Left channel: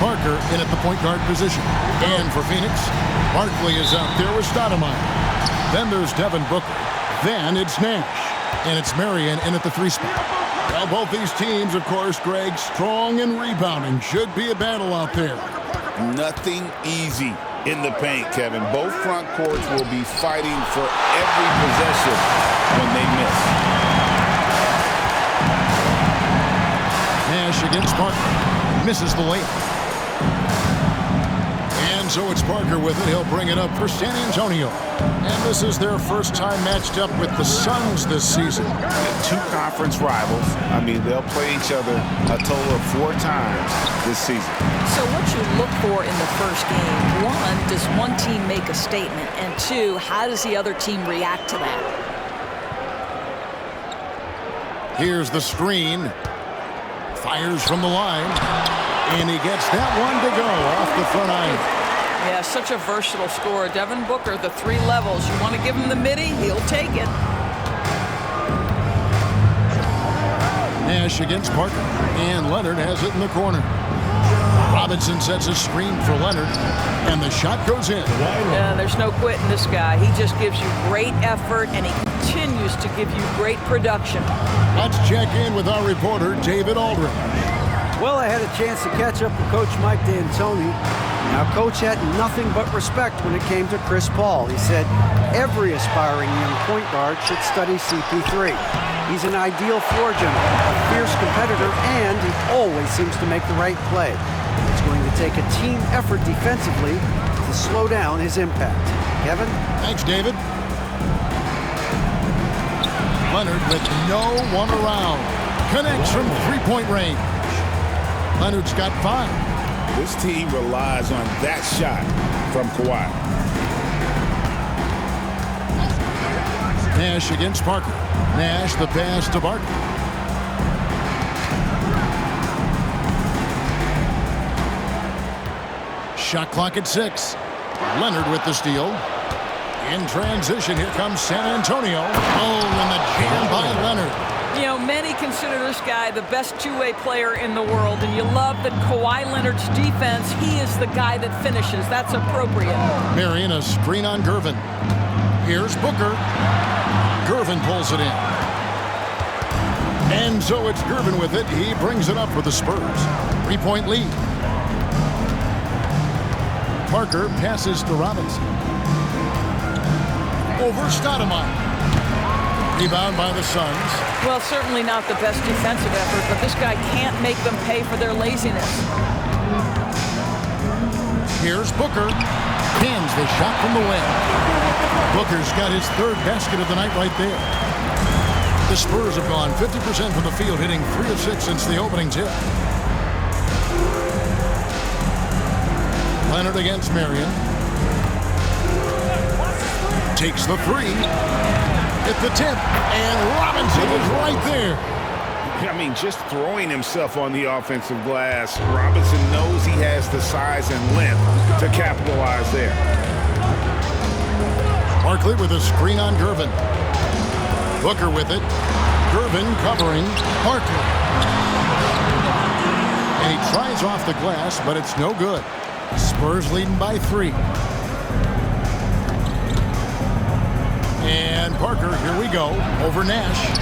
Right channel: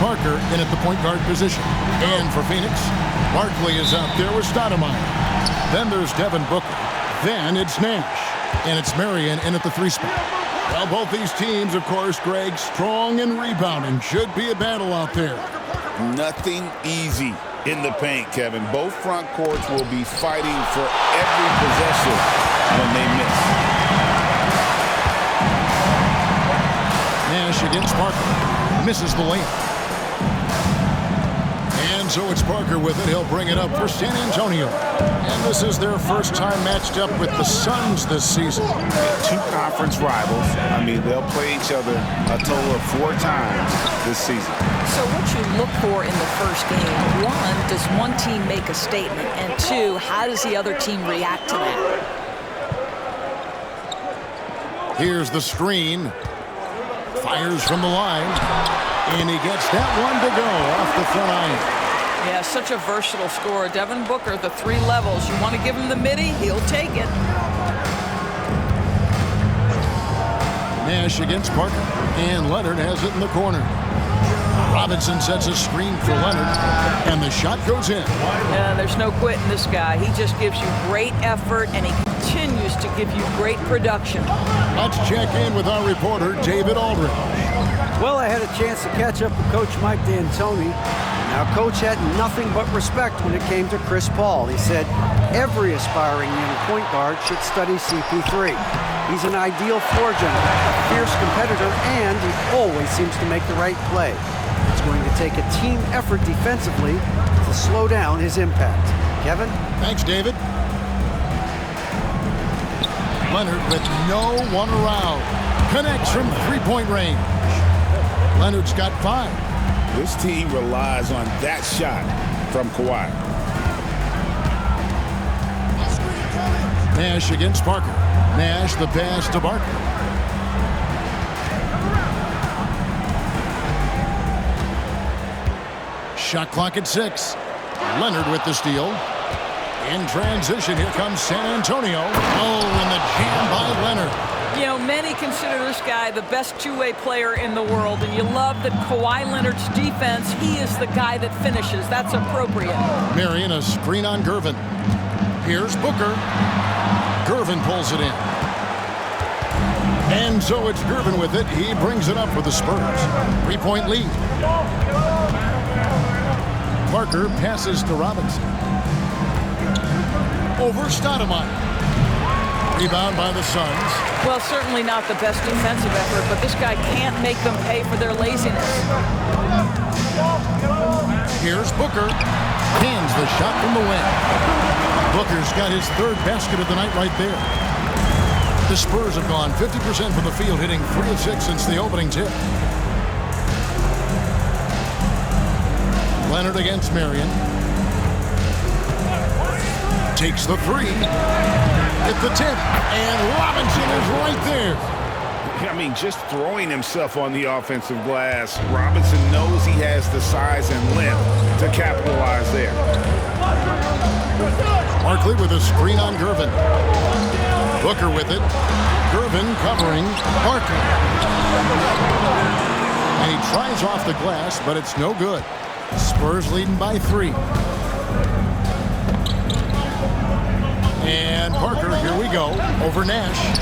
Parker in at the point guard position. And for Phoenix, Barkley is out there with Stoudemire. Then there's Devin Booker. Then it's Nash. And it's Marion in at the 3 spot. Well, both these teams, of course, Greg, strong and rebounding. Should be a battle out there. Nothing easy in the paint, Kevin. Both front courts will be fighting for every possession when they miss. Nash against Parker. Misses the layup. And so it's Parker with it. He'll bring it up for San Antonio. And this is their first time matched up with the Suns this season. Two conference rivals. I mean, they'll play each other a total of 4 times this season. So what you look for in the first game, 1, does one team make a statement? And 2, how does the other team react to that? Here's the screen. Fires from the line. And he gets that one to go off the front iron. Yeah, such a versatile scorer. Devin Booker, the 3 levels. You want to give him the midi, he'll take it. Nash against Parker. And Leonard has it in the corner. Robinson sets a screen for Leonard. And the shot goes in. Yeah, there's no quitting this guy. He just gives you great effort, and he continues to give you great production. Let's check in with our reporter, David Aldridge. Well, I had a chance to catch up with Coach Mike D'Antoni. Now, Coach had nothing but respect when it came to Chris Paul. He said every aspiring young point guard should study CP3. He's an ideal floor general, a fierce competitor, and he always seems to make the right play. It's going to take a team effort defensively to slow down his impact. Kevin? Thanks, David. Leonard with no one around. Connects from 3-point range. Leonard's got 5. This team relies on that shot from Kawhi. Nash against Parker. Nash the pass to Barker. Shot clock at 6. Leonard with the steal. In transition, here comes San Antonio. Oh, and the jam by Leonard. You know, many consider this guy the best two-way player in the world, and you love that Kawhi Leonard's defense, he is the guy that finishes. That's appropriate. Marion, a screen on Gervin. Here's Booker. Gervin pulls it in. And so it's Gervin with it. He brings it up for the Spurs. 3-point lead. Parker passes to Robinson. Over Stoudemire. Rebound by the Suns. Well, certainly not the best defensive effort, but this guy can't make them pay for their laziness. Here's Booker. Hands the shot from the wing. Booker's got his 3rd basket of the night right there. The Spurs have gone 50% from the field, hitting 3 of 6 since the opening tip. Leonard against Marion. Takes the 3. At the tip, and Robinson is right there. I mean, just throwing himself on the offensive glass. Robinson knows he has the size and length to capitalize there. Barkley with a screen on Gervin. Booker with it. Gervin covering Barkley. And he tries off the glass, but it's no good. Spurs leading by 3. And Parker, here we go, over Nash.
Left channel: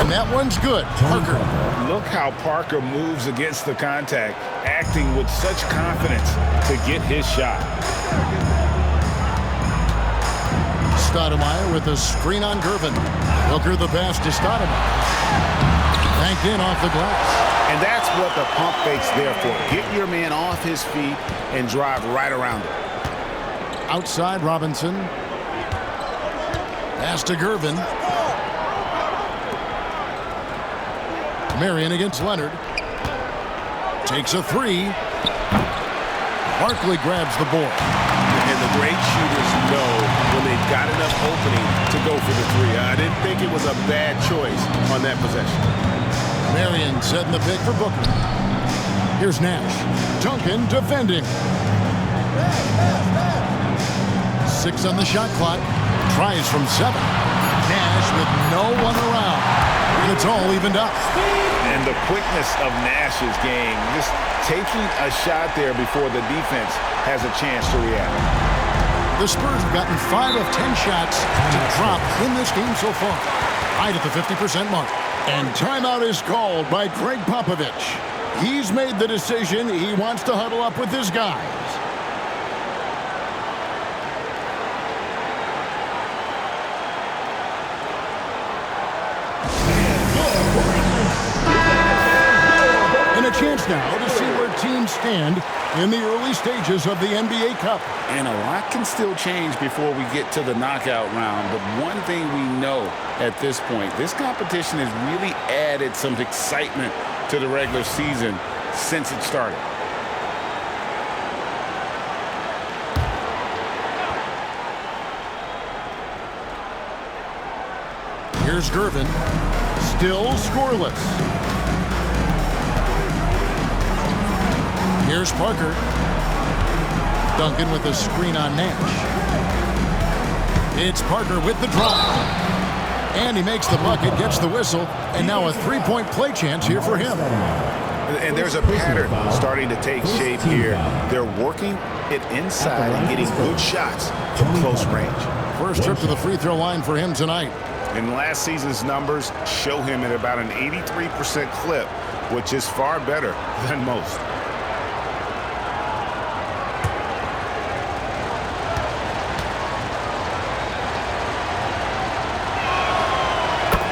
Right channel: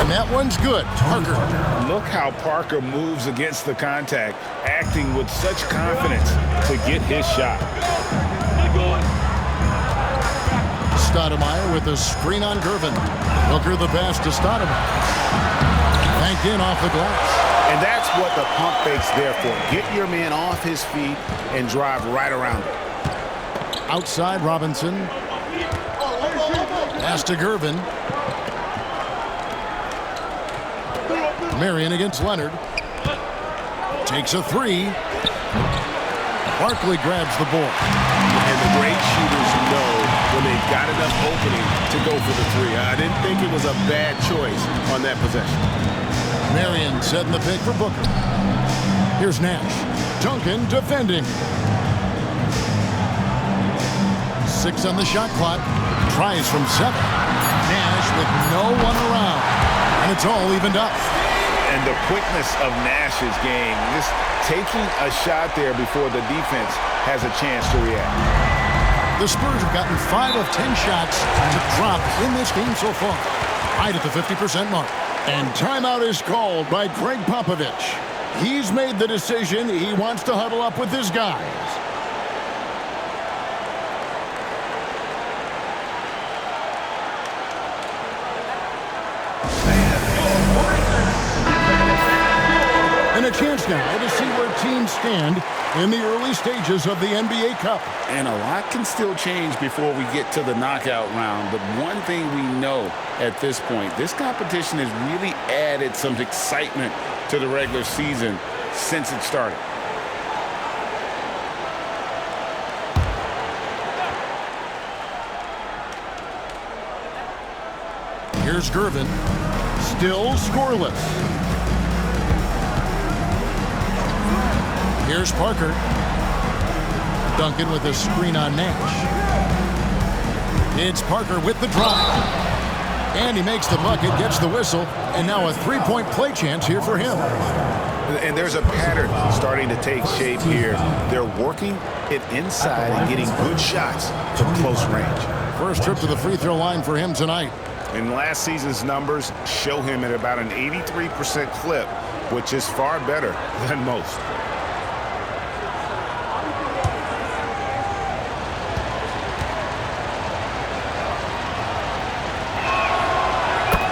And that one's good. Parker. Look how Parker moves against the contact, acting with such confidence to get his shot. Stoudemire with a screen on Gervin. Booker the pass to Stoudemire. Banked in off the glass. And that's what the pump fake's there for. Get your man off his feet and drive right around him. Outside Robinson. Pass to Gervin. Marion against Leonard. Takes a 3. Barkley grabs the board. And the great shooters know when they've got enough opening to go for the 3. I didn't think it was a bad choice on that possession. Marion setting the pick for Booker. Here's Nash. Duncan defending. 6 on the shot clock. Tries from 7. Nash with no one around. And it's all evened up. And the quickness of Nash's game, just taking a shot there before the defense has a chance to react. The Spurs have gotten 5 of 10 shots to drop in this game so far, right at the 50% mark. And timeout is called by Greg Popovich. He's made the decision. He wants to huddle up with his guys. And a chance now to see where teams stand in the early stages of the NBA Cup. And a lot can still change before we get to the knockout round. But one thing we know at this point, this competition has really added some excitement to the regular season since it started. Here's Gervin, still scoreless. Here's Parker. Duncan with a screen on Nash. It's Parker with the drive. And he makes the bucket, gets the whistle, and now a three-point play chance here for him. And there's a pattern starting to take shape here. They're working it inside and getting good shots from close range. First trip to the free throw line for him tonight. And last season's numbers show him at about an 83% clip, which is far better than most.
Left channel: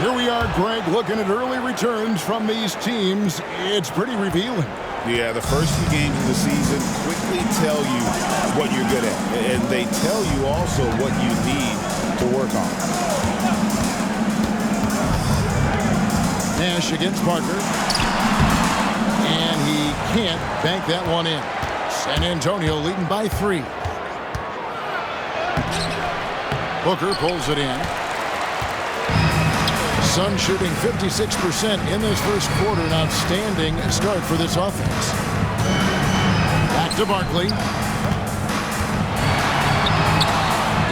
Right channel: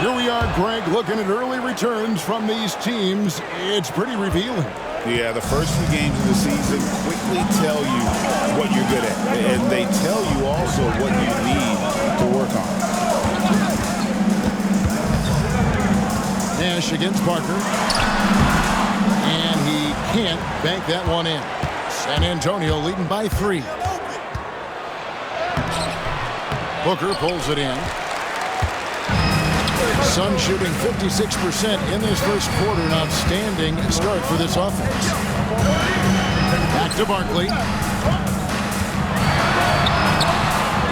Here we are, Greg, looking at early returns from these teams. It's pretty revealing. Yeah, the first few games of the season quickly tell you what you're good at. And they tell you also what you need to work on. Nash against Parker. And he can't bank that one in. San Antonio leading by 3. Booker pulls it in. Sun shooting 56% in this first quarter. An outstanding start for this offense. Back to Barkley.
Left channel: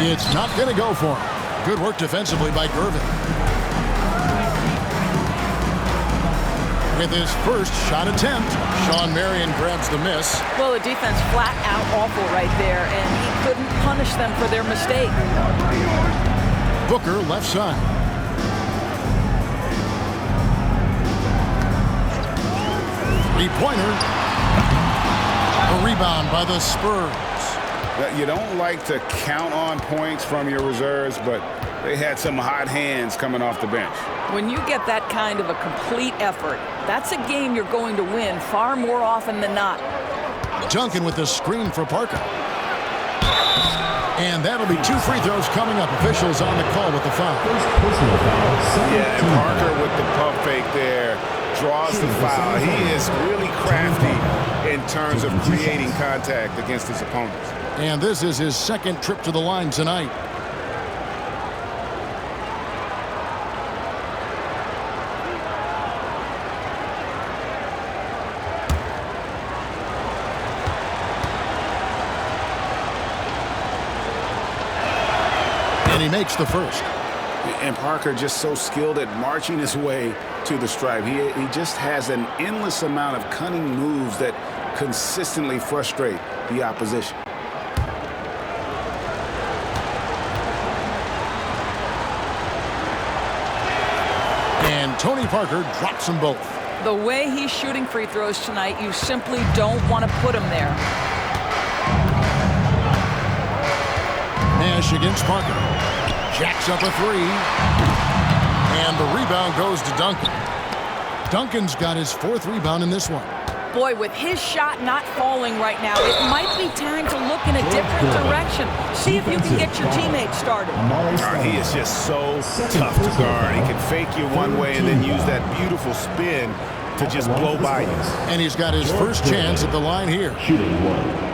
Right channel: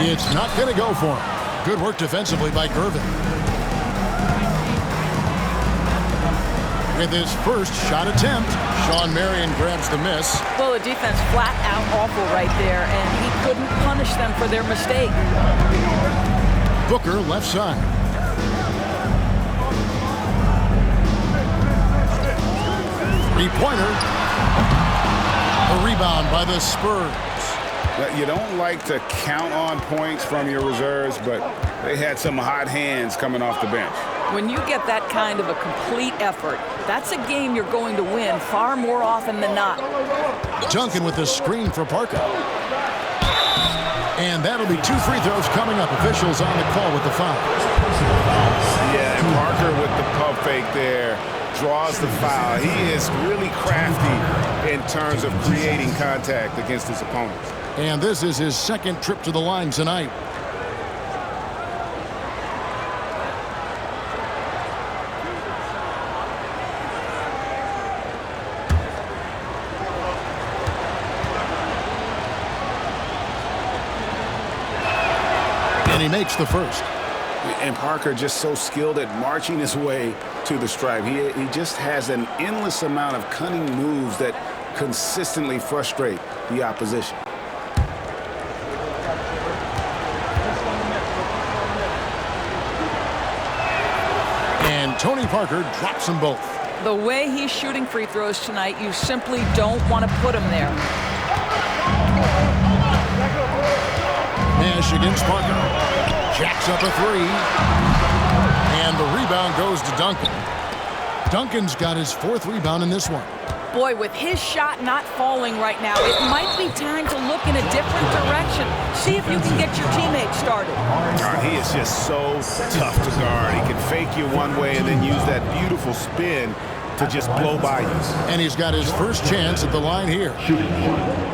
It's not going to go for him. Good work defensively by Gervin. With his first shot attempt, Sean Marion grabs the miss. Well, the defense flat out awful right there, and he couldn't punish them for their mistake. Booker left side. Three-pointer. A rebound by the Spurs. You don't like to count on points from your reserves, but they had some hot hands coming off the bench. When you get that kind of a complete effort, that's a game you're going to win far more often than not. Duncan with the screen for Parker. And that'll be 2 free throws coming up. Officials on the call with the foul. Yeah, and Parker with the pump fake there draws the foul. He is really crafty in terms of creating contact against his opponents. And this is his second trip to the line tonight. And he makes the first. And Parker just so skilled at marching his way to the stripe. He just has an endless amount of cunning moves that consistently frustrate the opposition. And Tony Parker drops them both. The way he's shooting free throws tonight, you simply don't want to put him there. Nash against Parker. Jacks up a 3. And the rebound goes to Duncan. Duncan's got his 4th rebound in this one. Boy, with his shot not falling right now, it might be time to look in a different direction. See if you can get your teammates started. He is just so tough to guard. He can fake you one way and then use that beautiful spin to just blow by you. And he's got his first chance at the line here. Shooting 1.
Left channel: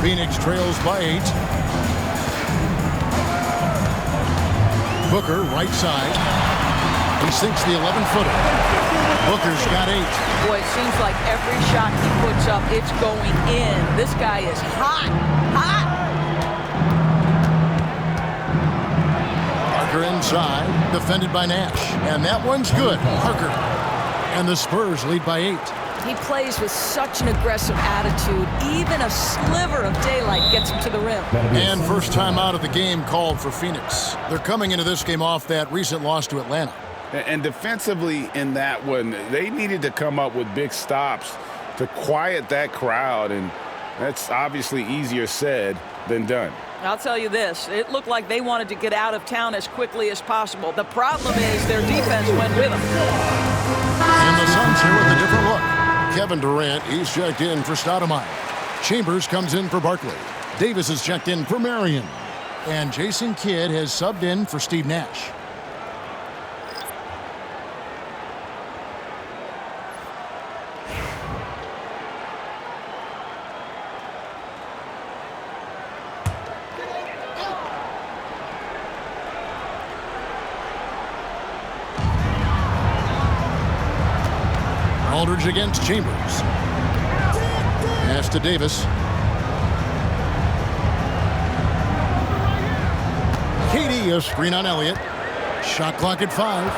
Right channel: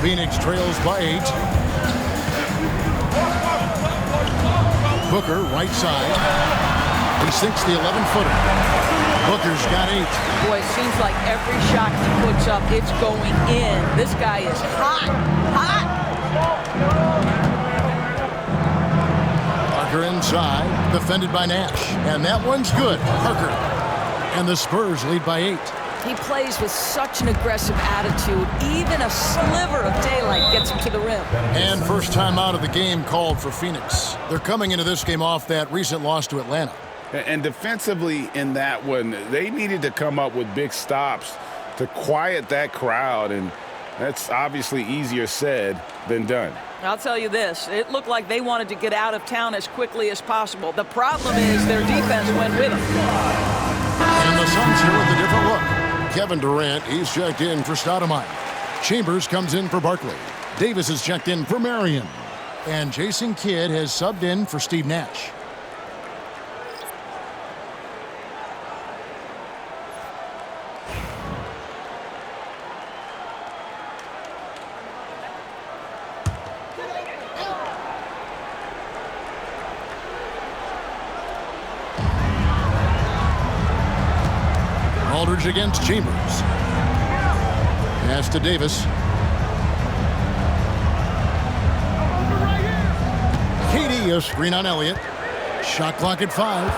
Phoenix trails by 8. Booker, right side. He sinks the 11-footer. Booker's got 8. Boy, it seems like every shot he puts up, it's going in. This guy is hot, hot. Parker inside, defended by Nash. And that one's good. Parker. And the Spurs lead by 8. He plays with such an aggressive attitude. Even a sliver of daylight gets him to the rim. And first time out of the game called for Phoenix. They're coming into this game off that recent loss to Atlanta. And defensively in that one, they needed to come up with big stops to quiet that crowd, and that's obviously easier said than done. I'll tell you this, it looked like they wanted to get out of town as quickly as possible. The problem is their defense went with them. And the Suns here with a different look. Kevin Durant, he's checked in for Stoudemire. Chambers comes in for Barkley. Davis is checked in for Marion. And Jason Kidd has subbed in for Steve Nash. Aldridge against Chambers. Pass to Davis. KD, a screen on Elliott. Shot clock at 5.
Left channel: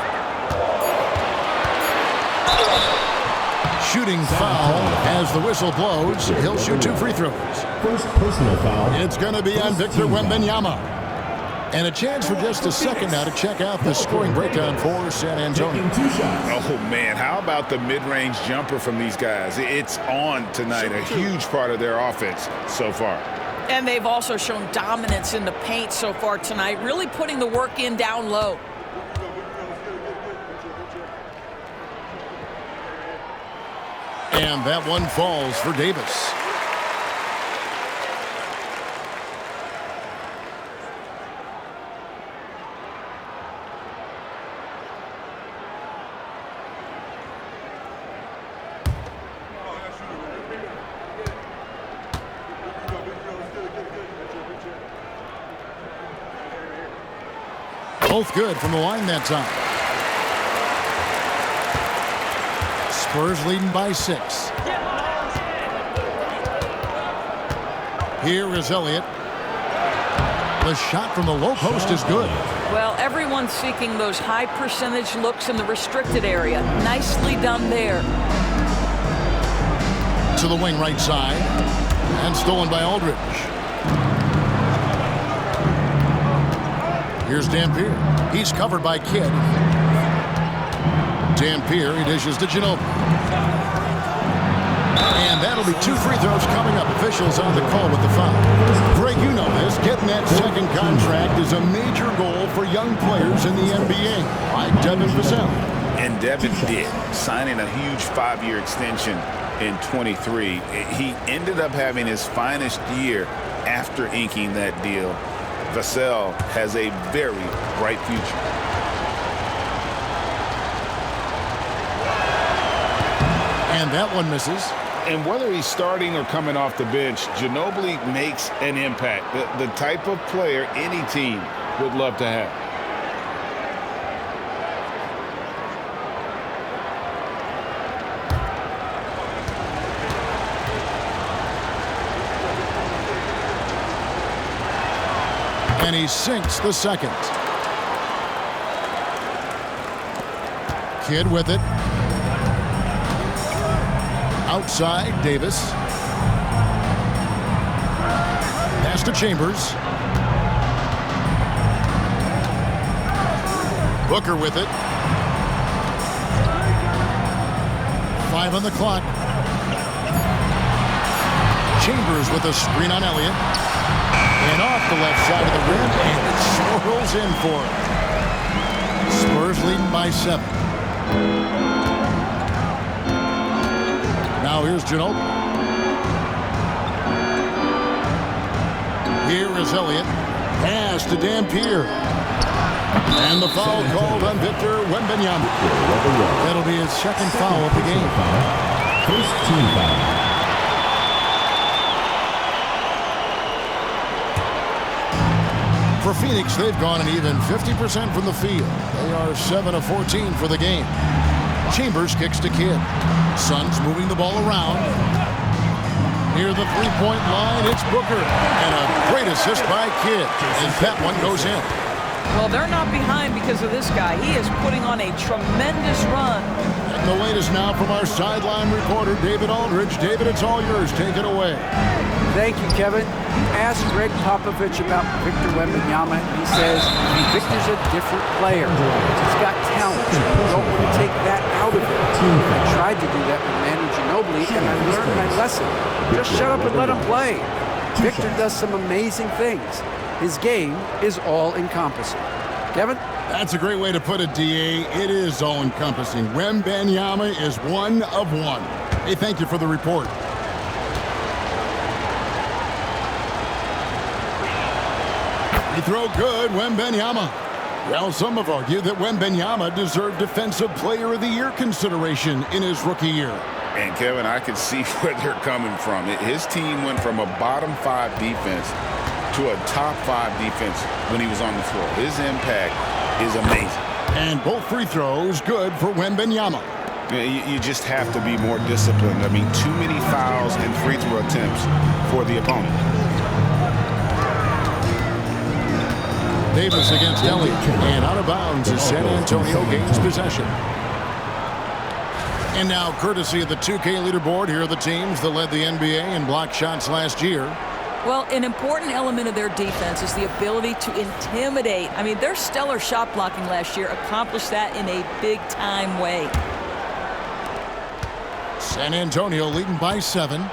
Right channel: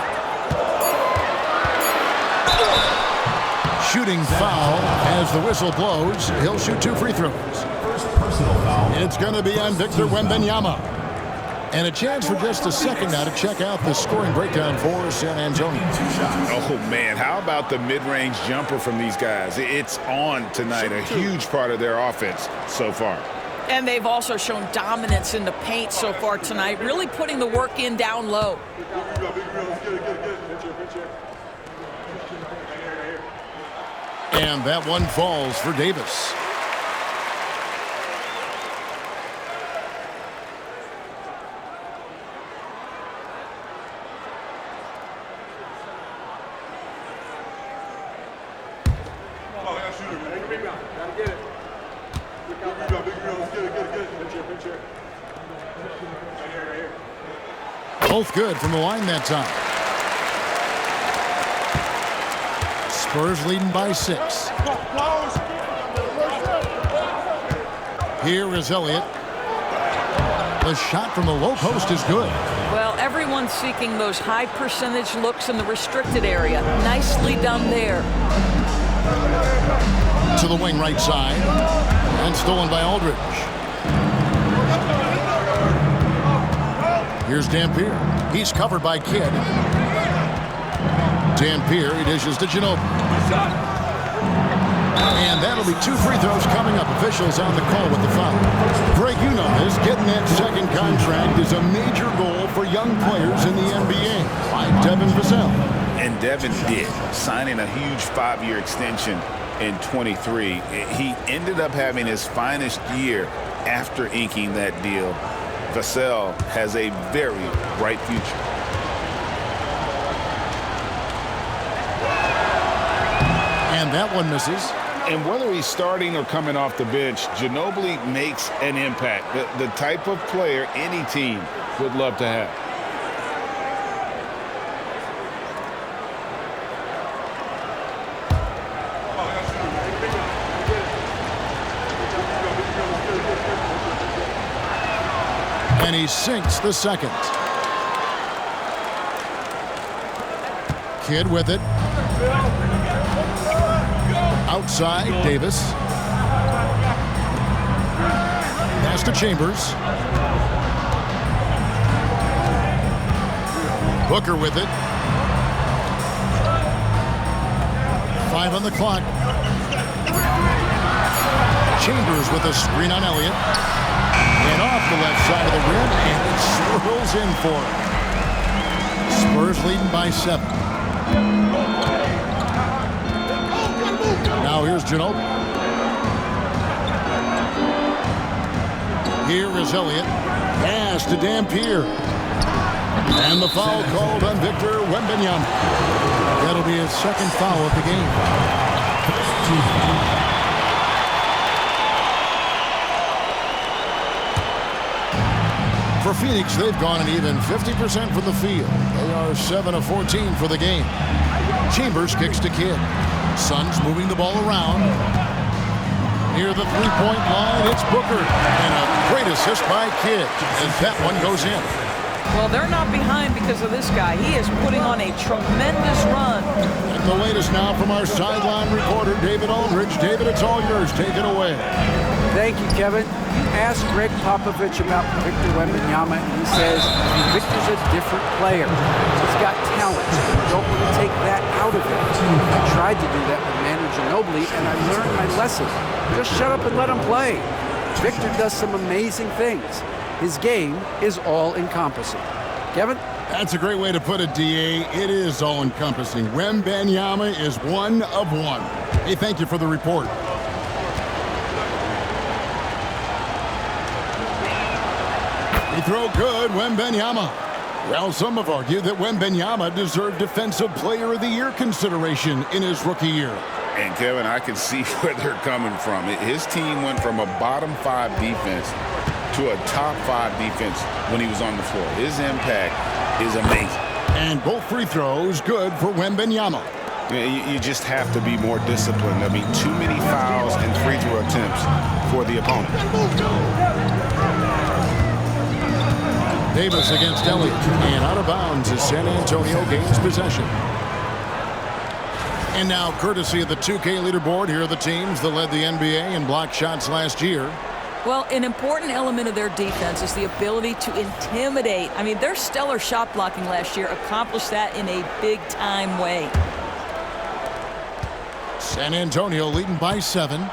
Shooting foul as the whistle blows. He'll shoot 2 free throws. First personal foul. It's going to be on Victor Wembanyama. And a chance for just a second now to check out the scoring breakdown for San Antonio. Oh, man, how about the mid-range jumper from these guys? It's on tonight, a huge part of their offense so far. And they've also shown dominance in the paint so far tonight, really putting the work in down low. And that one falls for Davis. Both good from the line that time. Spurs leading by 6. Here is Elliott. The shot from the low post is good. Well, everyone's seeking those high percentage looks in the restricted area. Nicely done there. To the wing right side. And stolen by Aldridge. Here's Dampier. He's covered by Kidd. Dampier, he dishes to Ginobili. And that'll be 2 free throws coming up. Officials on the call with the foul. Greg, you know this. Getting that second contract is a major goal for young players in the NBA, like Devin Vassell. And Devin did, signing a huge 5-year extension in 23. He ended up having his finest year after inking that deal. Vassell has a very bright future. And that one misses. And whether he's starting or coming off the bench, Ginobili makes an impact. The type of player any team would love to have. And he sinks the second. Kidd with it. Outside, Davis. Pass to Chambers. Booker with it. 5 on the clock. Chambers with a screen on Elliott. And off the left side of the rim, and it swirls in for him. Spurs leading by 7. Now here's Ginobili. Here is Elliott. Pass to Dampier. And the foul called on Victor Wembanyama. That'll be his second foul of the game. First team foul. For Phoenix, they've gone an even 50% from the field. They are 7 of 14 for the game. Chambers kicks to Kidd. Suns moving the ball around. Near the three-point line, it's Booker. And a great assist by Kidd as that one goes in. Well, they're not behind because of this guy. He is putting on a tremendous run. And the latest now from our sideline reporter, David Aldridge. David, it's all yours. Take it away. Thank you, Kevin. You asked Greg Popovich about Victor Wembanyama, and he says Victor's a different player. He's got talent. You don't want to take that out of him. I tried to do that with Manu Ginobili, and I learned my lesson. Just shut up and let him play. Victor does some amazing things. His game is all-encompassing. Kevin? That's a great way to put it, D.A. It is all-encompassing. Wembanyama is one of one. Hey, thank you for the report. Free throw good, Wembanyama. Well, some have argued that Wembanyama deserved Defensive Player of the Year consideration in his rookie year. And, Kevin, I can see where they're coming from. His team went from a bottom 5 defense to a top 5 defense when he was on the floor. His impact is amazing. And both free throws good for Wembanyama. You just have to be more disciplined. I mean, too many fouls and free throw attempts for the opponent. Davis against Elliott, and out of bounds as San Antonio gains possession. And now, courtesy of the 2K leaderboard, here are the teams that led the NBA in block shots last year. Well, an important element of their defense is the ability to intimidate. I mean, their stellar shot blocking last year accomplished that in a big-time way. San Antonio leading by 7.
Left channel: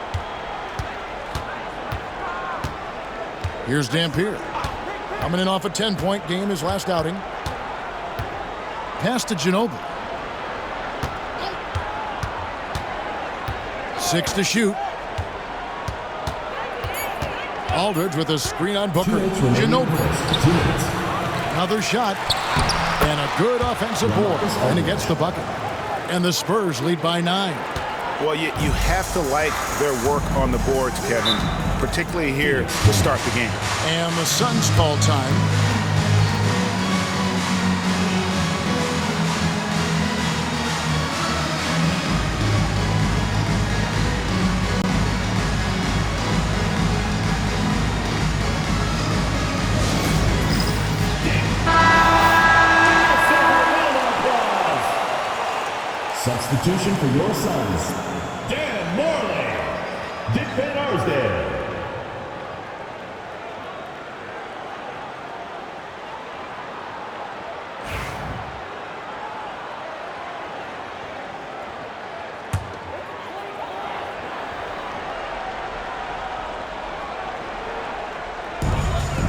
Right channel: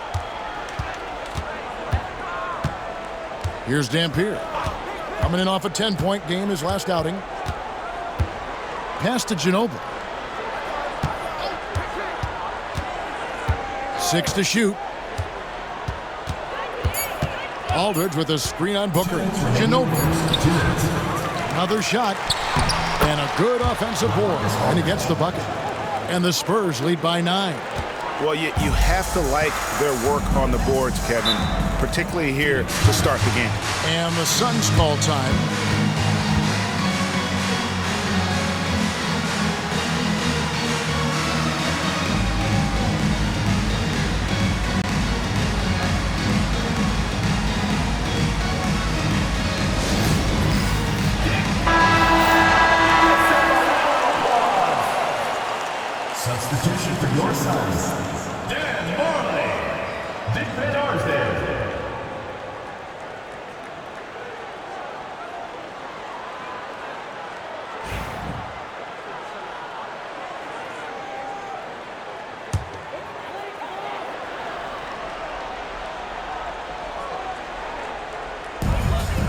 Here's Dampier. Coming in off a 10-point game his last outing. Pass to Ginobili. 6 to shoot. Aldridge with a screen on Booker. Ginobili. Another shot. And a good offensive board. And he gets the bucket. And the Spurs lead by 9. Well, you have to like their work on the boards, Kevin, particularly here to start the game. And the Suns call time. Substitution for your Suns. Dan Marley. Dick Van Arsdale.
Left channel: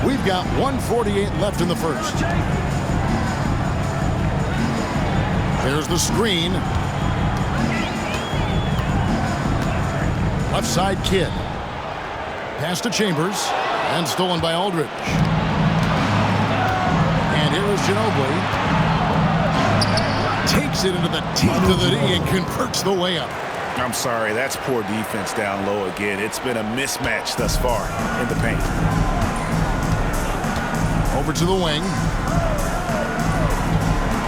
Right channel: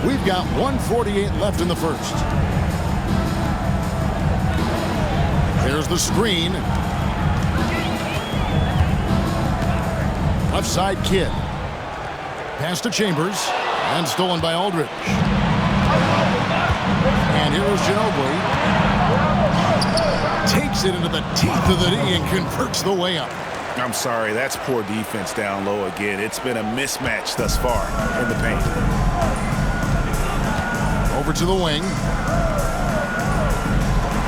We've got 1:48 left in the first. There's the screen. Left side Kidd. Pass to Chambers. And stolen by Aldridge. And here is Ginobili. Takes it into the teeth of the knee and converts the layup. I'm sorry, that's poor defense down low again. It's been a mismatch thus far in the paint. Over to the wing.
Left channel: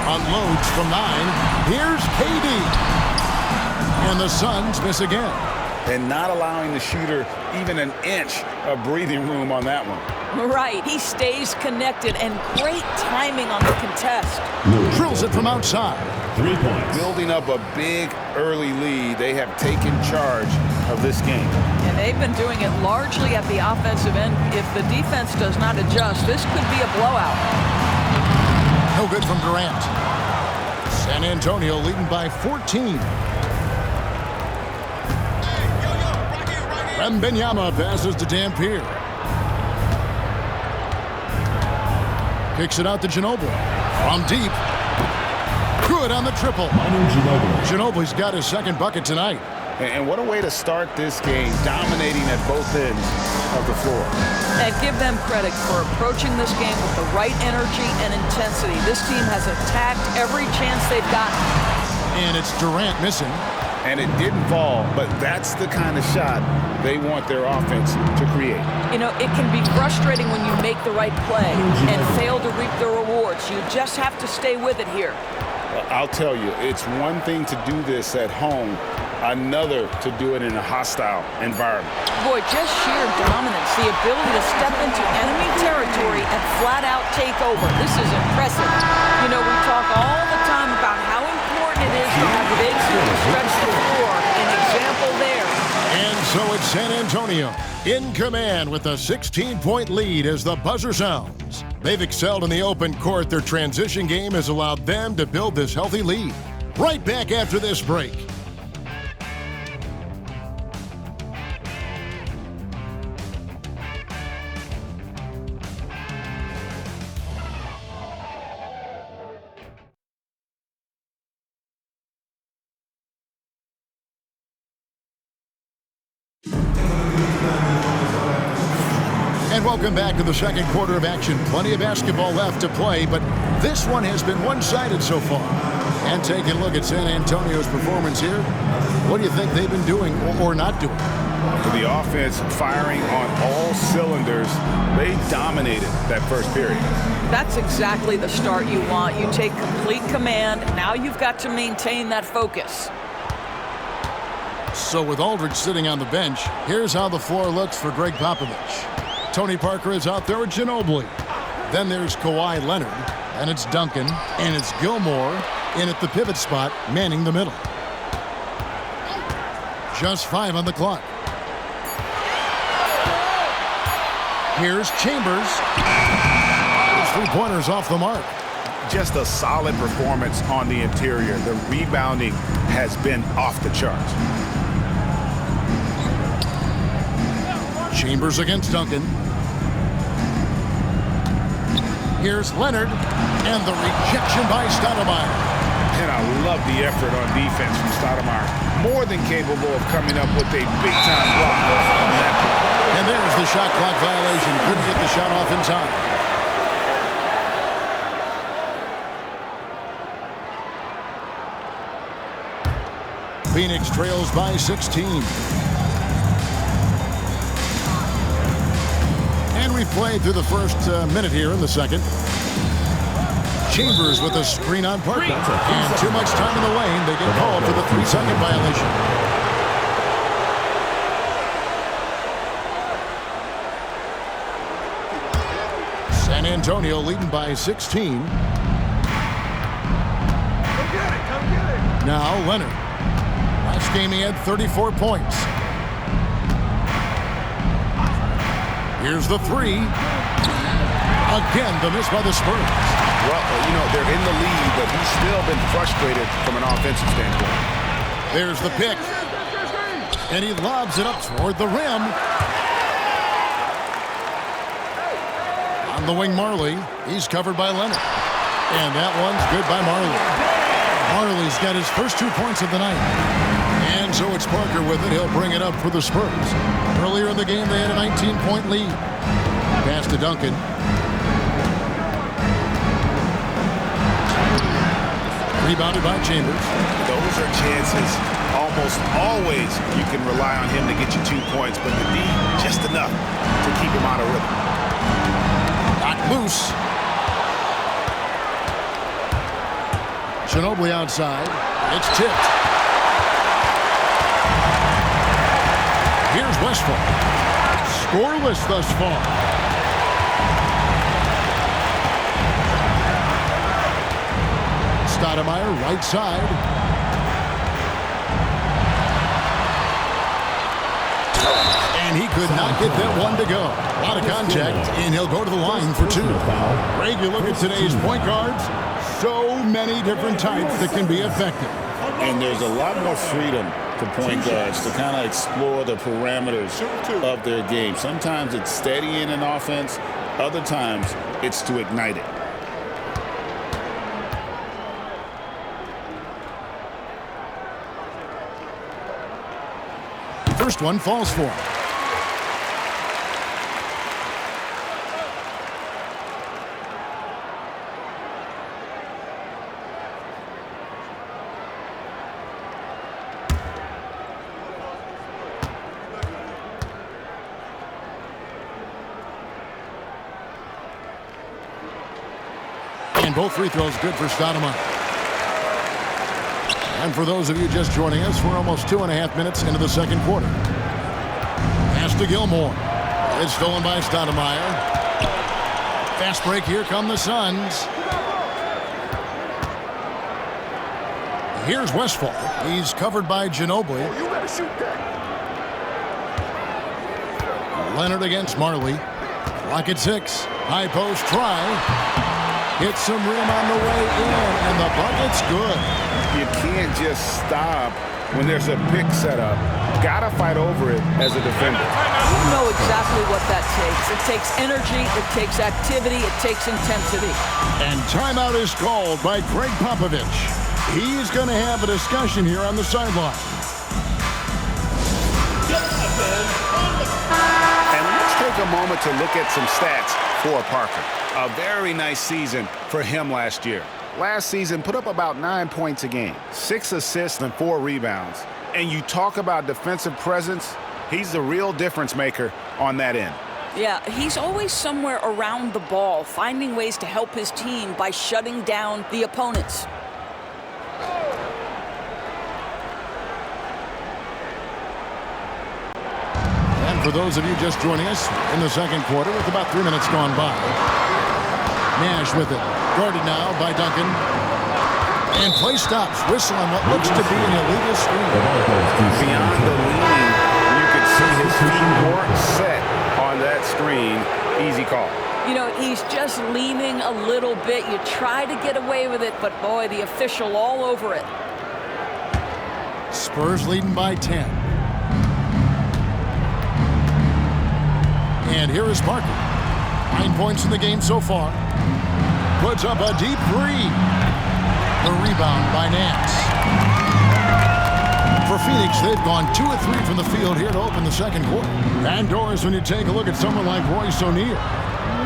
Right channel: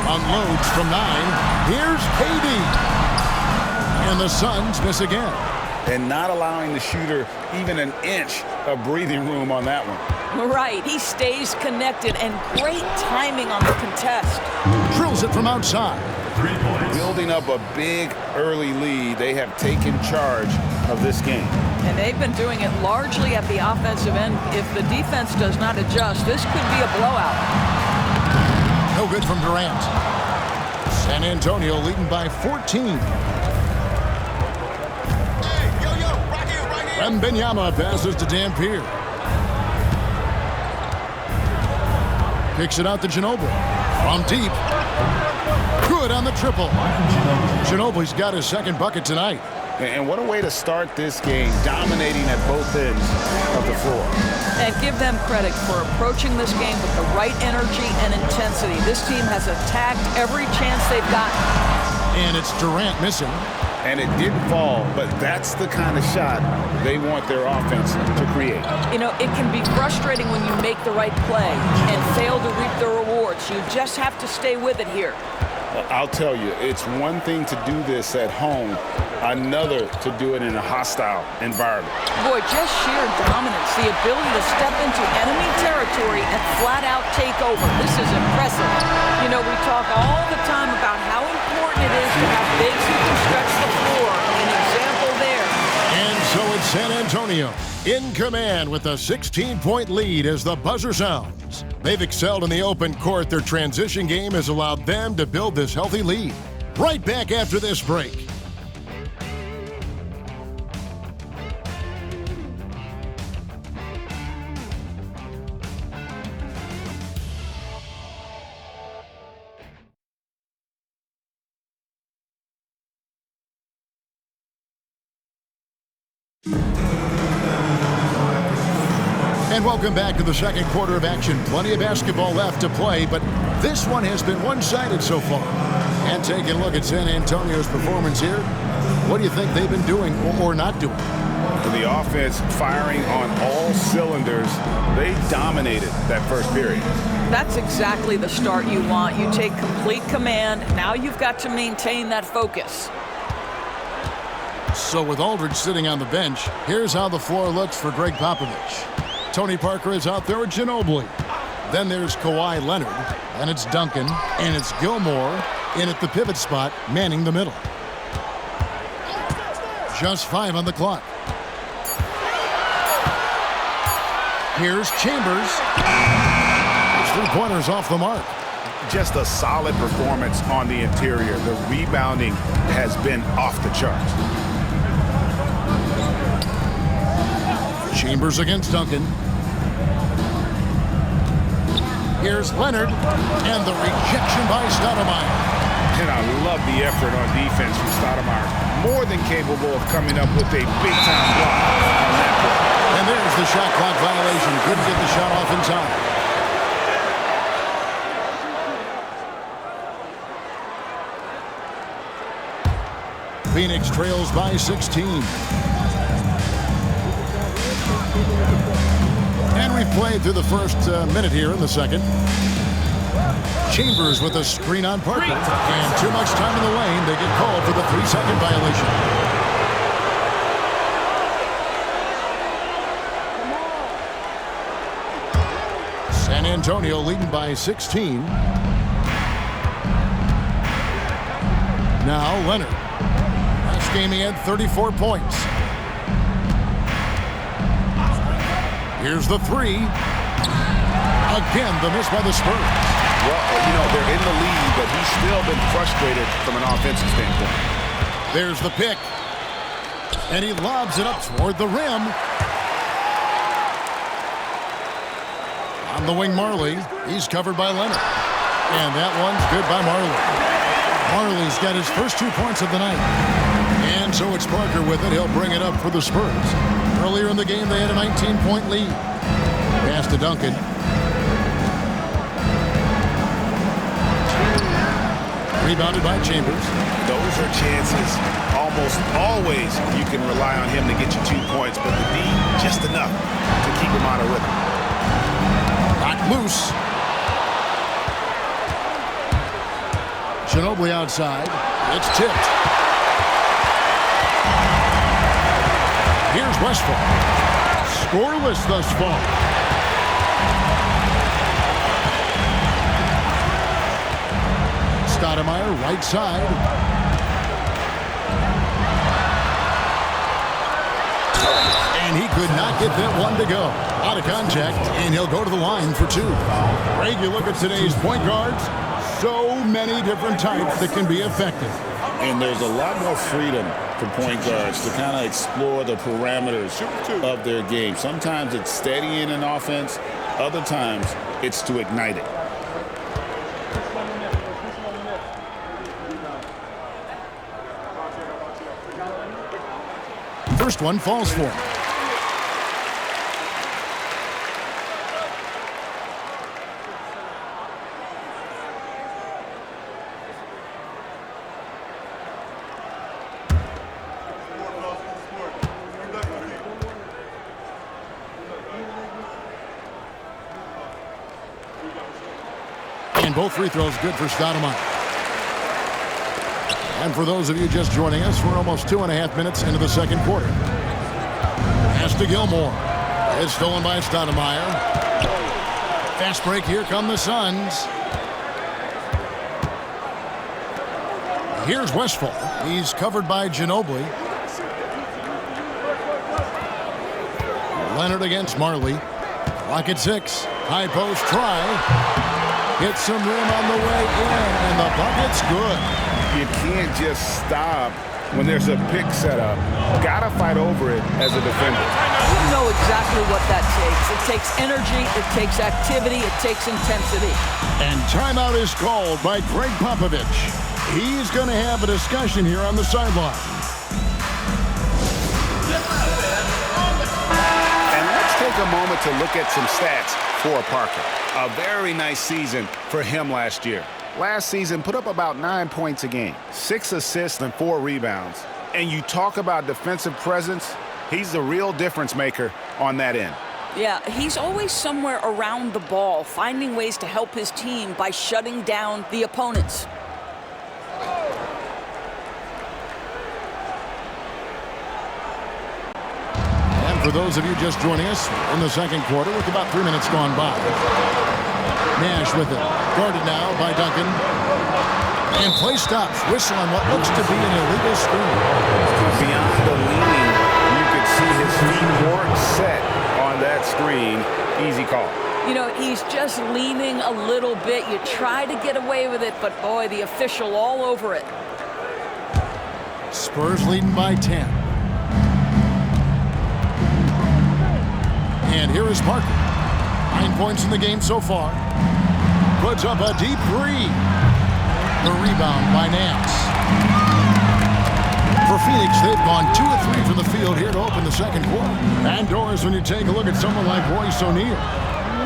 Unloads from 9. Here's KD. And the Suns miss again. And not allowing the shooter even an inch of breathing room on that one. Right. He stays connected, and great timing on the contest. Drills it from outside. 3 points. Building up a big early lead, they have taken charge of this game. And they've been doing it largely at the offensive end. If the defense does not adjust, this could be a blowout. No good from Durant. San Antonio leading by 14. Wembanyama passes to Dampier. Kicks it out to Ginobili. From deep. Good on the triple. Ginobili's got his second bucket tonight. And what a way to start this game, dominating at both ends of the floor. And give them credit for approaching this game with the right energy and intensity. This team has attacked every chance they've gotten. And it's Durant missing. and it didn't fall, but that's the kind of shot they want their offense to create. You know, it can be frustrating when you make the right play and fail to reap the rewards. You just have to stay with it here. I'll tell you, it's one thing to do this at home, another to do it in a hostile environment. Boy, just sheer dominance, the ability to step into enemy territory and flat out take over. This is impressive. You know, we talk all the time about how important it is to have bigs who can stretch the floor. An example there. And so it's San Antonio in command with a 16-point lead as the buzzer sounds. They've excelled in the open court. Their transition game has allowed them to build this healthy lead. Right back after this break. And welcome back to the second quarter of action. Plenty of basketball left to play, but this one has been one-sided so far. And taking a look at San Antonio's performance here, what do you think they've been doing or not doing? The offense firing on all cylinders. They dominated that first period. That's exactly the start you want. You take complete command. Now you've got to maintain that focus. So with Aldridge sitting on the bench, here's how the floor looks for Greg Popovich. Tony Parker is out there with Ginobili. Then there's Kawhi Leonard. Then it's Duncan. And it's Gilmore in at the pivot spot, manning the middle. Just 5 on the clock. Here's Chambers. His three-pointers off the mark. Just a solid performance on the interior. The rebounding has been off the charts. Chambers against Duncan. Here's Leonard, and the rejection by Stoudemire. And I love the effort on defense from Stoudemire. More than capable of coming up with a big-time block on that play. And there's the shot clock violation. Couldn't get the shot off in time. Phoenix trails by 16. And we've played through the first minute here in the second. Chambers with a screen on Parker. And too much time in the lane. They get called for the 3-second violation. San Antonio leading by 16. Now Leonard. Last game he had 34 points. Here's the three. Again, the miss by the Spurs. Well, you know, they're in the lead, but he's still been frustrated from an offensive standpoint. There's the pick. And he lobs it up toward the rim. On the wing, Marley. He's covered by Leonard. And that one's good by Marley. Marley's got his first 2 points of the night. And so it's Parker with it. He'll bring it up for the Spurs. Earlier in the game, they had a 19-point lead. Pass to Duncan. Rebounded by Chambers. Those are chances. Almost always you can rely on him to get you 2 points, but the D, just enough to keep him out of rhythm. Knocked loose. Ginobili outside. It's tipped. Here's Westphal. Scoreless thus far. Stoudemire, right side. And he could not get that one to go. A lot of contact, and he'll go to the line for 2. Greg, you look at today's point guards, so many different types that can be effective. And there's a lot more freedom for point guards to kind of explore the parameters of their game. Sometimes it's steadying an offense. Other times it's to ignite it. First one falls for him. And both free throws good for Stoudemire. And for those of you just joining us, we're almost 2.5 minutes into the second quarter. Pass to Gilmore. It's stolen by Stoudemire. Fast break. Here come the Suns. Here's Westphal. He's covered by Ginobili. Leonard against Marley. Clock at 6. High post try. Hits some rim on the way in, and the bucket's good. You can't just stop when there's a pick set up. Gotta fight over it as a defender. You know exactly what that takes. It takes energy, it takes activity, it takes intensity. And timeout is called by Greg Popovich. He's going to have a discussion here on the sideline. And let's take a moment to look at some stats for Parker. A very nice season for him last year. Last season, put up about 9 points a game, 6 assists and 4 rebounds. And you talk about defensive presence, he's the real difference maker on that end. Yeah, he's always somewhere around the ball, finding ways to help his team by shutting down the opponents. And for those of you just joining us, we're in the second quarter with about 3 minutes gone by. Nash with it. Guarded now by Duncan. And play stops. Whistle on what looks to be an illegal screen. Beyond the leaning, you could see his feet weren't set on that screen. Easy call. You know, he's just leaning a little bit. You try to get away with it, but boy, the official all over it. Spurs leading by 10. And here is Parker. 9 points in the game so far. Puts up a deep three. The rebound by Nance. For Phoenix, they've gone 2 of 3 from the field here to open the second quarter. And Doris, when you take a look at someone like Royce O'Neal,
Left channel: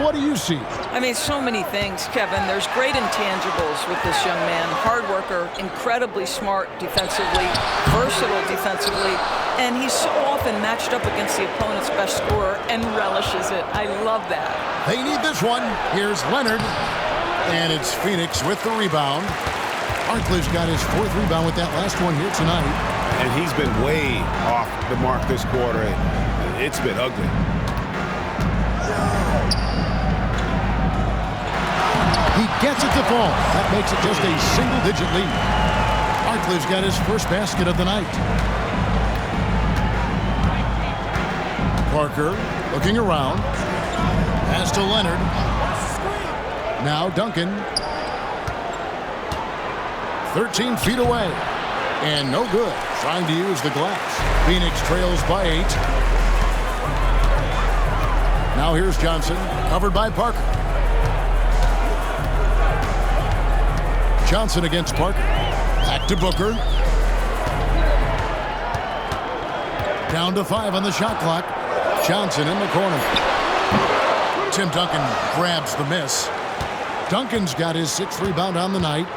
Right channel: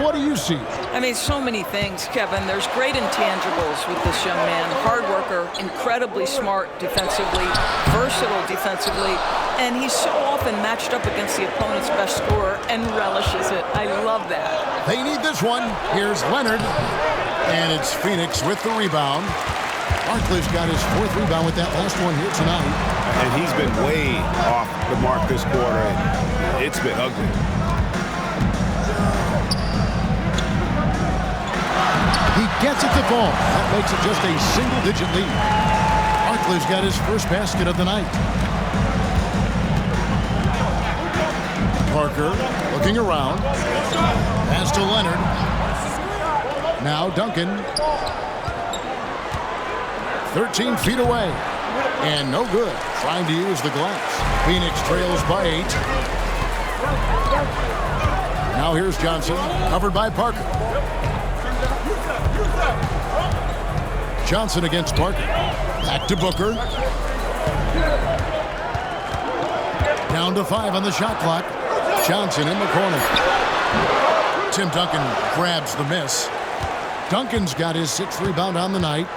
what do you see? I mean, so many things, Kevin. There's great intangibles with this young man. Hard worker, incredibly smart defensively, versatile defensively, and he's so often matched up against the opponent's best scorer and relishes it. I love that. They need this one. Here's Leonard. And it's Phoenix with the rebound. Barkley's got his 4th rebound with that last one here tonight. And he's been way off the mark this quarter. It's been ugly. He gets it to fall. That makes it just a single-digit lead. Barkley's got his first basket of the night. Parker looking around. Pass to Leonard. Now Duncan. 13 feet away. And no good. Trying to use the glass. Phoenix trails by 8. Now here's Johnson. Covered by Parker. Johnson against Parker. Back to Booker. Down to 5 on the shot clock. Johnson in the corner. Tim Duncan grabs the miss. Duncan's got his 6th rebound on the night.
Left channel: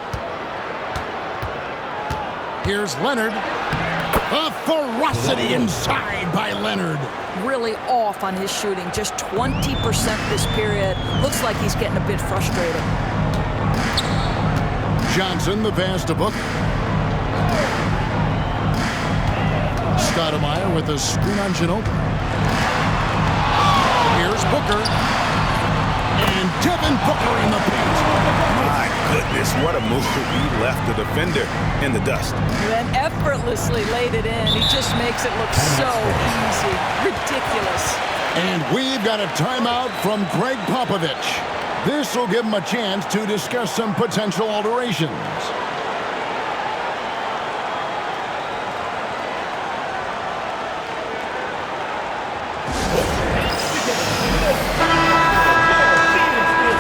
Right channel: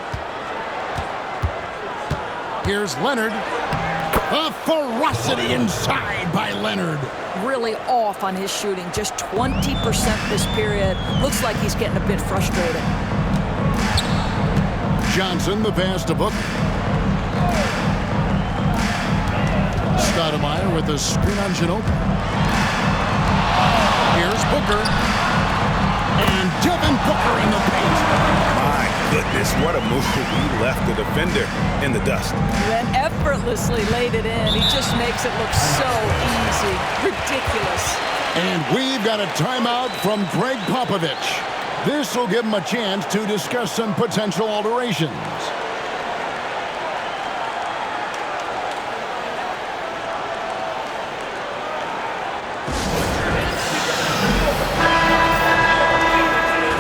Here's Leonard. A ferocity inside by Leonard. Really off on his shooting. Just 20% this period. Looks like he's getting a bit frustrated. Johnson, the pass to Booker. Stoudemire with a screen on Ginobili. Here's Booker. And Devin Booker in the paint. My goodness, what a move. He left the defender in the dust. And effortlessly laid it in. He just makes it look so easy. Ridiculous. And we've got a timeout from Greg Popovich. This will give him a chance to discuss some potential alterations.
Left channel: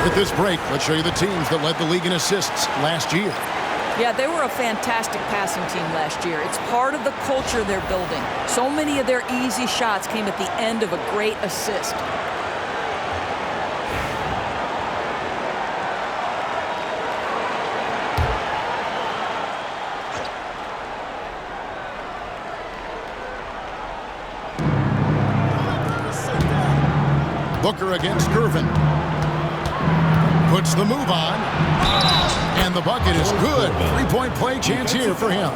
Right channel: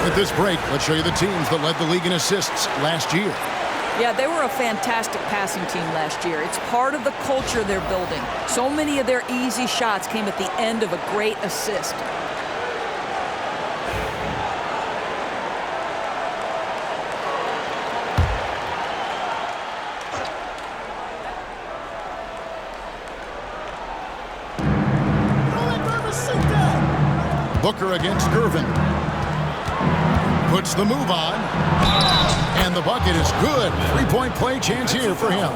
With this break, let's show you the teams that led the league in assists last year. Yeah, they were a fantastic passing team last year. It's part of the culture they're building. So many of their easy shots came at the end of a great assist. Booker against Gervin. Puts the move on. And the bucket is good. Three-point play chance here for him.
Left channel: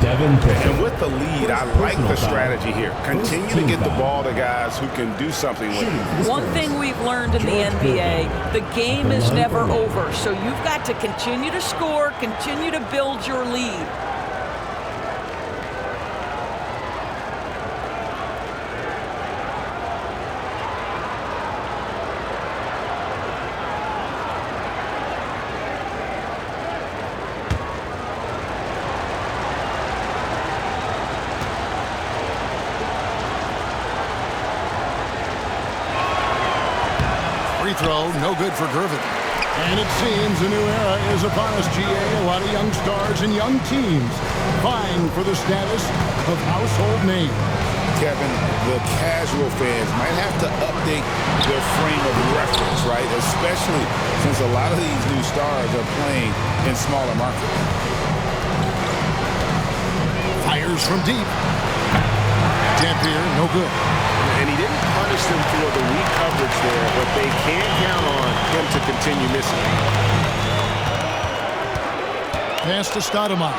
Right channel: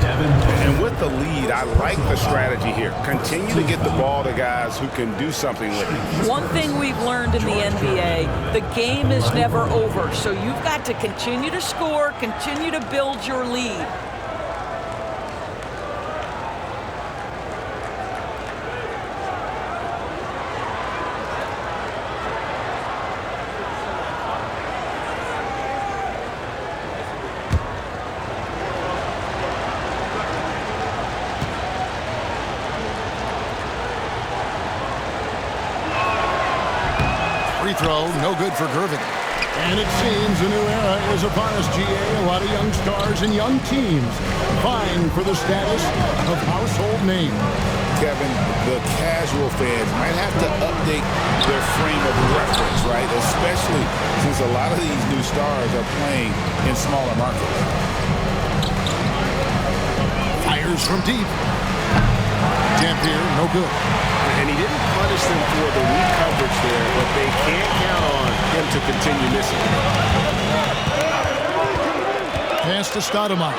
And with the lead, I like the strategy here. Continue to get the ball to guys who can do something with it. One thing we've learned in the NBA, the game is never over. So you've got to continue to score, continue to build your lead. Free throw, no good for Gervin. And it seems a new era is upon us, GA. A lot of young stars and young teams vying for the status of household name. Kevin, the casual fans might have to update their frame of reference, right? Especially since a lot of these new stars are playing in smaller markets. Fires from deep. Dampier, no good. And he didn't punish them for the weak coverage there, but they can't count on him to continue missing. Pass to Stoudemire.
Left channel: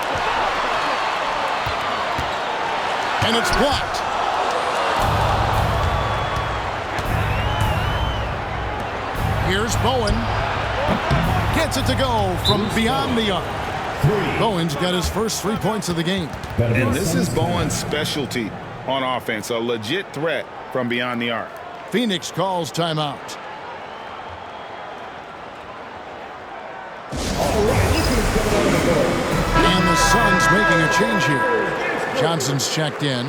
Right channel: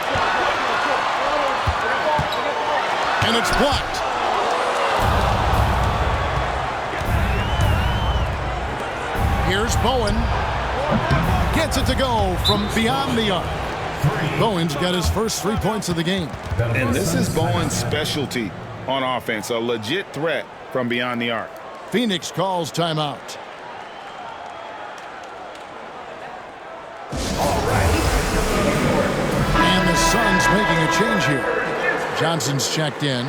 And it's blocked. Here's Bowen. Gets it to go from beyond the arc. Bowen's got his first 3 points of the game. And this is Bowen's specialty on offense, a legit threat from beyond the arc. Phoenix calls timeout. And the Suns making a change here. Johnson's checked in.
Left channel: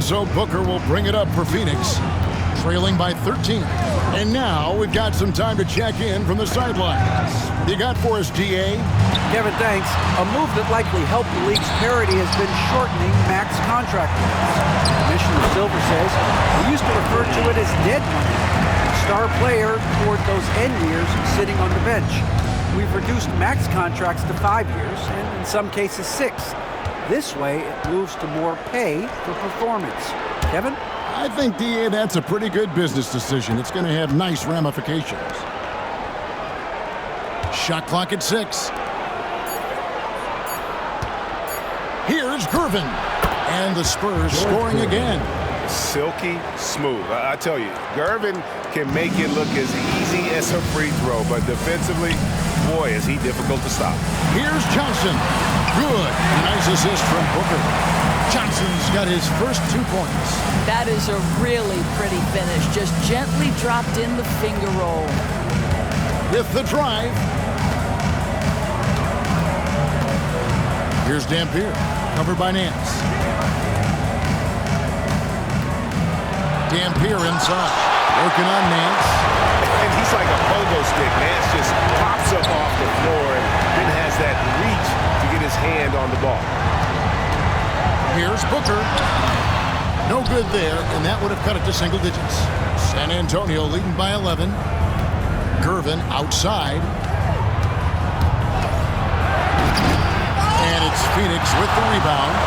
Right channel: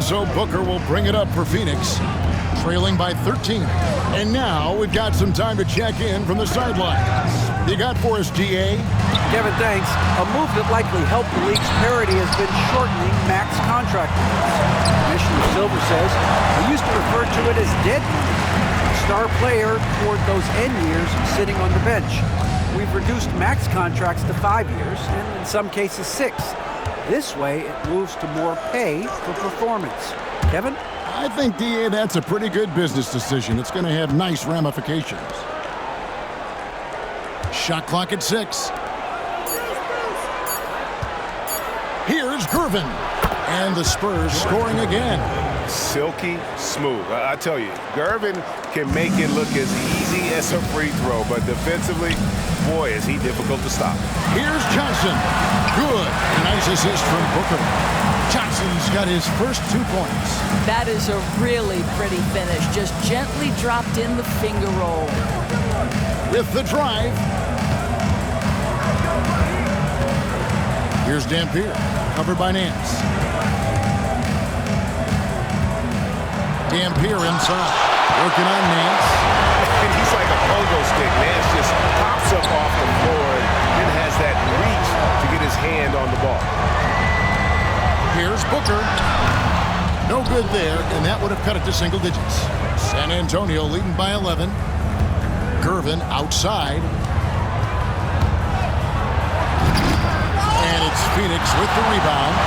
So Booker will bring it up for Phoenix, trailing by 13. And now we've got some time to check in from the sidelines. You got for us, GA? Kevin, thanks. A move that likely helped the league's parity has been shortening max contract limits. Commissioner Silver says we used to refer to it as dead money. Star player toward those end years sitting on the bench. We've reduced max contracts to 5 years, and in some cases 6. This way, it moves to more pay for performance. Kevin? I think, DA, that's a pretty good business decision. It's going to have nice ramifications. Shot clock at 6. Here's Gervin. And the Spurs scoring again. Silky smooth. I tell you, Gervin can make it look as easy as a free throw, but defensively, boy, is he difficult to stop. Here's Johnson. Good. A nice assist from Booker. Johnson's got his first 2 points. That is a really pretty finish. Just gently dropped in the finger roll. With the drive. Here's Dampier. Covered by Nance. Dampier inside. Working on Nance. And he's like a pogo stick. Nance just pops up off the floor and then has that reach to get his hand on the ball. Here's Booker. No good there, and that would have cut it to single digits. San Antonio leading by 11. Gervin outside. And it's Phoenix with the rebound.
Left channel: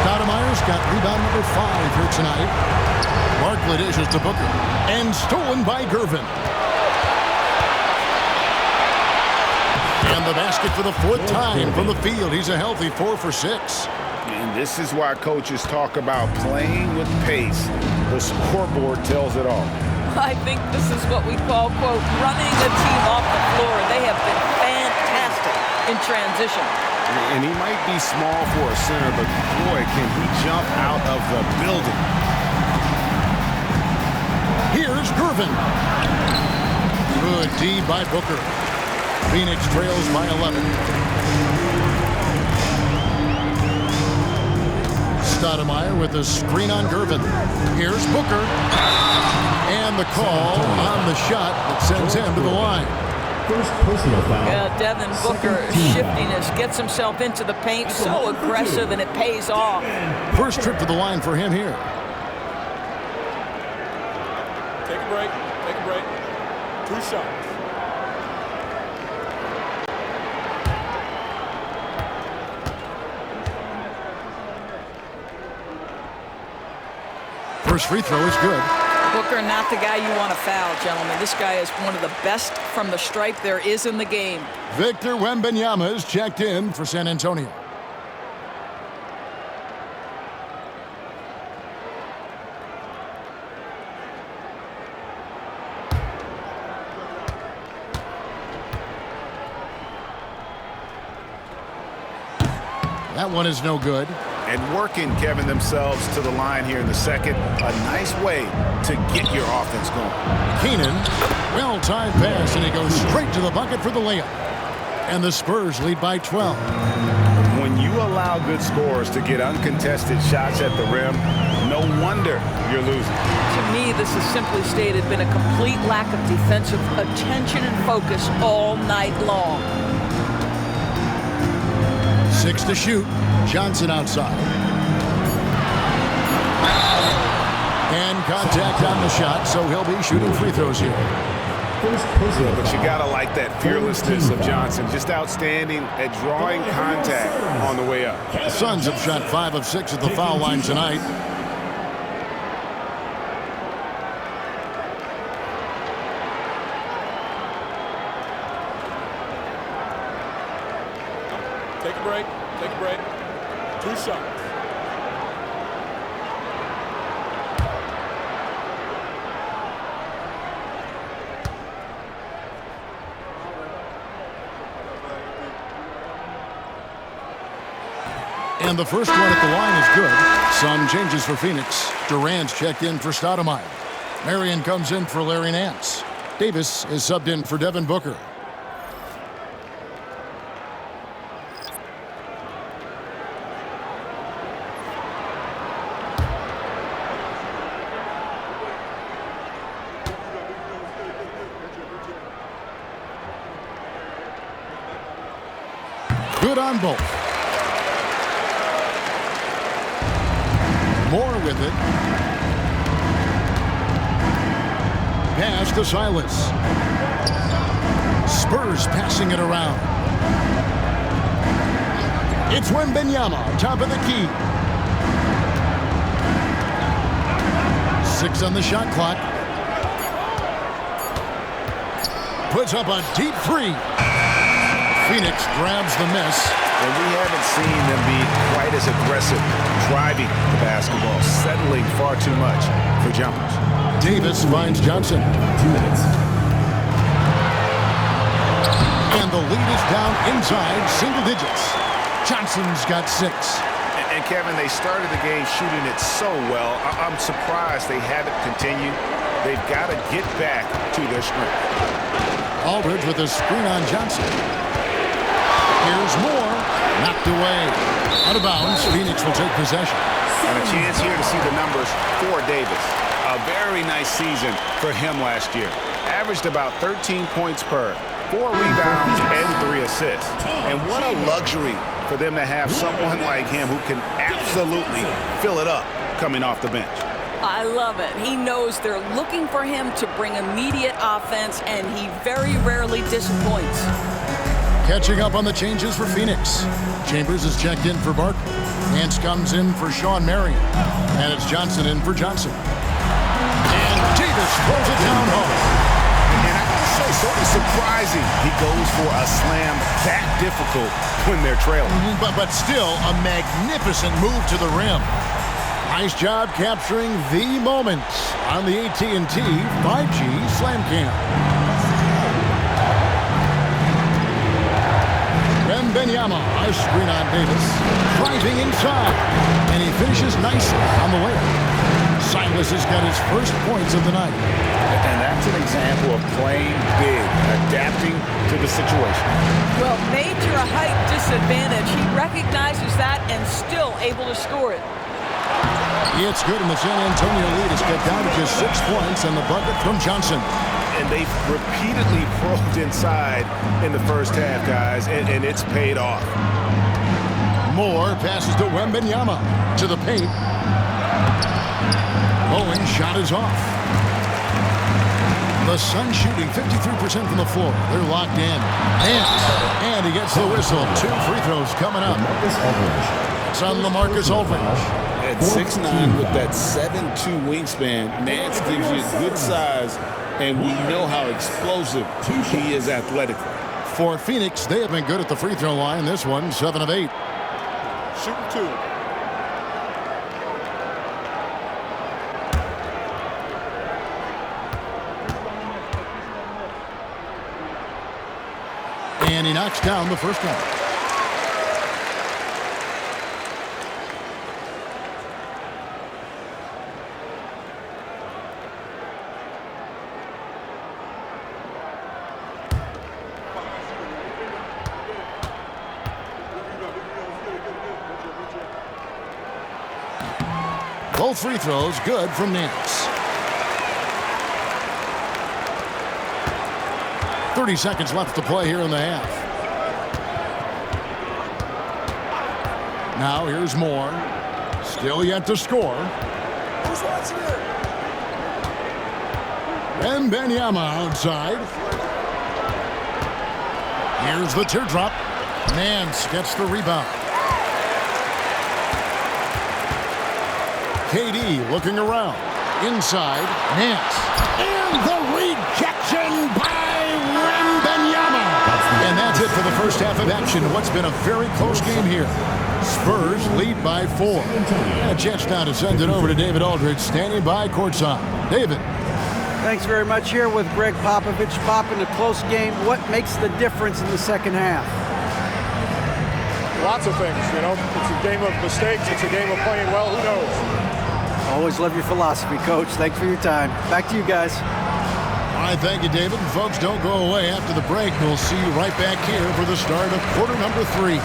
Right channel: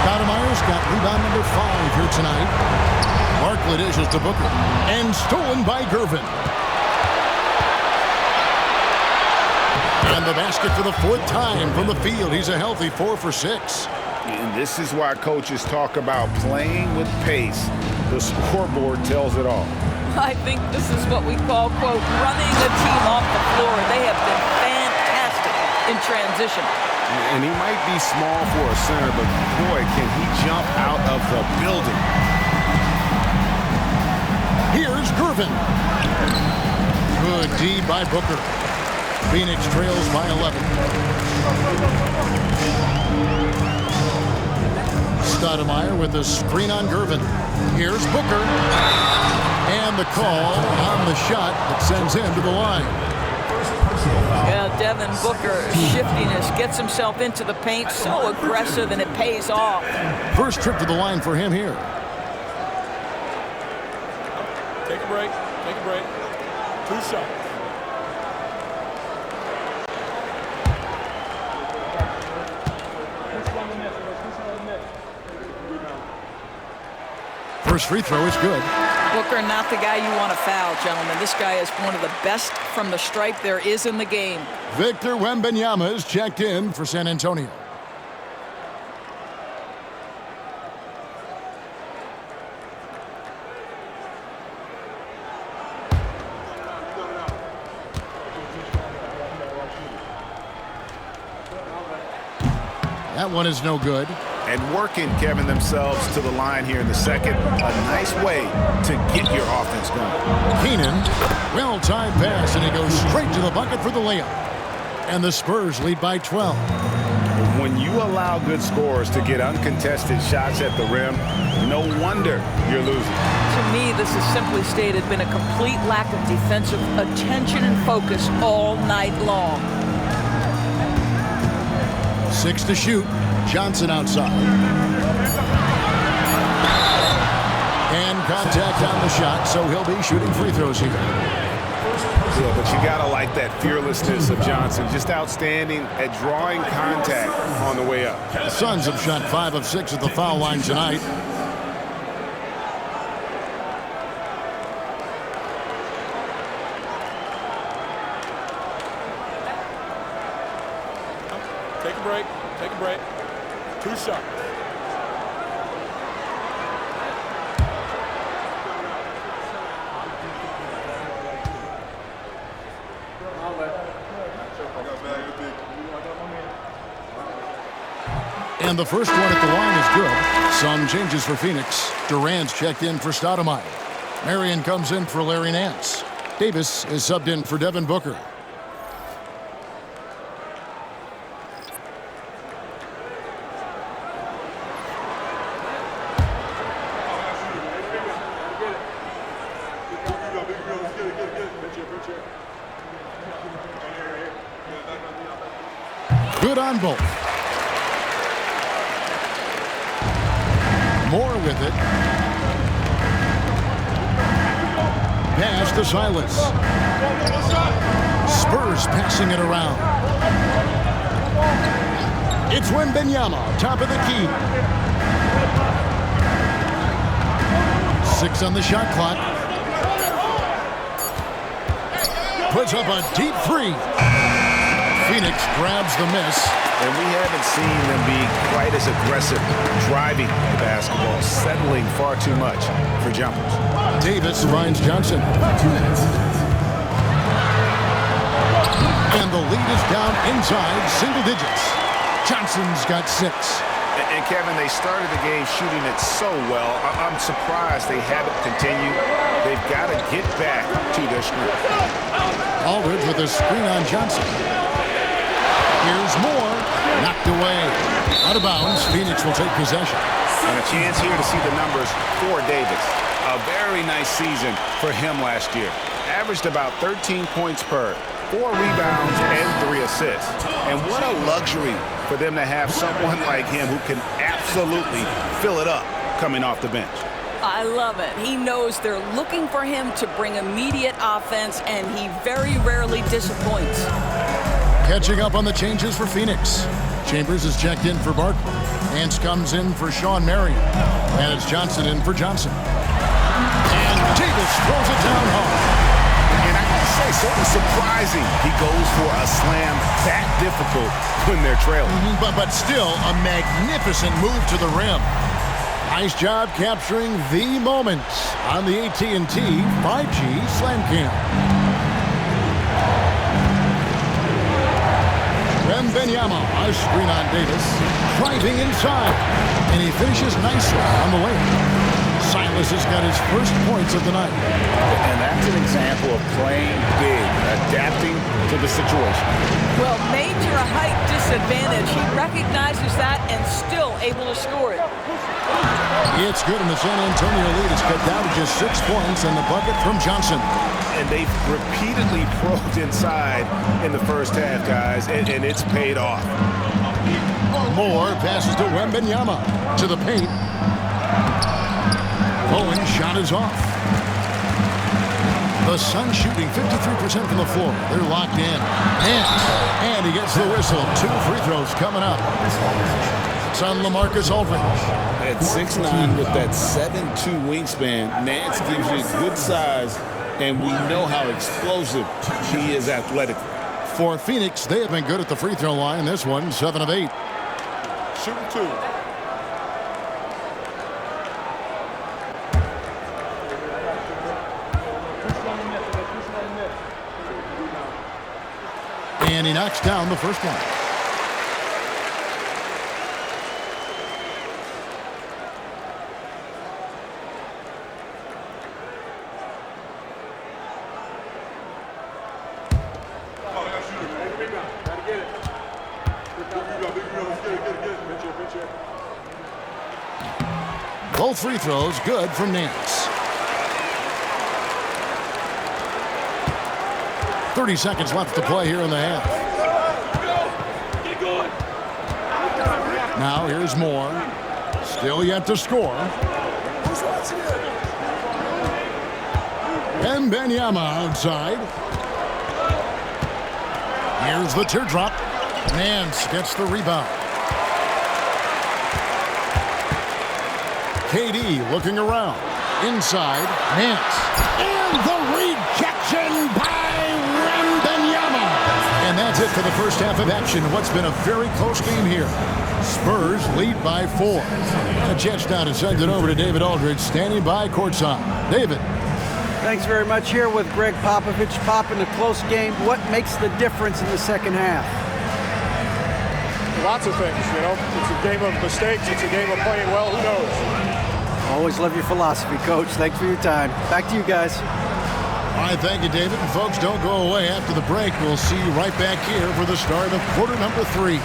Stoudemire's got rebound number 5 here tonight. Barkley dishes to Booker. And stolen by Gervin. And the basket for the 4th time from the field. He's a healthy 4 for 6. And this is why coaches talk about playing with pace. The scoreboard tells it all. I think this is what we call, quote, running a team off the floor. They have been fantastic in transition. And he might be small for a center, but boy, can he jump out of the building. Here's Gervin. Good D by Booker. Phoenix trails by 11. Stoudemire with a screen on Gervin. Here's Booker. And the call on the shot that sends him to the line. First personal foul. Yeah, Devin Booker, shiftiness, gets himself into the paint, so aggressive, and it pays off. First trip to the line for him here. Take a break. Take a break. 2 shots. First free throw is good. Booker, not the guy you want to foul, gentlemen. This guy is one of the best from the stripe there is in the game. Victor Wembanyama is checked in for San Antonio. That one is no good. And working, Kevin, themselves to the line here in the second. A nice way to get your offense going. Keenan, well-timed pass, and he goes straight to the bucket for the layup. And the Spurs lead by 12. When you allow good scorers to get uncontested shots at the rim, no wonder you're losing. To me, this is simply stated been a complete lack of defensive attention and focus all night long. 6 to shoot. Johnson outside. And contact on the shot, so he'll be shooting free throws here. Yeah, but you gotta like that fearlessness of Johnson. Just outstanding at drawing contact on the way up. The Suns have shot 5 of 6 at the foul line tonight. Take a break. Take a break. 2 shots. And the first one at the line is good. Some changes for Phoenix. Durant's checked in for Stoudemire. Marion comes in for Larry Nance. Davis is subbed in for Devin Booker. Good on both. Moore with it. Pass to Silas. Spurs passing it around. It's Wembanyama, top of the key. 6 on the shot clock. Puts up a deep 3. Phoenix grabs the miss. And we haven't seen them be quite as aggressive driving the basketball, settling far too much for jumpers. Davis finds Johnson. 2 minutes. And the lead is down inside single digits. Johnson's got 6. And Kevin, they started the game shooting it so well. I'm surprised they haven't continued. They've got to get back to their strength. Aldridge with a screen on Johnson. Here's Moore. Knocked away. Out of bounds. Phoenix will take possession. And a chance here to see the numbers for Davis. A very nice season for him last year. Averaged about 13 points per, 4 rebounds, and 3 assists. And what a luxury for them to have someone like him who can absolutely fill it up coming off the bench. I love it. He knows they're looking for him to bring immediate offense, and he very rarely disappoints. Catching up on the changes for Phoenix. Chambers is checked in for Barkley. Nance comes in for Sean Marion. And it's Johnson in for Johnson. And Davis throws it down hard. And I gotta say, sort of surprising he goes for a slam that difficult when they're trailing. But still a magnificent move to the rim. Nice job capturing the moment on the AT&T 5G Slam Cam. Wembanyama, a screen on Davis, driving inside, and he finishes nicely on the layup. Silas has got his first points of the night. And that's an example of playing big, adapting to the situation. Well, major height disadvantage. He recognizes that and still able to score it. It's good, and the San Antonio lead is cut down to just 6 points, and the bucket from Johnson. And they've repeatedly probed inside in the first half, guys, and it's paid off. Moore passes to Wembanyama to the paint. Bowen's shot is off. The Suns shooting 53% from the floor. They're locked in. And he gets the whistle. 2 free throws coming up. It's on LaMarcus Aldridge. At 6'9" with that 7'2" wingspan, Nance gives you good size, and we know how explosive he is athletically. For Phoenix, they have been good at the free throw line. This one, 7 of 8. Shooting 2. And he knocks down the first one. Both free throws good from Nance. 30 seconds left to play here in the half. Now here's Moore. Still yet to score. Who's watching it? And Benyama outside. Here's the teardrop. Nance gets the rebound. KD looking around. Inside, Nance. And the rejection by Wembanyama. And that's it for the first half of action. What's been a very close game here. Spurs lead by 4. And a chance now to send it over to David Aldridge, standing by courtside. David. Thanks very much. Here with Greg Popovich. Pop, in a close game, what makes the difference in the second half? Lots of things, you know. It's a game of mistakes. It's a game of playing well. Who knows? Always love your philosophy, Coach. Thanks for your time. Back to you guys. All right, thank you, David. And folks, don't go away after the break. We'll see you right back here for the start of quarter number 3.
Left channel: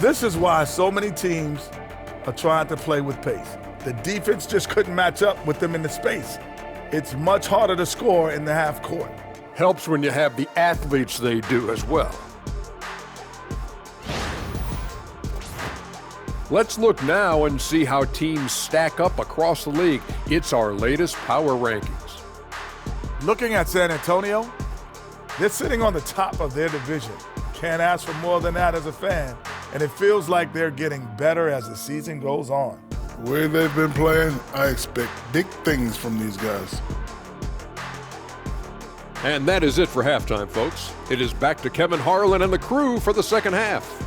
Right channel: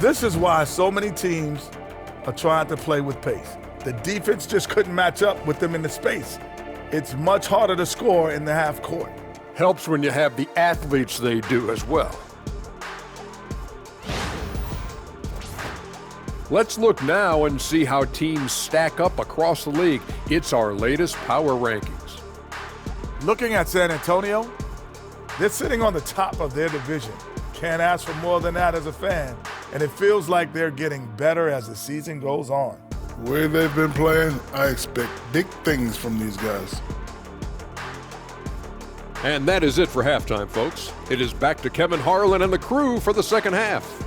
This is why so many teams are trying to play with pace. The defense just couldn't match up with them in the space. It's much harder to score in the half court. Helps when you have the athletes they do as well. Let's look now and see how teams stack up across the league. It's our latest power rankings. Looking at San Antonio, they're sitting on the top of their division. Can't ask for more than that as a fan. And it feels like they're getting better as the season goes on. The way they've been playing, I expect big things from these guys. And that is it for halftime, folks. It is back to Kevin Harlan and the crew for the second half.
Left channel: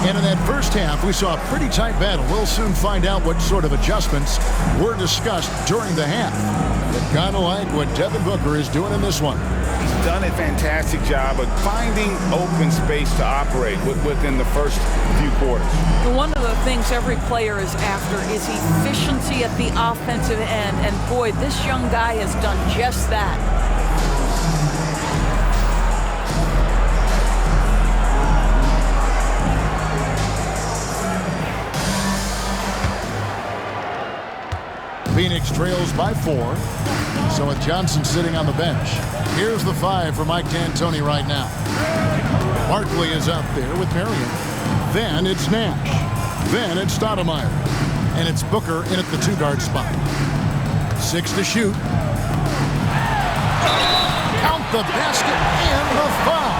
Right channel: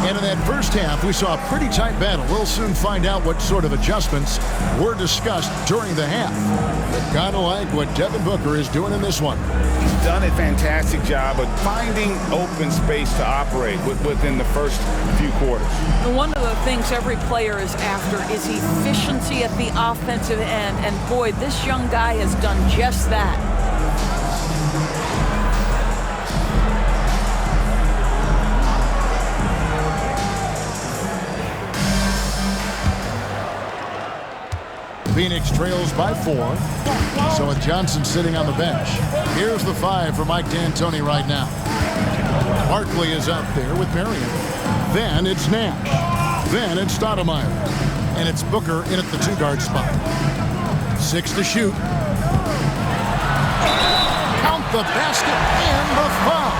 And in that first half, we saw a pretty tight battle. We'll soon find out what sort of adjustments were discussed during the half. You kind of like what Devin Booker is doing in this one. He's done a fantastic job of finding open space to operate within the first few quarters. One of the things every player is after is efficiency at the offensive end. And boy, this young guy has done just that. Phoenix trails by 4. So with Johnson sitting on the bench, here's the 5 for Mike D'Antoni right now. Barkley is out there with Marion. Then it's Nash. Then it's Stoudemire. And it's Booker in at the 2-guard spot. 6 to shoot. Count the basket and the foul.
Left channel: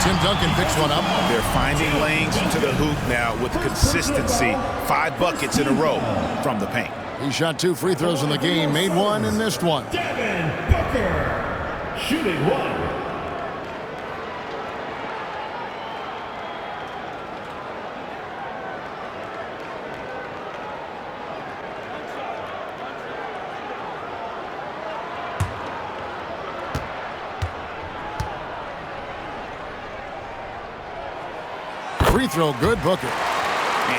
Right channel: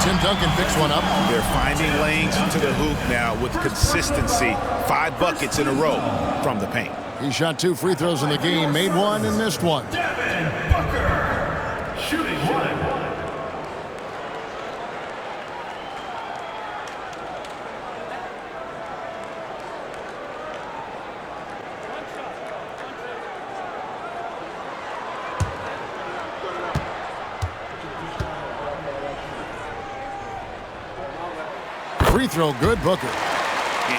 Tim Duncan picks one up. They're finding lanes to the hoop now with consistency. 5 buckets in a row from the paint. He shot 2 free throws in the game, made 1 and missed 1. Devin Booker, shooting 1. Free throw good, Booker.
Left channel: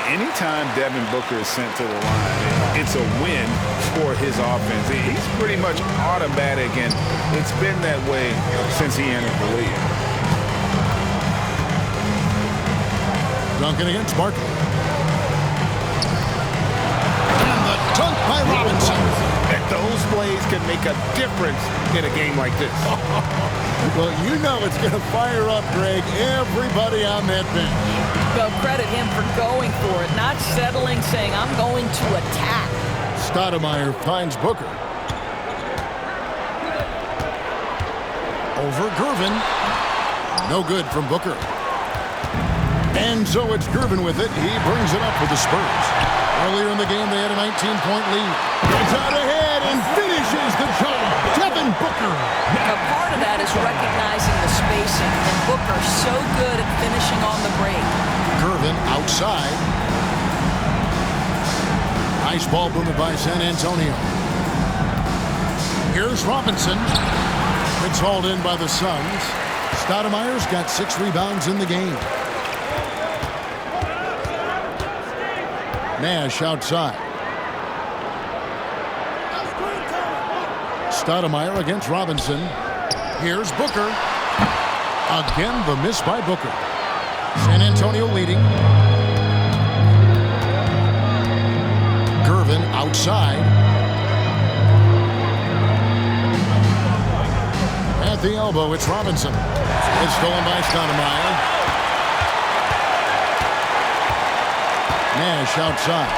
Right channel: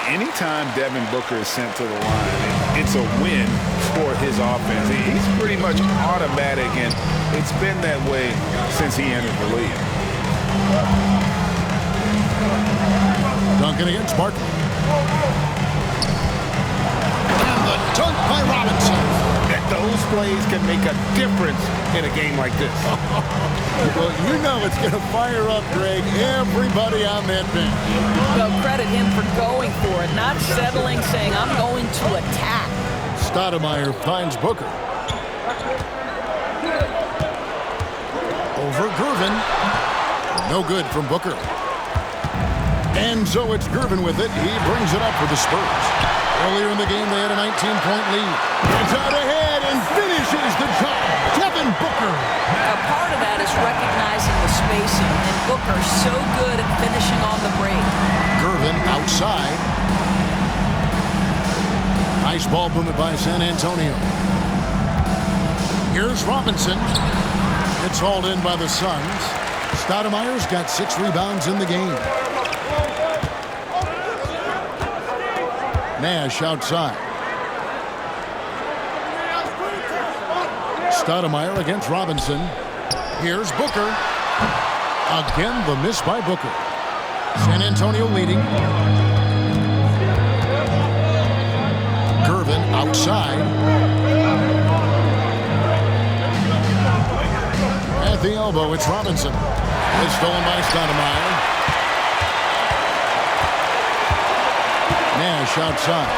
Anytime Devin Booker is sent to the line, it's a win for his offense. He's pretty much automatic, and it's been that way since he entered the league. Duncan against Barkley. And the dunk by Robinson. And those plays can make a difference in a game like this. Well, you know it's going to fire up, Greg, everybody on that bench. Well, credit him for going for it, not settling, saying, I'm going to attack. Stoudemire finds Booker. Over Gervin. No good from Booker. And so it's Gervin with it. He brings it up for the Spurs. Earlier in the game, they had a 19-point lead. Gets out ahead and finishes the job. Devin Booker. A part of that is recognizing the spacing, and Booker so good at finishing on the break. Gervin outside. Nice ball movement by San Antonio. Here's Robinson. It's hauled in by the Suns. Stoudemire's got 6 rebounds in the game. Nash outside. Stoudemire against Robinson. Here's Booker. Again, the miss by Booker. San Antonio leading. Gervin outside. At the elbow, it's Robinson. It's stolen by Stoudemire. Nash outside.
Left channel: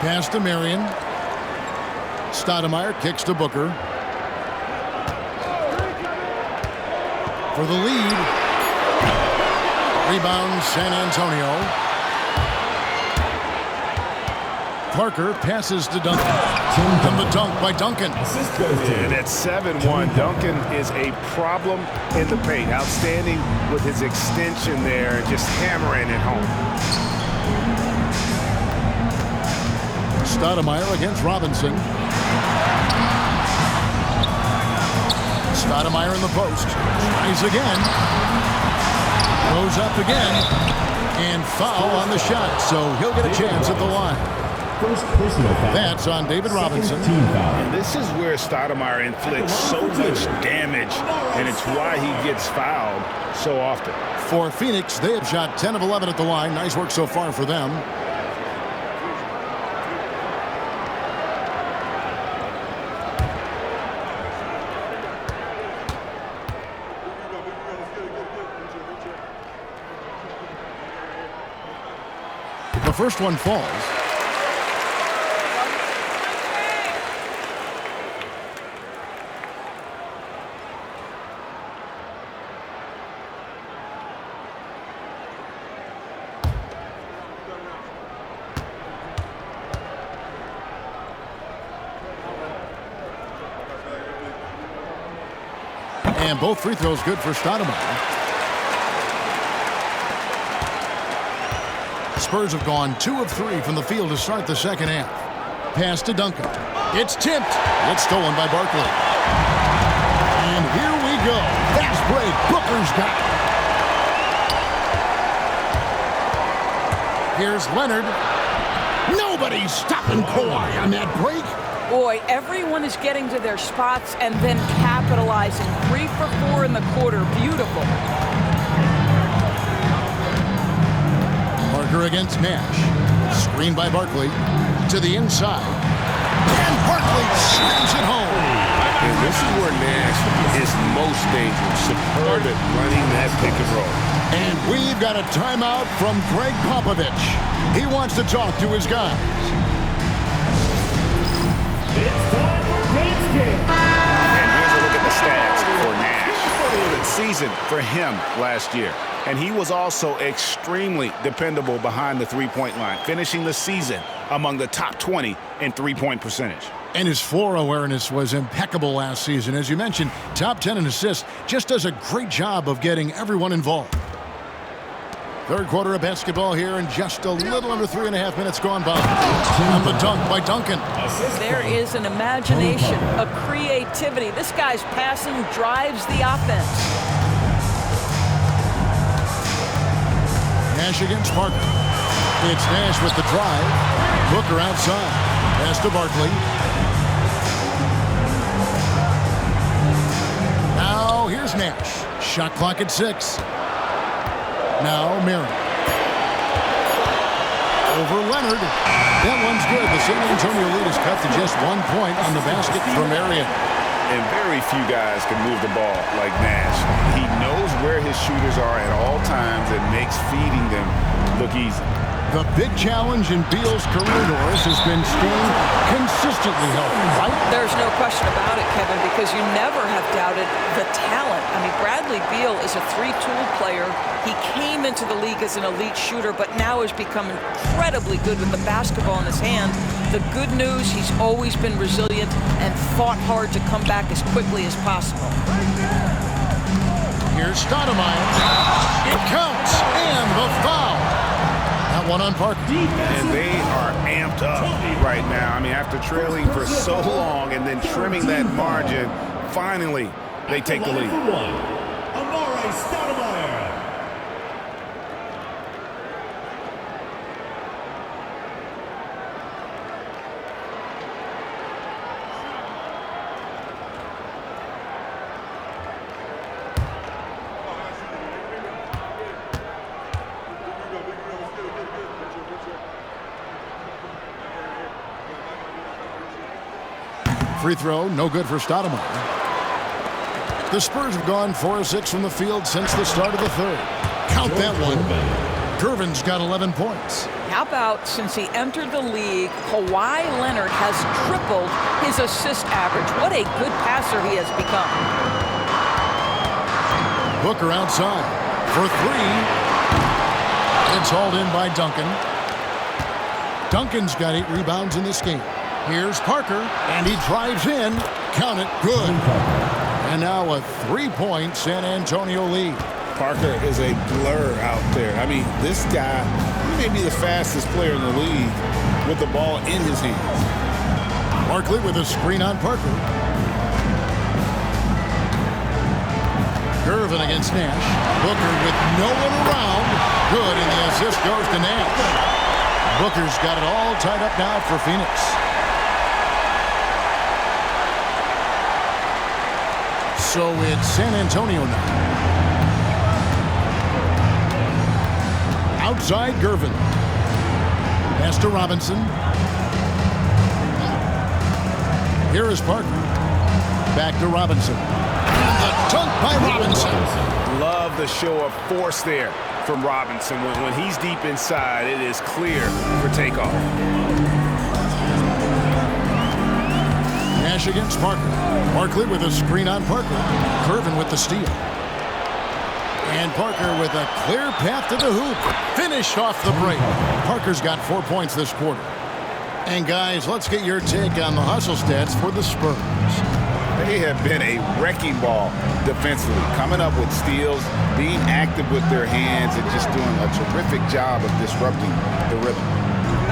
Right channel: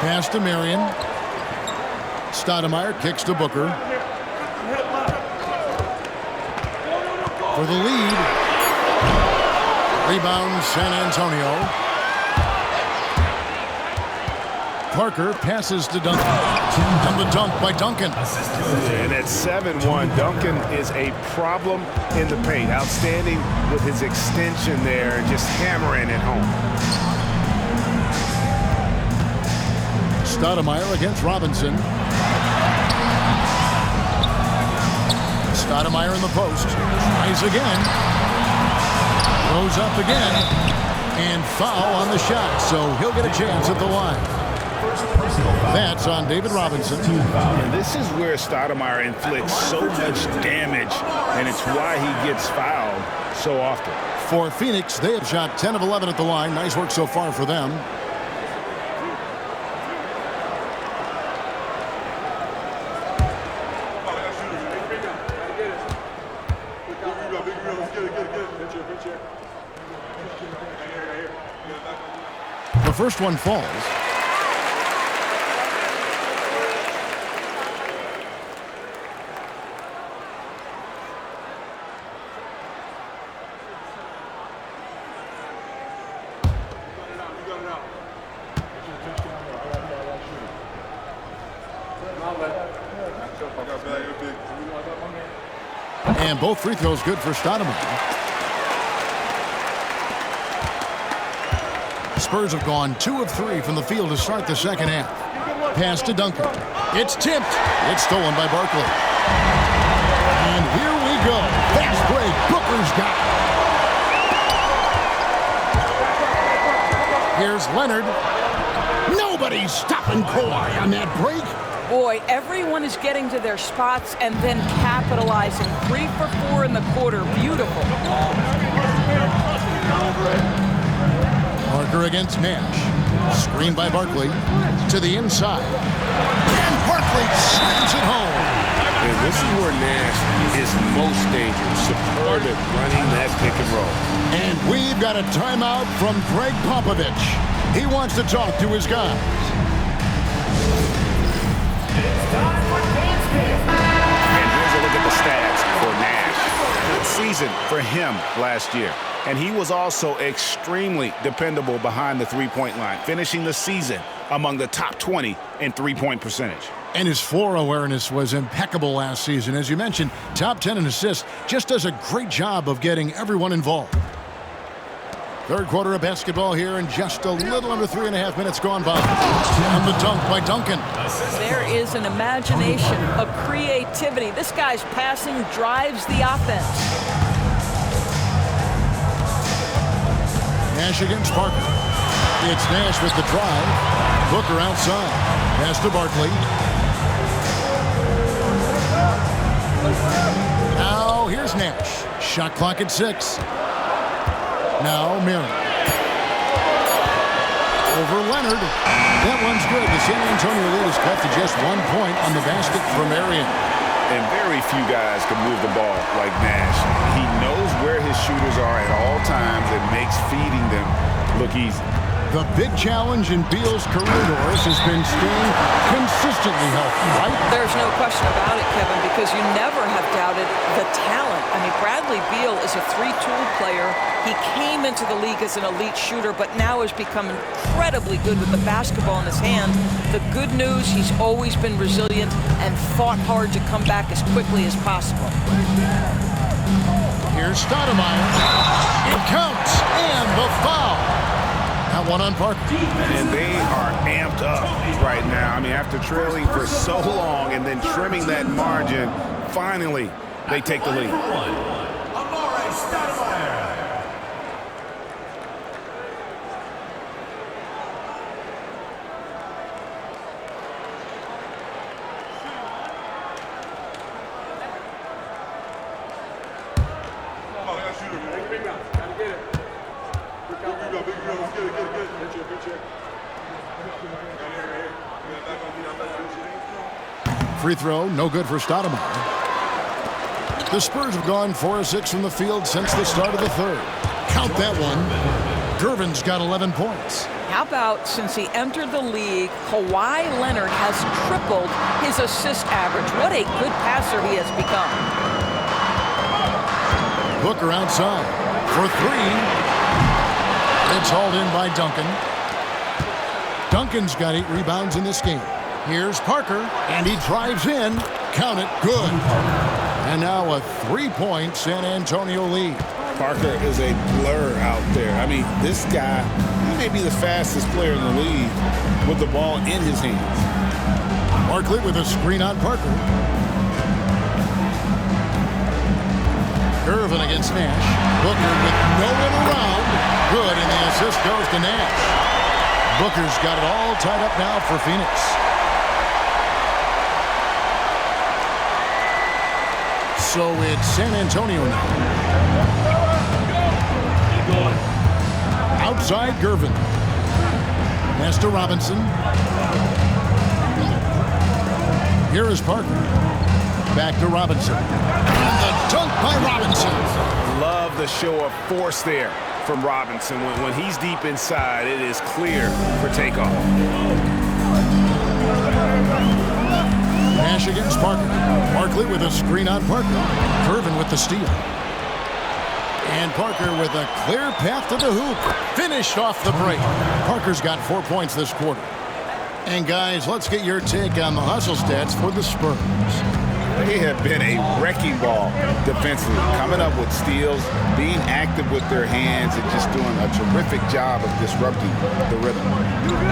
Pass to Marion. Stoudemire kicks to Booker. For the lead. Rebound San Antonio. Parker passes to Duncan. And the dunk by Duncan. And at 7-1, Duncan is a problem in the paint. Outstanding with his extension there and just hammering it home. Stoudemire against Robinson. Stoudemire in the post. Tries again. Goes up again. And foul on the shot, so he'll get a chance at the line. First personal foul. That's on David Robinson. And this is where Stoudemire inflicts so much damage, and it's why he gets fouled so often. For Phoenix, they have shot 10 of 11 at the line. Nice work so far for them. The first one falls. And both free throws good for Stoudemire. Spurs have gone 2 of 3 from the field to start the second half. Pass to Duncan. It's tipped. It's stolen by Barkley. And here we go. Fast break. Booker's got it. Here's Leonard. Nobody's stopping Kawhi on that break. Boy, everyone is getting to their spots and then capitalizing. 3 for 4 in the quarter. Beautiful. Parker against Nash. Screen by Barkley. To the inside. And Barkley slams it home. And this is where Nash is most dangerous. Superb at running that pick and roll. And we've got a timeout from Greg Popovich. He wants to talk to his guys. And here's a look at the stats for Nash. Good season for him last year. And he was also extremely dependable behind the three-point line, finishing the season among the top 20 in three-point percentage. And his floor awareness was impeccable last season. As you mentioned, top 10 in assists, just does a great job of getting everyone involved. Third quarter of basketball here, and just a little under 3.5 minutes gone by. And the dunk by Duncan. There is an imagination, a creativity. This guy's passing drives the offense. Nash against Parker. It's Nash with the drive. Booker outside. Pass to Barkley. Now here's Nash. Shot clock at 6. Now Marion. Over Leonard. That one's good. The San Antonio lead is cut to just 1 point on the basket from Marion. And very few guys can move the ball like Nash. He knows where his shooters are at all times and makes feeding them look easy. The big challenge in Beal's career, Doris, has been staying consistently healthy, right? There's no question about it, Kevin, because you never have doubted the talent. I mean, Bradley Beal is a three-tool player. He came into the league as an elite shooter, but now has become incredibly good with the basketball in his hand. The good news, he's always been resilient and fought hard to come back as quickly as possible. Here's Stoudemire. It counts, and the foul. That one on Parker. And they are amped up right now. I mean, after trailing for so long and then trimming that margin, finally they take the lead. Free throw, no good for Stoudemire. The Spurs have gone 4 of 6 from the field since the start of the third. Count that one. Gervin's got 11 points. How about since he entered the league, Kawhi Leonard has tripled his assist average. What a good passer he has become. Booker outside for 3. It's hauled in by Duncan. Duncan's got 8 rebounds in this game. Here's Parker, and he drives in. Count it, good. And now a 3-point San Antonio lead. Parker is a blur out there. I mean, this guy, he may be the fastest player in the league with the ball in his hands. Barkley with a screen on Parker. Gervin against Nash. Booker with no one around. Good, and the assist goes to Nash. Booker's got it all tied up now for Phoenix. So it's San Antonio now. Outside Gervin. Pass to Robinson. Here is Parker. Back to Robinson. And the dunk by Robinson. Love the show of force there from Robinson. When he's deep inside, it is clear for takeoff. Nash against Parker. Barkley with a screen on Parker. Gervin with the steal. And Parker with a clear path to the hoop. Finished off the break. Parker's got 4 points this quarter. And guys, let's get your take on the hustle stats for the Spurs. They have been a wrecking ball defensively, coming up with steals, being active with their hands, and just doing a terrific job of disrupting the rhythm.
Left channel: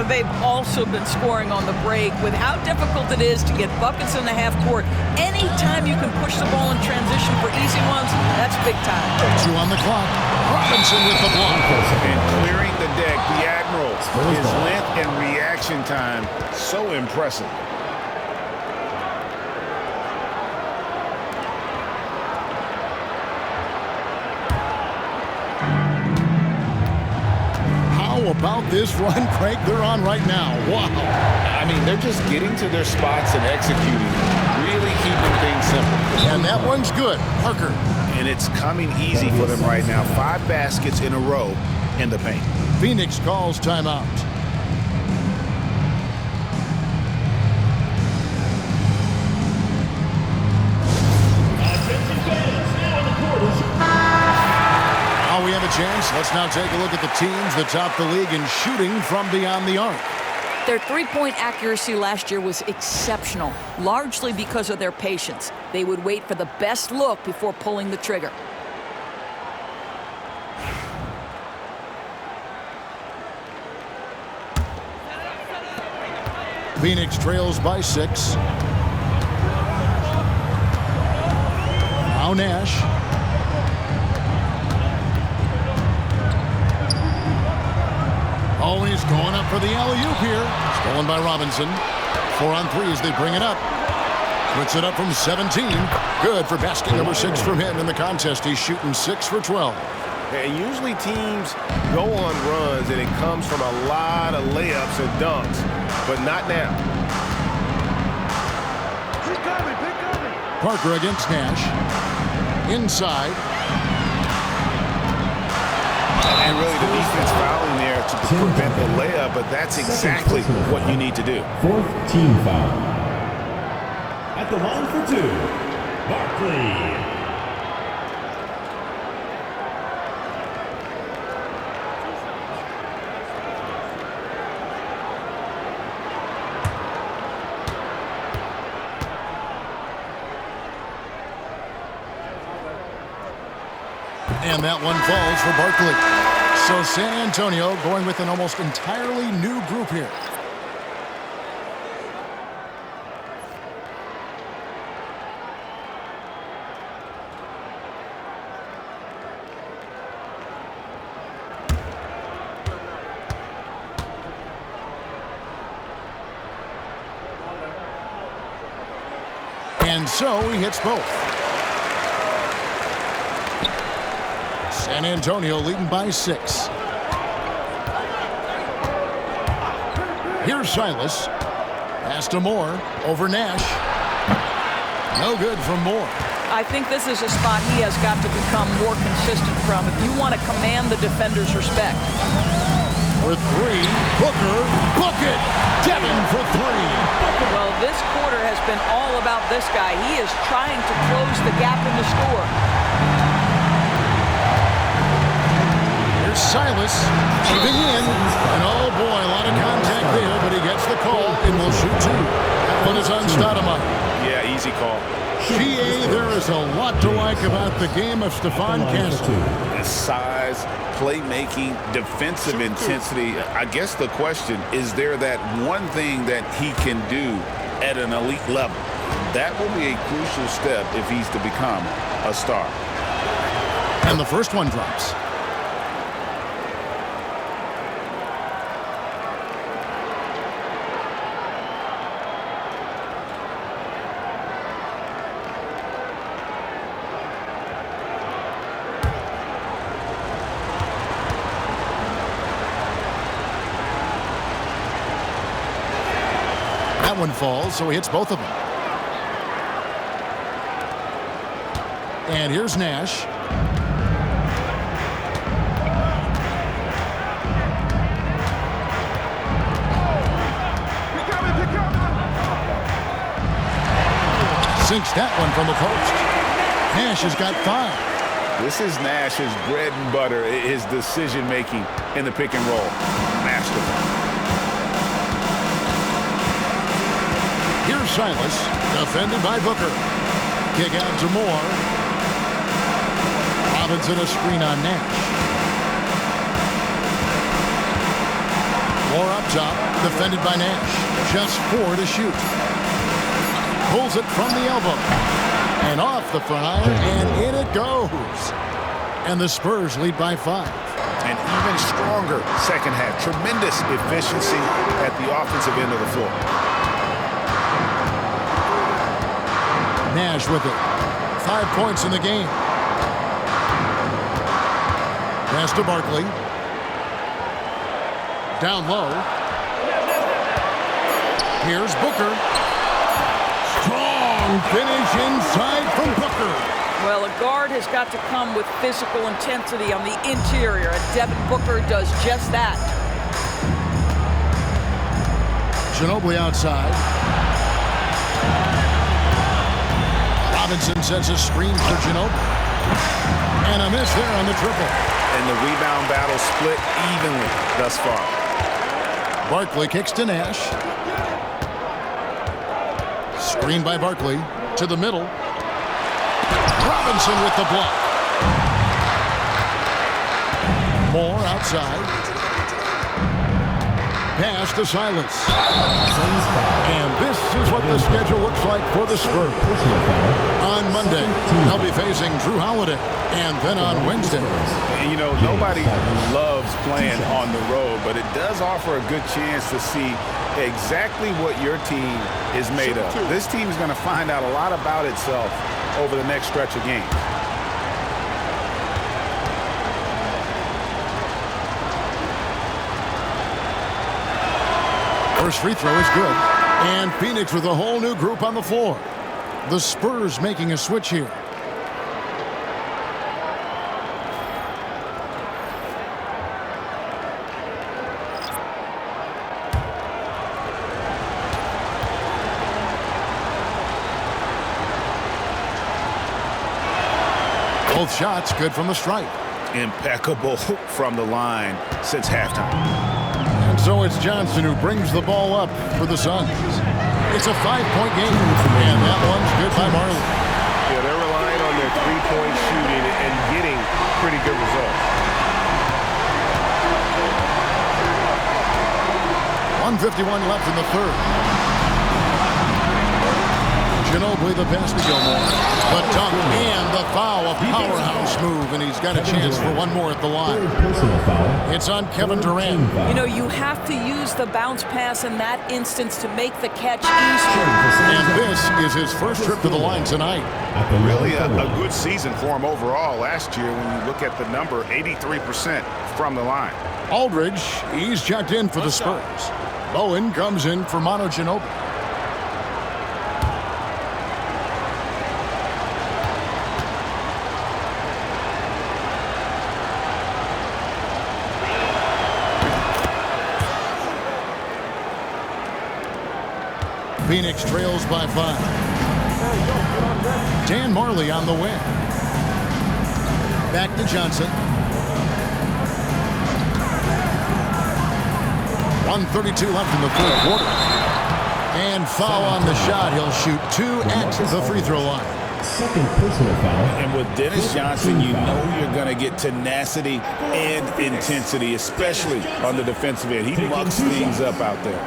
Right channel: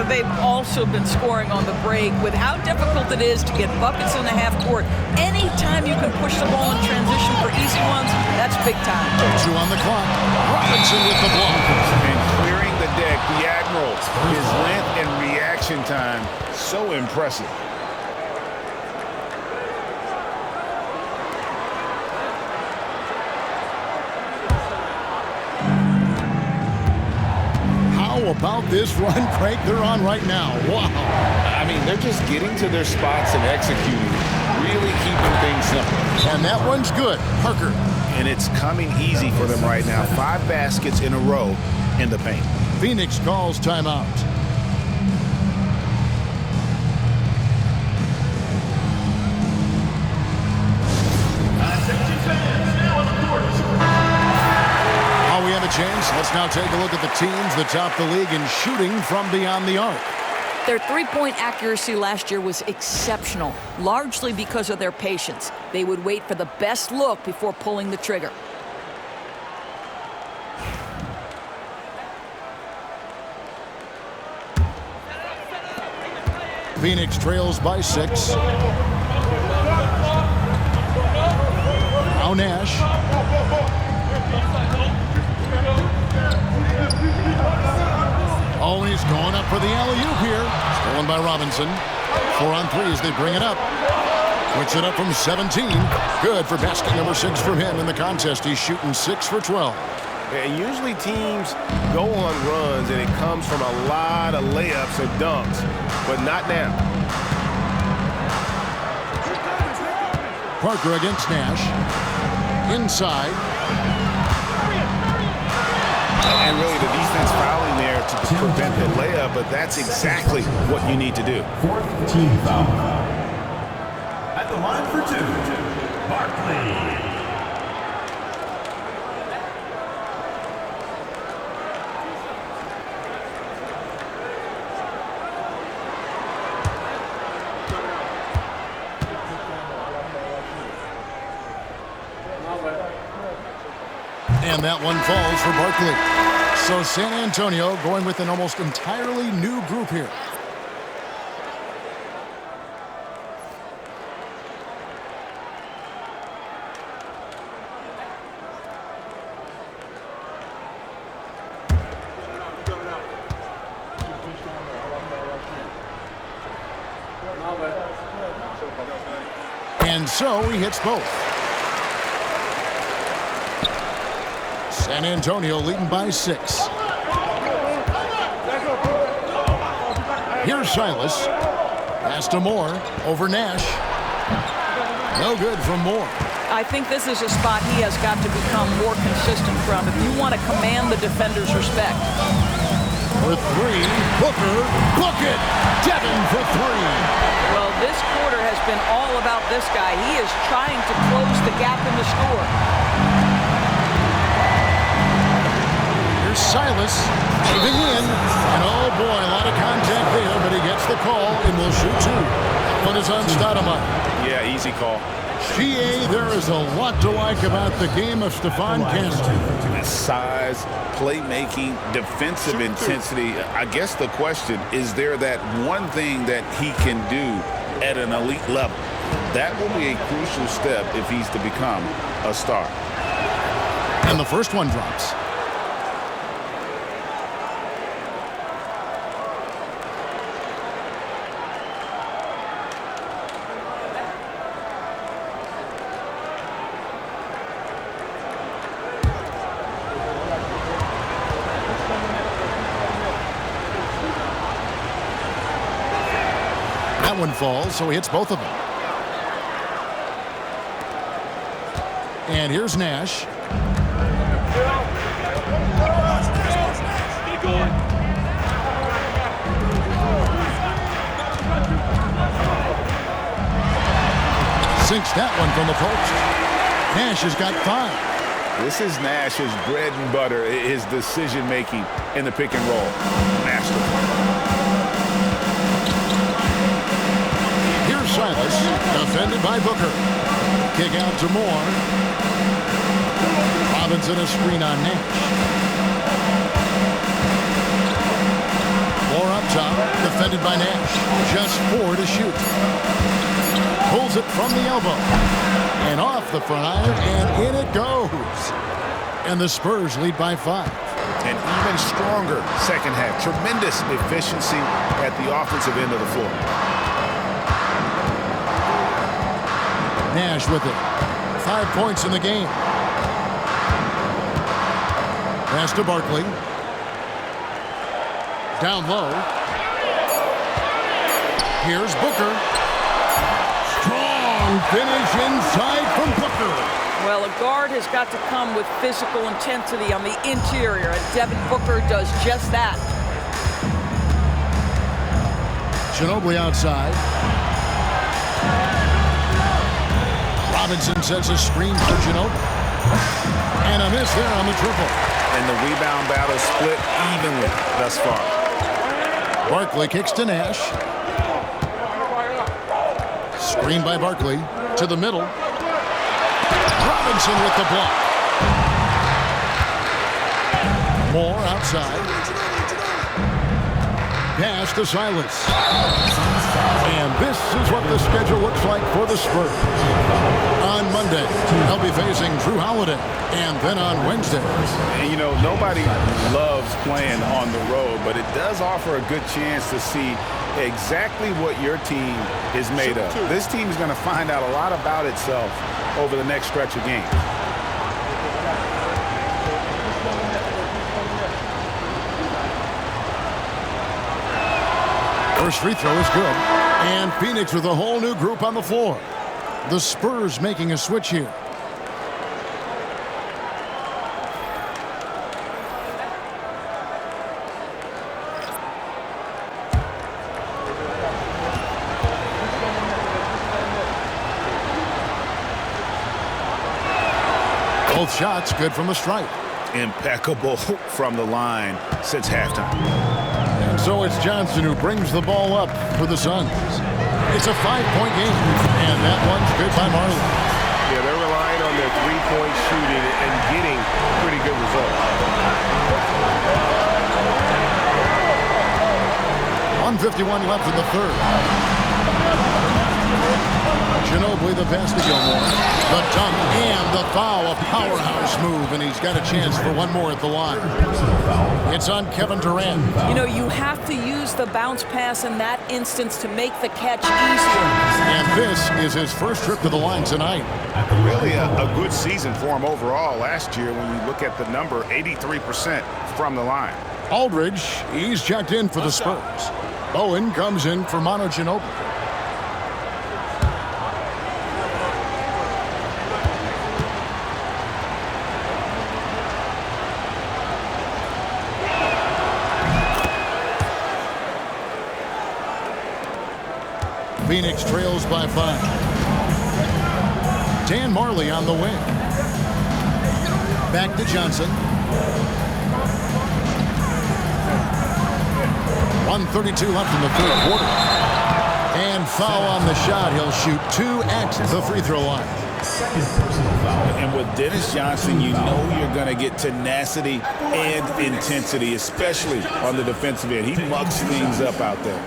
They've also been scoring on the break with how difficult it is to get buckets in the half court. Anytime you can push the ball in transition for easy ones, that's big time. 2 on the clock. Robinson with the block. And clearing the deck, the Admiral, his length and reaction time, so impressive. How about this run, Craig, they're on right now? Wow. I mean, they're just getting to their spots and executing, really keeping things simple. And that one's good. Parker. And it's coming easy for them right now. 5 baskets in a row in the paint. Phoenix calls timeout. While we have a chance, let's now take a look at the teams that top the league in shooting from beyond the arc. Their three-point accuracy last year was exceptional, largely because of their patience. They would wait for the best look before pulling the trigger. Phoenix trails by 6. Now Nash. Oh, and he's going up for the alley-oop here. Stolen by Robinson. 4 on 3 as they bring it up. Puts it up from 17. Good for basket number 6 from him in the contest. He's shooting 6 for 12. And usually teams go on runs, and it comes from a lot of layups and dunks, but not now. Parker against Nash. Inside. And really the defense fouling there to prevent the layup, but that's exactly what you need to do. 4th team foul. At the line for 2, Barkley. And that one falls for Barkley. So San Antonio going with an almost entirely new group here. And so he hits both. San Antonio leading by 6. Here's Silas. Pass to Moore. Over Nash. No good from Moore. I think this is a spot he has got to become more consistent from if you want to command the defender's respect. For 3, Booker. Book it! Devin for 3. Well, this quarter has been all about this guy. He is trying to close the gap in the score. Here's Silas moving in. And oh boy, a lot of contact there, but he gets the call and will shoot 2. That one is on Stoudemire. Yeah, easy call. GA, there is a lot to like about the game of Stephon Castle. His size, playmaking, defensive intensity. I guess the question, is there that one thing that he can do at an elite level? That will be a crucial step if he's to become a star. And the first one drops. That one falls, so he hits both of them. And here's Nash. Sinks that one from the post. Nash has got 5. This is Nash's bread and butter, his decision-making in the pick and roll. Masterful. Here's Silas, defended by Booker. Kick out to Moore. Robinson a screen on Nash. Moore up top, defended by Nash. Just 4 to shoot. Pulls it from the elbow. And off the front iron, and in it goes. And the Spurs lead by 5. An even stronger second half. Tremendous efficiency at the offensive end of the floor. Nash with it. 5 points in the game. Pass to Barkley. Down low. Here's Booker. Strong finish inside from Booker. Well, a guard has got to come with physical intensity on the interior, and Devin Booker does just that. Ginobili outside. Robinson sets a screen for Ginobili. And a miss there on the triple. And the rebound battle split evenly thus far. Barkley kicks to Nash. Screen by Barkley to the middle. Robinson with the block. Moore outside. Pass to Silas. And this is what the schedule looks like for the Spurs. On Monday, they'll be facing Jrue Holiday. And then on Wednesday. And you know, nobody loves playing on the road, but it does offer a good chance to see exactly what your team is made of. This team is going to find out a lot about itself over the next stretch of games. First free throw is good. And Phoenix with a whole new group on the floor. The Spurs making a switch here. Both shots good from the stripe. Impeccable from the line since halftime. And so it's Johnson who brings the ball up for the Suns. It's a 5-point game, and that one's good by Marley. Yeah, they're relying on their three-point shooting and getting pretty good results. 1:51 left in the third. Ginobili the pass to Gilmore. The dunk and the foul, a powerhouse move, and he's got a chance for one more at the line. It's on Kevin Durant. You know, you have to use the bounce pass in that instance to make the catch easier. And this is his first trip to the line tonight. Really a good season for him overall last year when you look at the number, 83% from the line. Aldridge, he's checked in for the Spurs. Bowen comes in for Manu Ginobili. Phoenix trails by 5. Dan Marley on the wing. Back to Johnson. 1:32 left in the third quarter. And foul on the shot. He'll shoot 2 at the free throw line. Second personal foul. And with Dennis Johnson, you know you're going to get tenacity and intensity, especially on the defensive end. He mucks things up out there.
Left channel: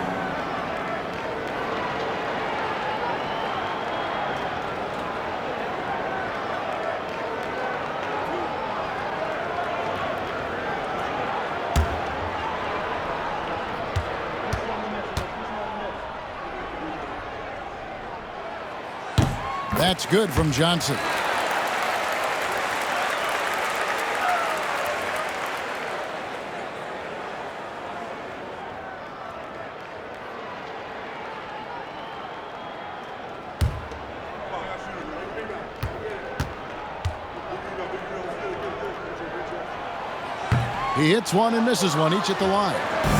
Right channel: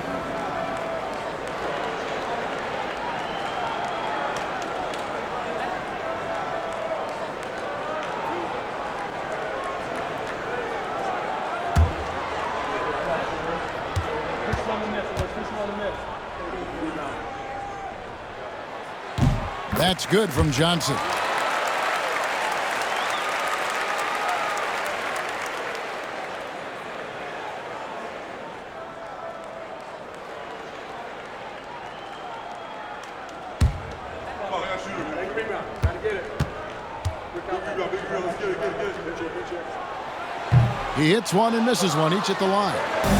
That's good from Johnson. He hits one and misses one, each at the line.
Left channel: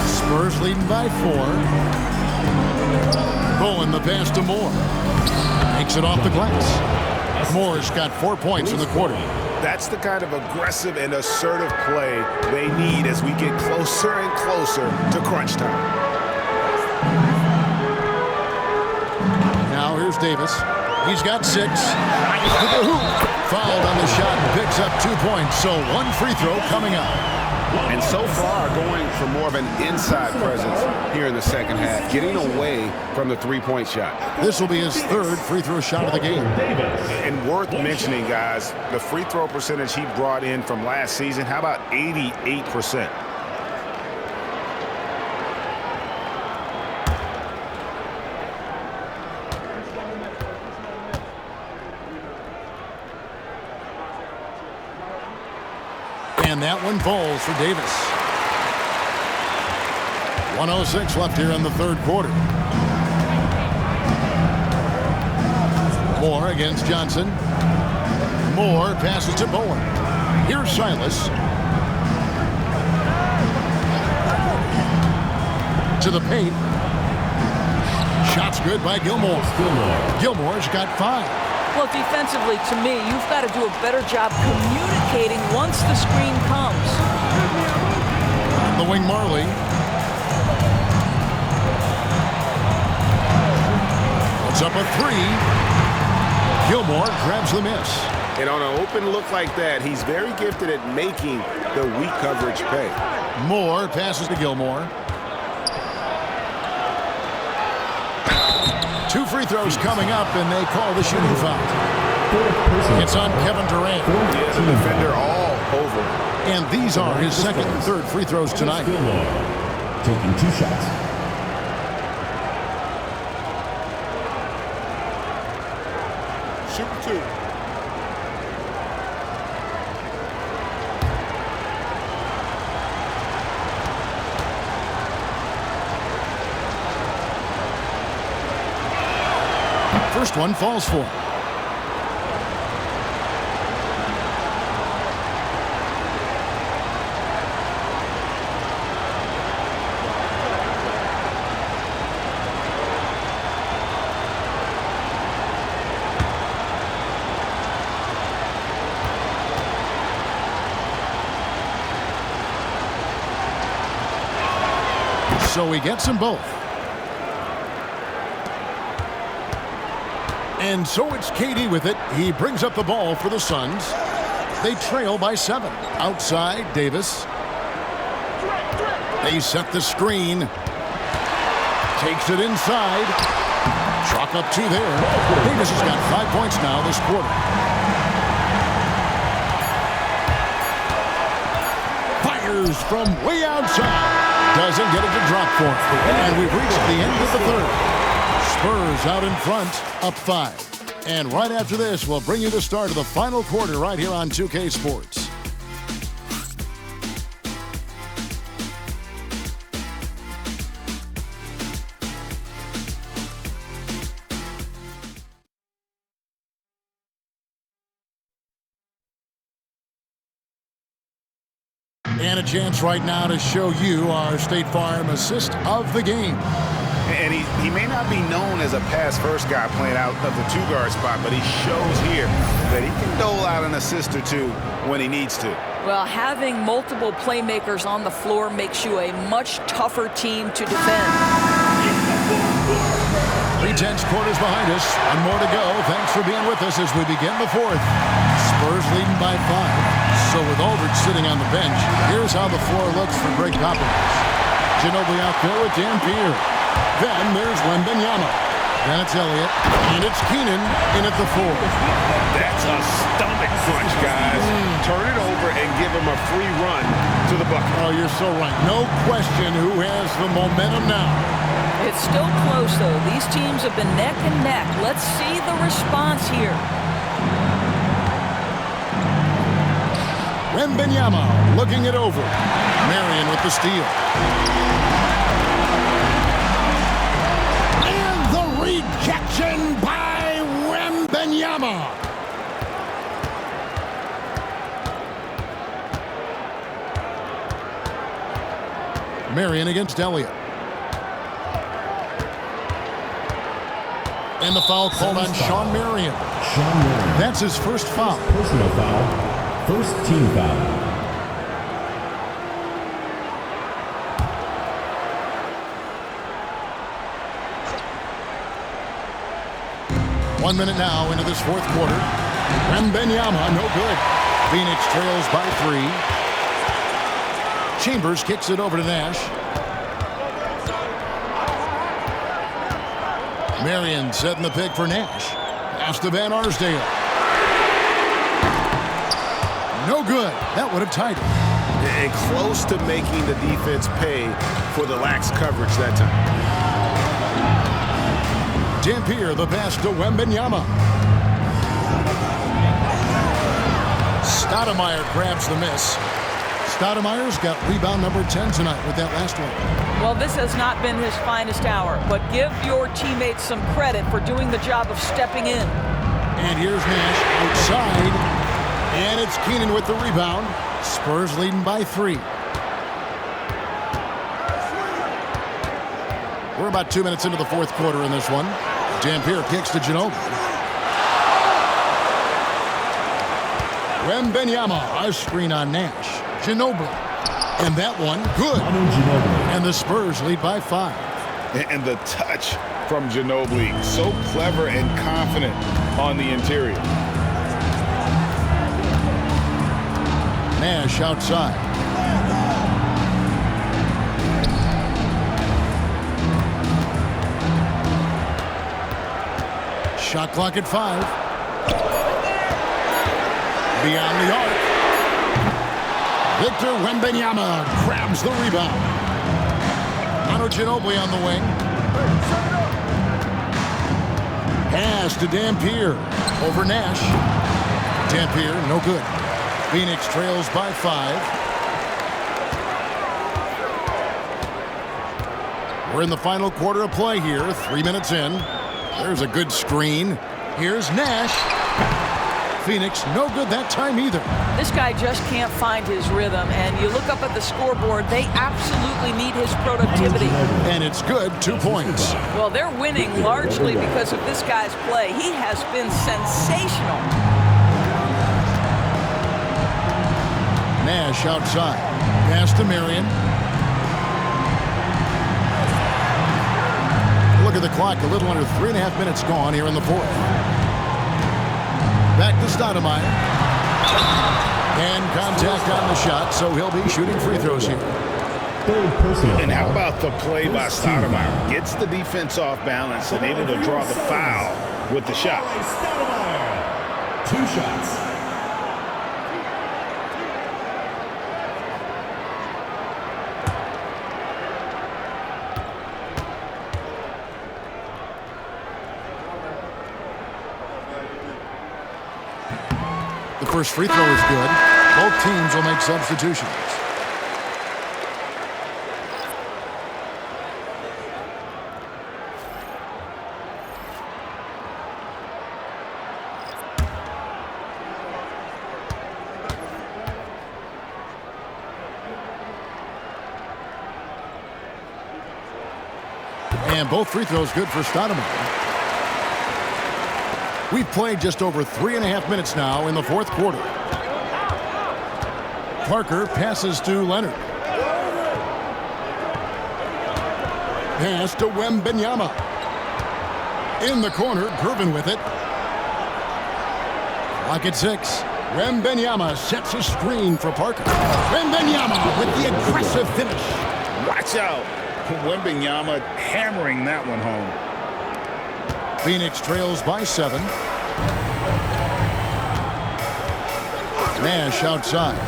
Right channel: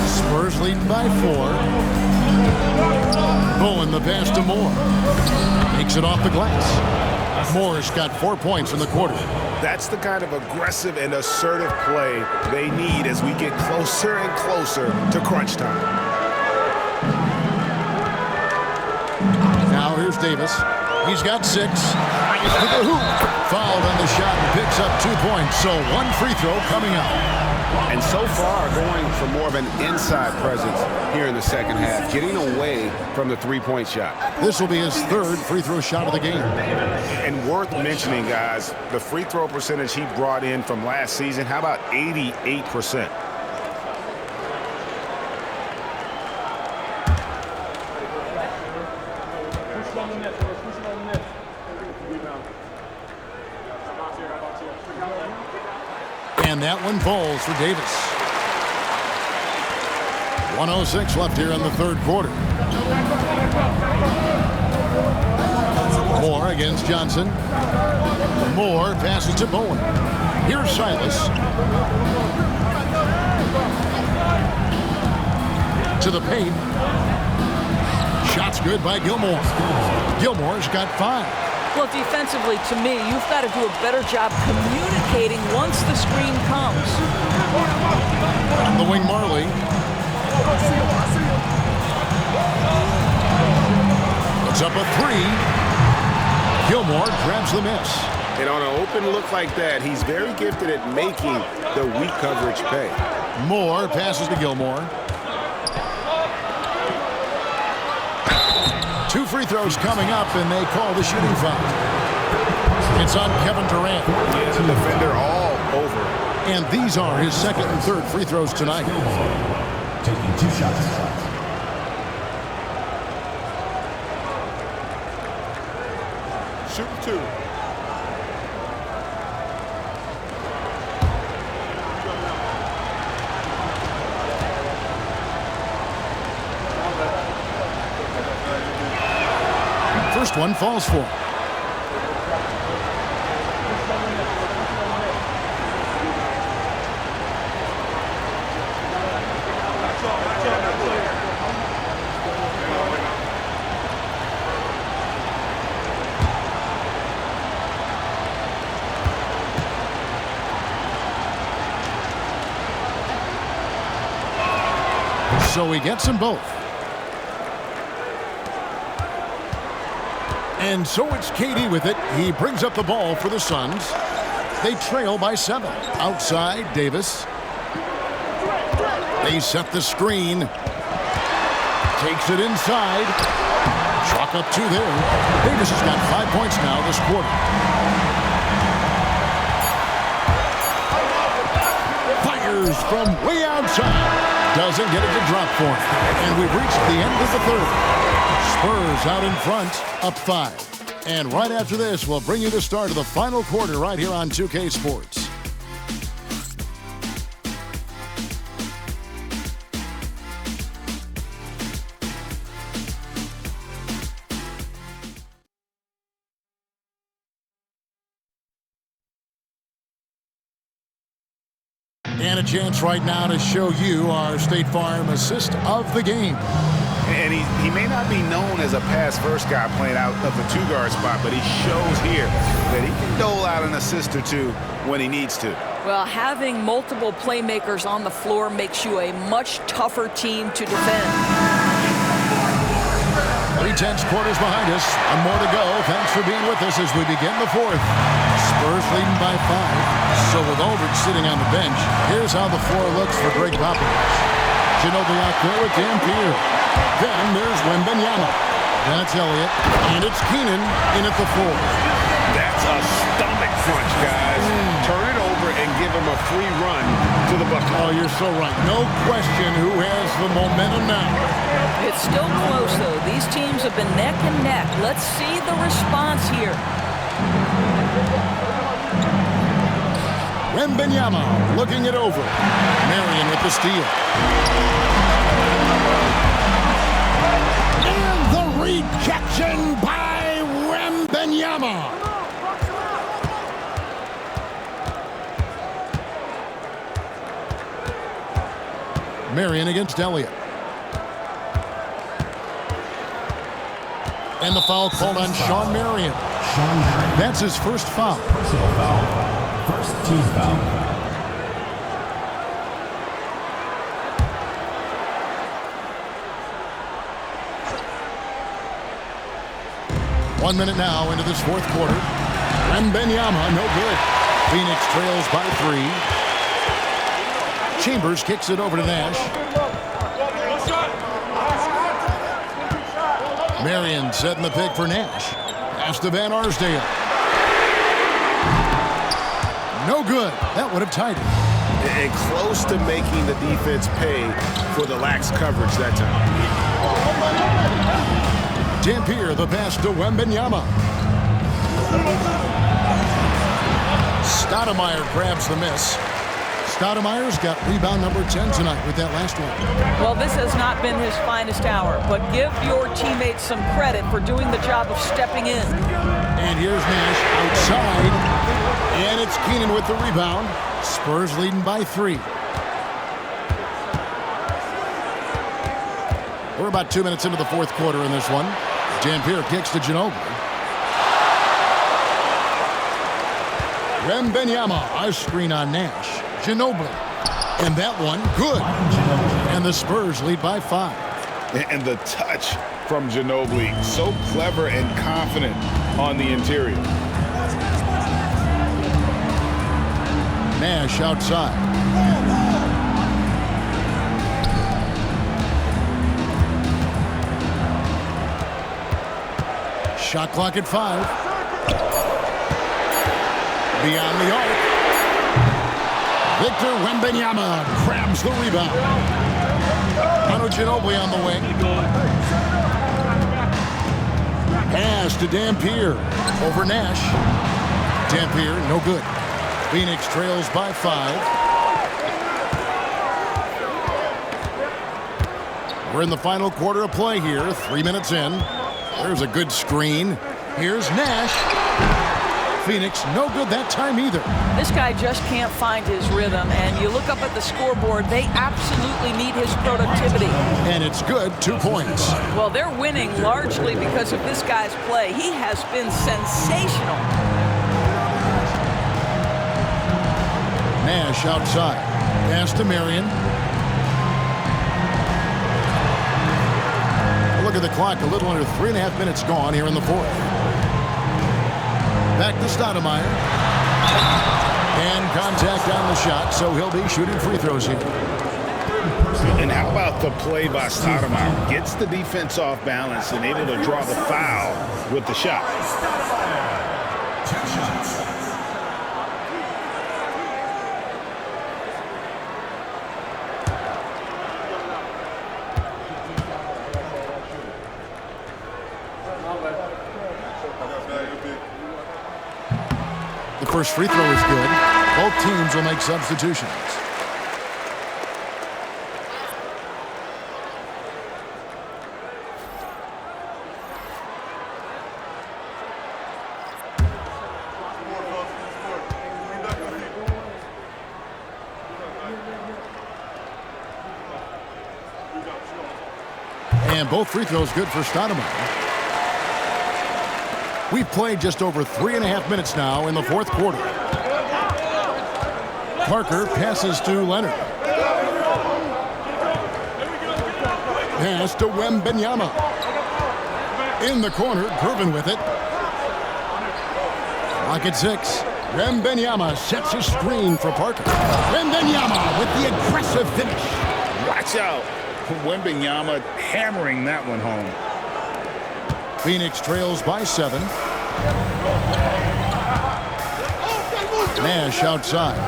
Spurs leading by 4. Bowen the pass to Moore. Takes it off the glass. Moore's got 4 points in the quarter. That's the kind of aggressive and assertive play they need as we get closer and closer to crunch time. Now here's Davis. He's got 6. To the hoop. Fouled on the shot and picks up 2 points. So 1 free throw coming up. And so far, going for more of an inside presence here in the second half, getting away from the three-point shot. This will be his 3rd free throw shot of the game. And worth mentioning, guys, the free throw percentage he brought in from last season, how about 88%? And that one falls for Davis. 1:06 left here in the third quarter. Moore against Johnson. Moore passes to Bowen. Here's Silas. To the paint. Shot's good by Gilmore. Gilmore's got 5. Well, defensively, to me, you've got to do a better job communicating once the screen comes. On the wing, Marley. Puts up a 3. Gilmore grabs the miss. And on an open look like that, he's very gifted at making the weak coverage pay. Moore passes to Gilmore. 2 free throws coming up, and they call the shooting foul. It's on Kevin Durant. Yeah, the defender all over it. And these are his 2nd and 3rd free throws tonight. Taking 2 shots. shooting 2. First one falls for. So he gets them both. And so it's KD with it. He brings up the ball for the Suns. They trail by 7. Outside, Davis. They set the screen. Takes it inside. Chalk up 2 there. Davis has got 5 points now this quarter. Fires from way outside. Doesn't get it to drop for him. And we've reached the end of the third. Spurs out in front, up 5. And right after this, we'll bring you the start of the final quarter right here on 2K Sports. And a chance right now to show you our State Farm assist of the game. And he may not be known as a pass-first guy playing out of the 2-guard spot, but he shows here that he can dole out an assist or 2 when he needs to. Well, having multiple playmakers on the floor makes you a much tougher team to defend. 3 tenths quarters behind us. 1 more to go. Thanks for being with us as we begin the fourth. Spurs leading by 5. So with Aldridge sitting on the bench, here's how the floor looks for Greg Popovich. Ginobili out there with Dampier. Then there's Wembanyama. Then it's Elliott. And it's Keenan in at the 4. That's a stomach punch, guys. Turn it over and give him a free run to the bucket. Oh, you're so right. No question who has the momentum now. It's still close, though. These teams have been neck and neck. Let's see the response here. Wembanyama looking it over. Marion with the steal. And the rejection by Wembanyama. Marion against Elliott. And the foul called on Sean Marion. Sean Marion. That's his first foul. Personal foul. First team foul. One minute now into this fourth quarter. Wembanyama, no good. Phoenix trails by 3. Chambers kicks it over to Nash. Marion setting the pick for Nash. Pass to Van Arsdale. No good. That would have tied it. And close to making the defense pay for the lax coverage that time. Dampier, the pass to Wembanyama. Stoudemire grabs the miss. Stoudemire's got rebound number 10 tonight with that last one. Well, this has not been his finest hour, but give your teammates some credit for doing the job of stepping in. And here's Nash outside. And it's Keenan with the rebound. Spurs leading by 3. We're about 2 minutes into the fourth quarter in this one. Dampier kicks to Ginobili. Wembanyama, a screen on Nash. Ginobili. And that one, good. And the Spurs lead by 5. And the touch from Ginobili, so clever and confident on the interior. Nash outside. Shot clock at 5. Beyond the arc. Victor Wembanyama grabs the rebound. Manu Ginobili on the wing. Pass to Dampier. Over Nash. Dampier, no good. Phoenix trails by 5. We're in the final quarter of play here, 3 minutes in. There's a good screen. Here's Nash. Phoenix, no good that time either. This guy just can't find his rhythm, and you look up at the scoreboard, they absolutely need his productivity. And it's good, 2 points. Well, they're winning largely because of this guy's play. He has been sensational. Nash outside. Pass to Marion. Look at the clock, a little under 3.5 minutes gone here in the fourth. Back to Stoudemire. And contact on the shot, so he'll be shooting free throws here. And how about the play by Stoudemire? Gets the defense off balance and able to draw the foul with the shot. Stoudemire. 2 shots. The first free throw is good. Both teams will make substitutions. And both free throws good for Stoudemire. We've played just over 3.5 minutes now in the fourth quarter. Parker passes to Leonard. Pass to Wembanyama. In the corner, Gervin with it. Clock at 6. Wembanyama sets a screen for Parker. Wembanyama with the aggressive finish. Watch out. Wembanyama hammering that one home. Phoenix trails by 7. Nash outside.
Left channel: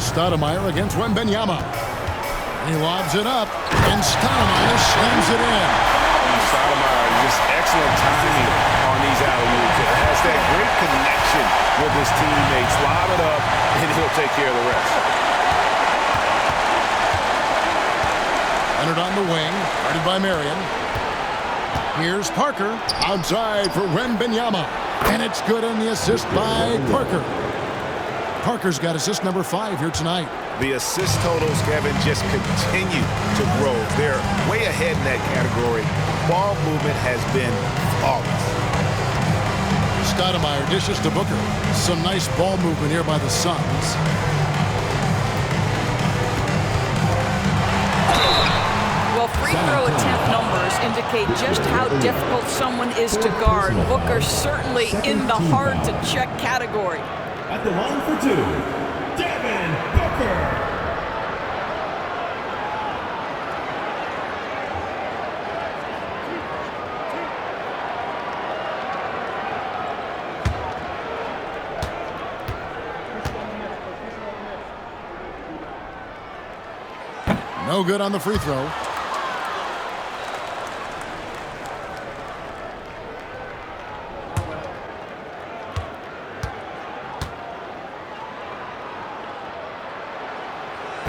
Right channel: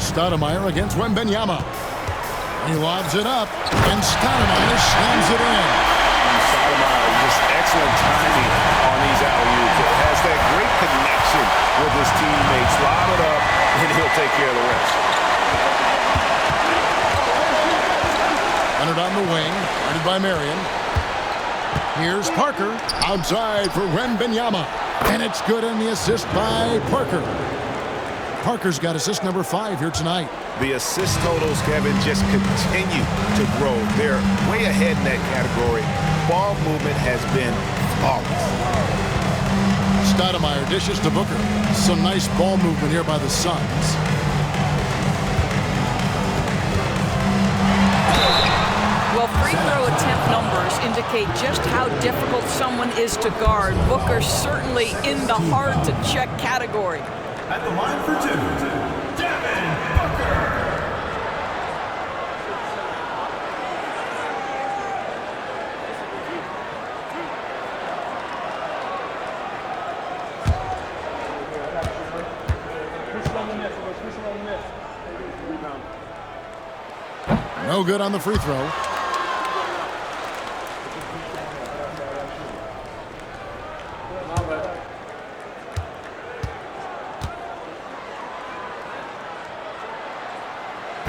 Stoudemire against Wembanyama. He lobs it up, and Stoudemire slams it in. Stoudemire, just excellent timing on these alley-oops. It has that great connection with his teammates. Lob it up, and he'll take care of the rest. Leonard on the wing, guarded by Marion. Here's Parker, outside for Wembanyama. And it's good on the assist by Parker. Parker's got assist number 5 here tonight. The assist totals, Kevin, just continue to grow. They're way ahead in that category. Ball movement has been flawless. Stoudemire dishes to Booker. Some nice ball movement here by the Suns. Well, free throw attempt numbers indicate just how difficult someone is to guard. Booker's certainly in the hard-to-check category. At the line for 2, Devin Booker. No good on the free throw.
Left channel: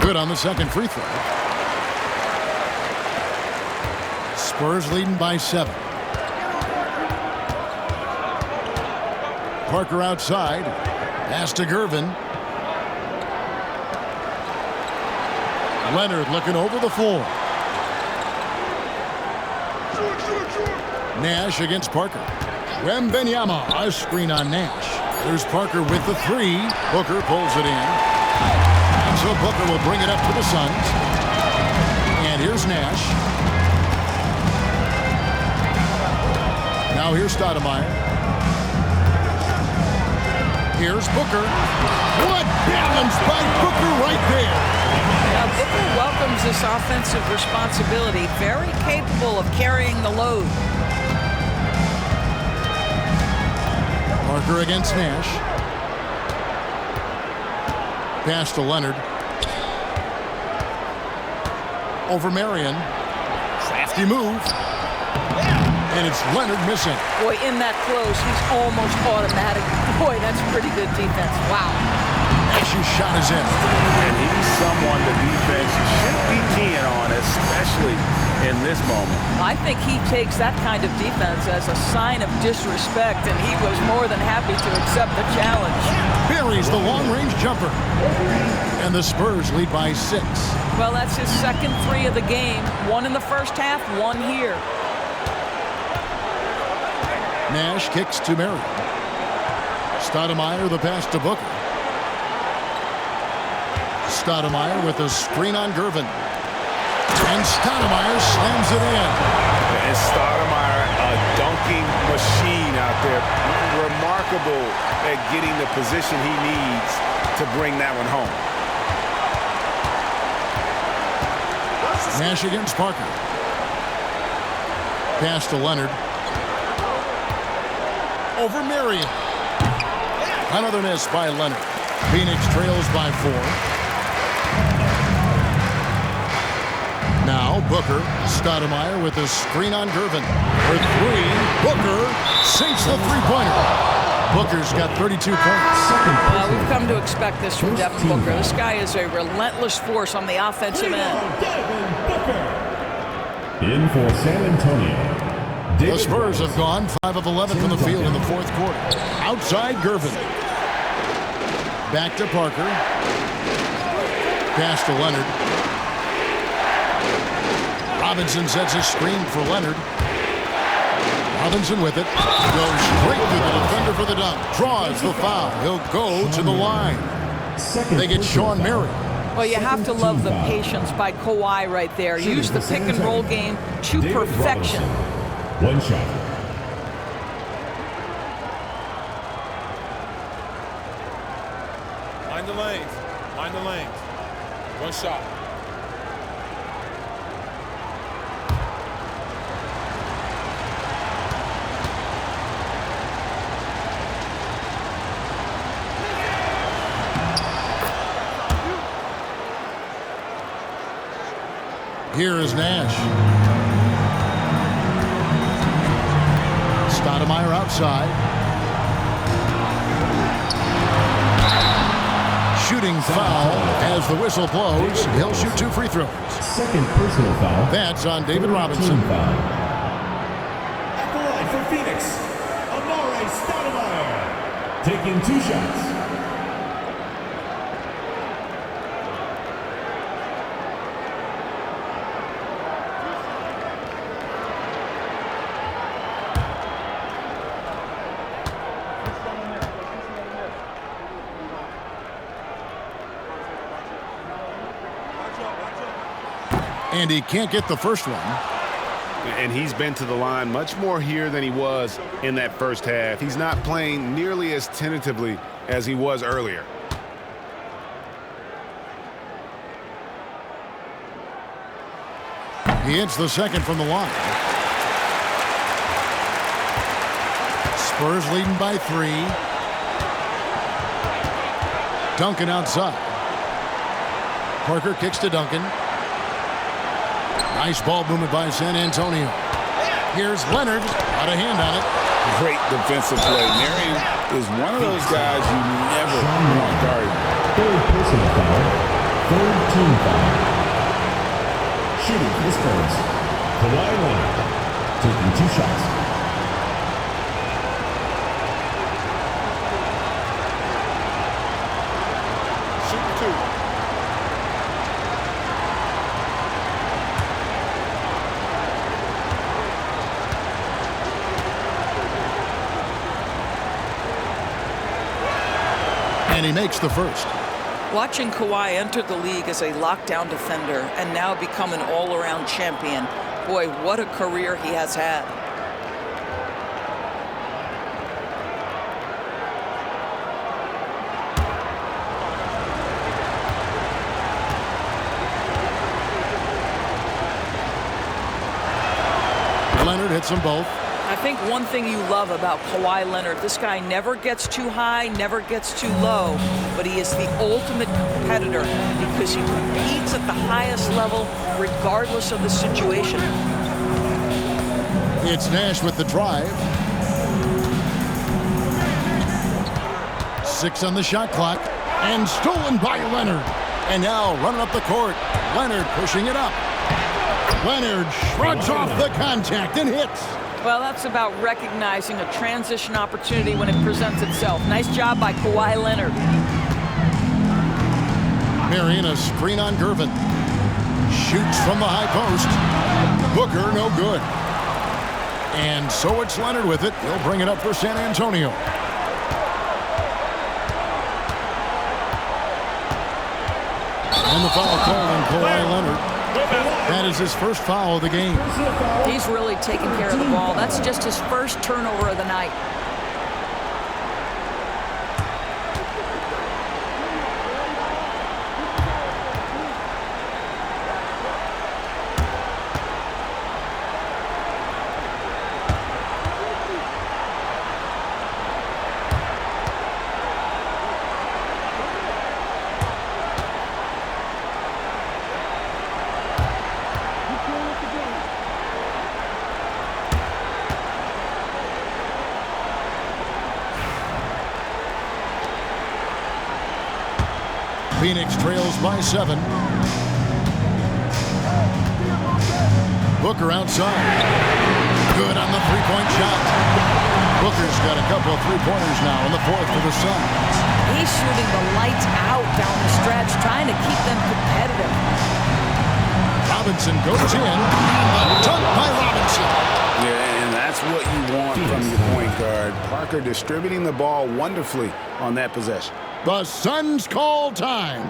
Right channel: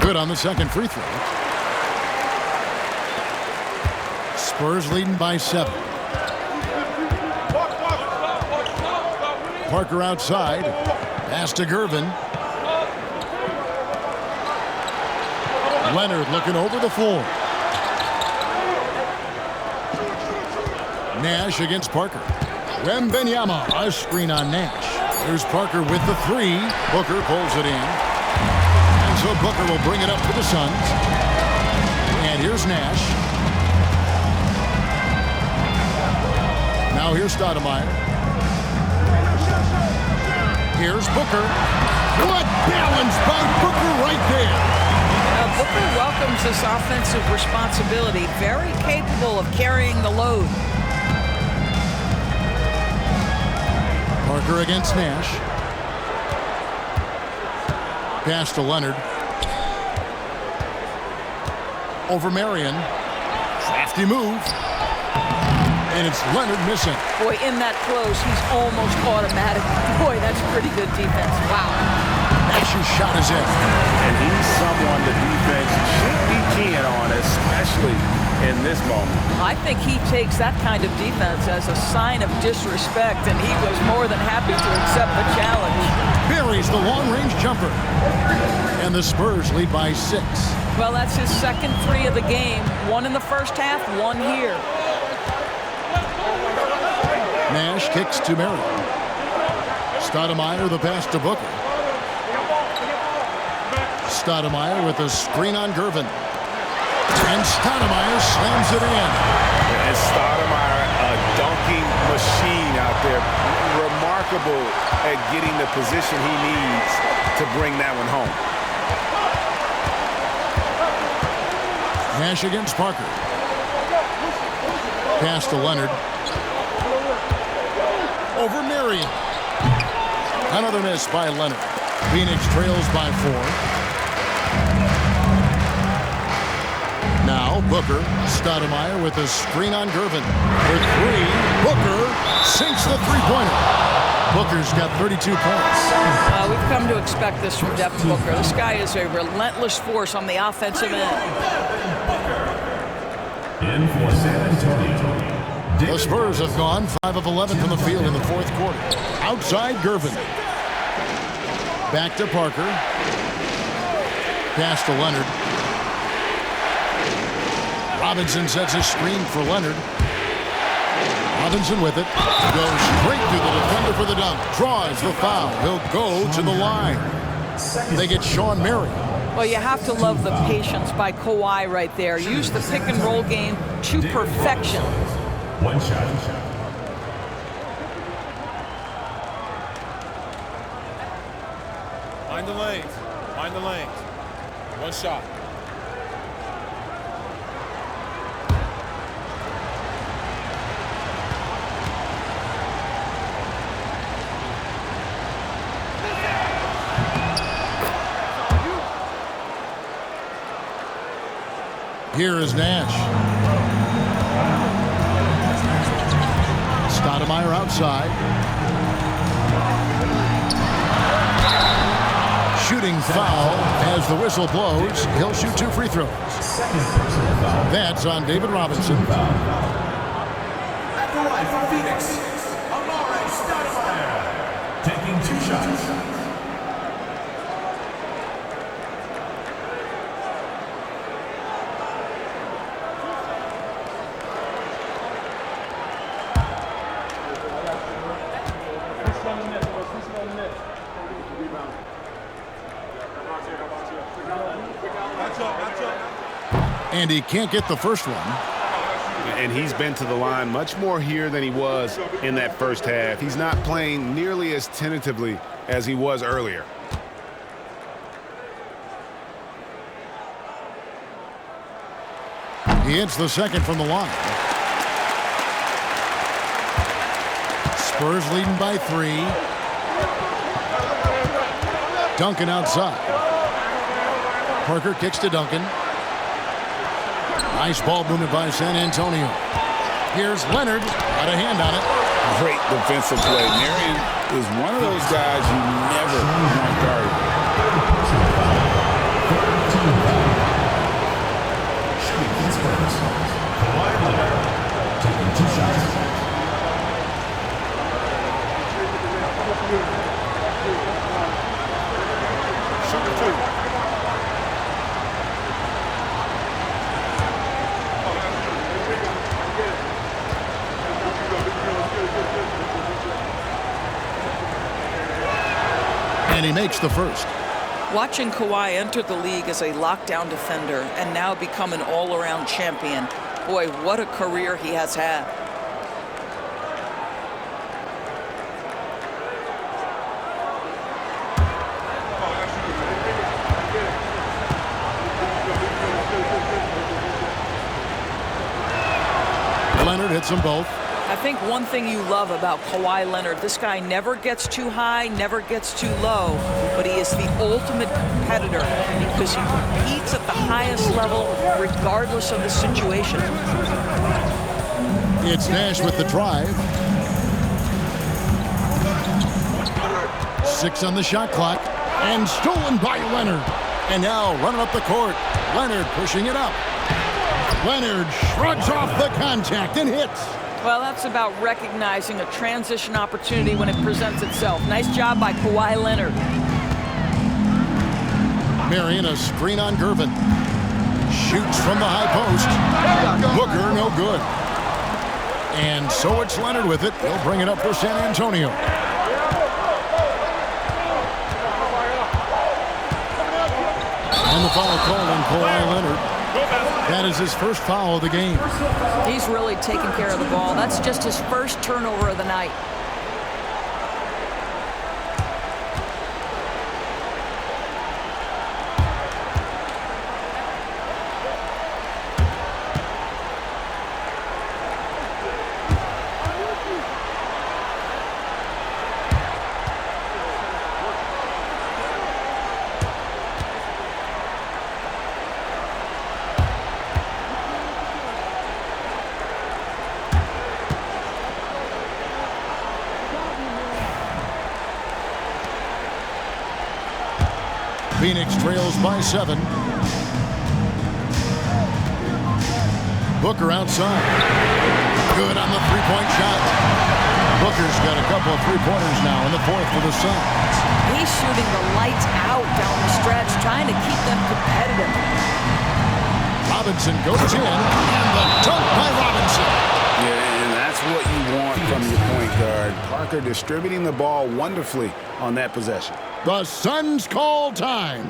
Good on the second free throw. Spurs leading by 7. Parker outside. Pass to Gervin. Leonard looking over the floor. Nash against Parker. Wembanyama, a screen on Nash. There's Parker with the 3. Booker pulls it in. And so Booker will bring it up to the Suns. And here's Nash. Now here's Stoudemire. Here's Booker. What balance by Booker right there. Now Booker welcomes this offensive responsibility. Very capable of carrying the load. Parker against Nash. Pass to Leonard. Over Marion. Crafty move. And it's Leonard missing. Boy, in that close, he's almost automatic. Boy, that's pretty good defense. Wow. Nash's shot is in. And he's someone the defense should be keying on, especially in this moment. I think he takes that kind of defense as a sign of disrespect, and he was more than happy to accept the challenge. Buries the long-range jumper. And the Spurs lead by 6. Well, that's his second 3 of the game. 1 in the first half, 1 here. Nash kicks to Marion. Stoudemire the pass to Booker. Stoudemire with a screen on Gervin. And Stoudemire slams it in. And Stoudemire, a dunking machine out there. Remarkable at getting the position he needs to bring that one home. Nash against Parker. Pass to Leonard. Over Marion. Another miss by Leonard. Phoenix trails by 4. Now Booker. Stoudemire with a screen on Gervin. For 3. Booker sinks the three-pointer. Booker's got 32 points. We've come to expect this from Devin Booker. This guy is a relentless force on the offensive end. In for San Antonio. The Spurs have gone 5 of 11 from the field in the fourth quarter. Outside Gervin. Back to Parker. Pass to Leonard. Robinson sets a screen for Leonard. Robinson with it. Goes straight through the defender for the dunk. Draws the foul. He'll go to the line. They get Sean Marion. Well, you have to love the patience by Kawhi right there. Use the pick and roll game to perfection. 1 shot. Mind the lanes. Mind the lanes. 1 shot. Here is Nash. Stoudemire outside. Shooting foul as the whistle blows. He'll shoot 2 free throws. Second personal foul. That's on David Robinson. At the line for Phoenix, Amare Stoudemire, taking 2 shots. And he can't get the first one. And he's been to the line much more here than he was in that first half. He's not playing nearly as tentatively as he was earlier. He hits the second from the line. Spurs leading by 3. Duncan outside. Parker kicks to Duncan. Nice ball movement by San Antonio. Here's Leonard. Got a hand on it. Great defensive play. Marion is one of those guys you never want guarded. Third personal foul. Third team foul. Shooting for the Spurs, Kawhi Leonard, taking 2 shots. Shooting 2. And he makes the first. Watching Kawhi enter the league as a lockdown defender and now become an all-around champion, boy, what a career he has had. Leonard hits them both. I think one thing you love about Kawhi Leonard, this guy never gets too high, never gets too low, but he is the ultimate competitor because he competes at the highest level regardless of the situation. It's Nash with the drive. 6 on the shot clock. And stolen by Leonard. And now running up the court. Leonard pushing it up. Leonard shrugs off the contact and hits. Well, that's about recognizing a transition opportunity when it presents itself. Nice job by Kawhi Leonard. Marion, a screen on Gervin. Shoots from the high post. Booker, no good. And so it's Leonard with it. He'll bring it up for San Antonio. And the foul called on Kawhi Leonard. That is his first foul of the game. He's really taking care of the ball. That's just his first turnover of the night. Phoenix trails by 7. Booker outside. Good on the three-point shot. Booker's got a couple of three-pointers now in the fourth for the Suns. He's shooting the lights out down the stretch, trying to keep them competitive. Robinson goes in, and the dunk by Robinson. Yeah, and that's what you want from your point guard. Parker distributing the ball wonderfully on that possession. The Suns call time.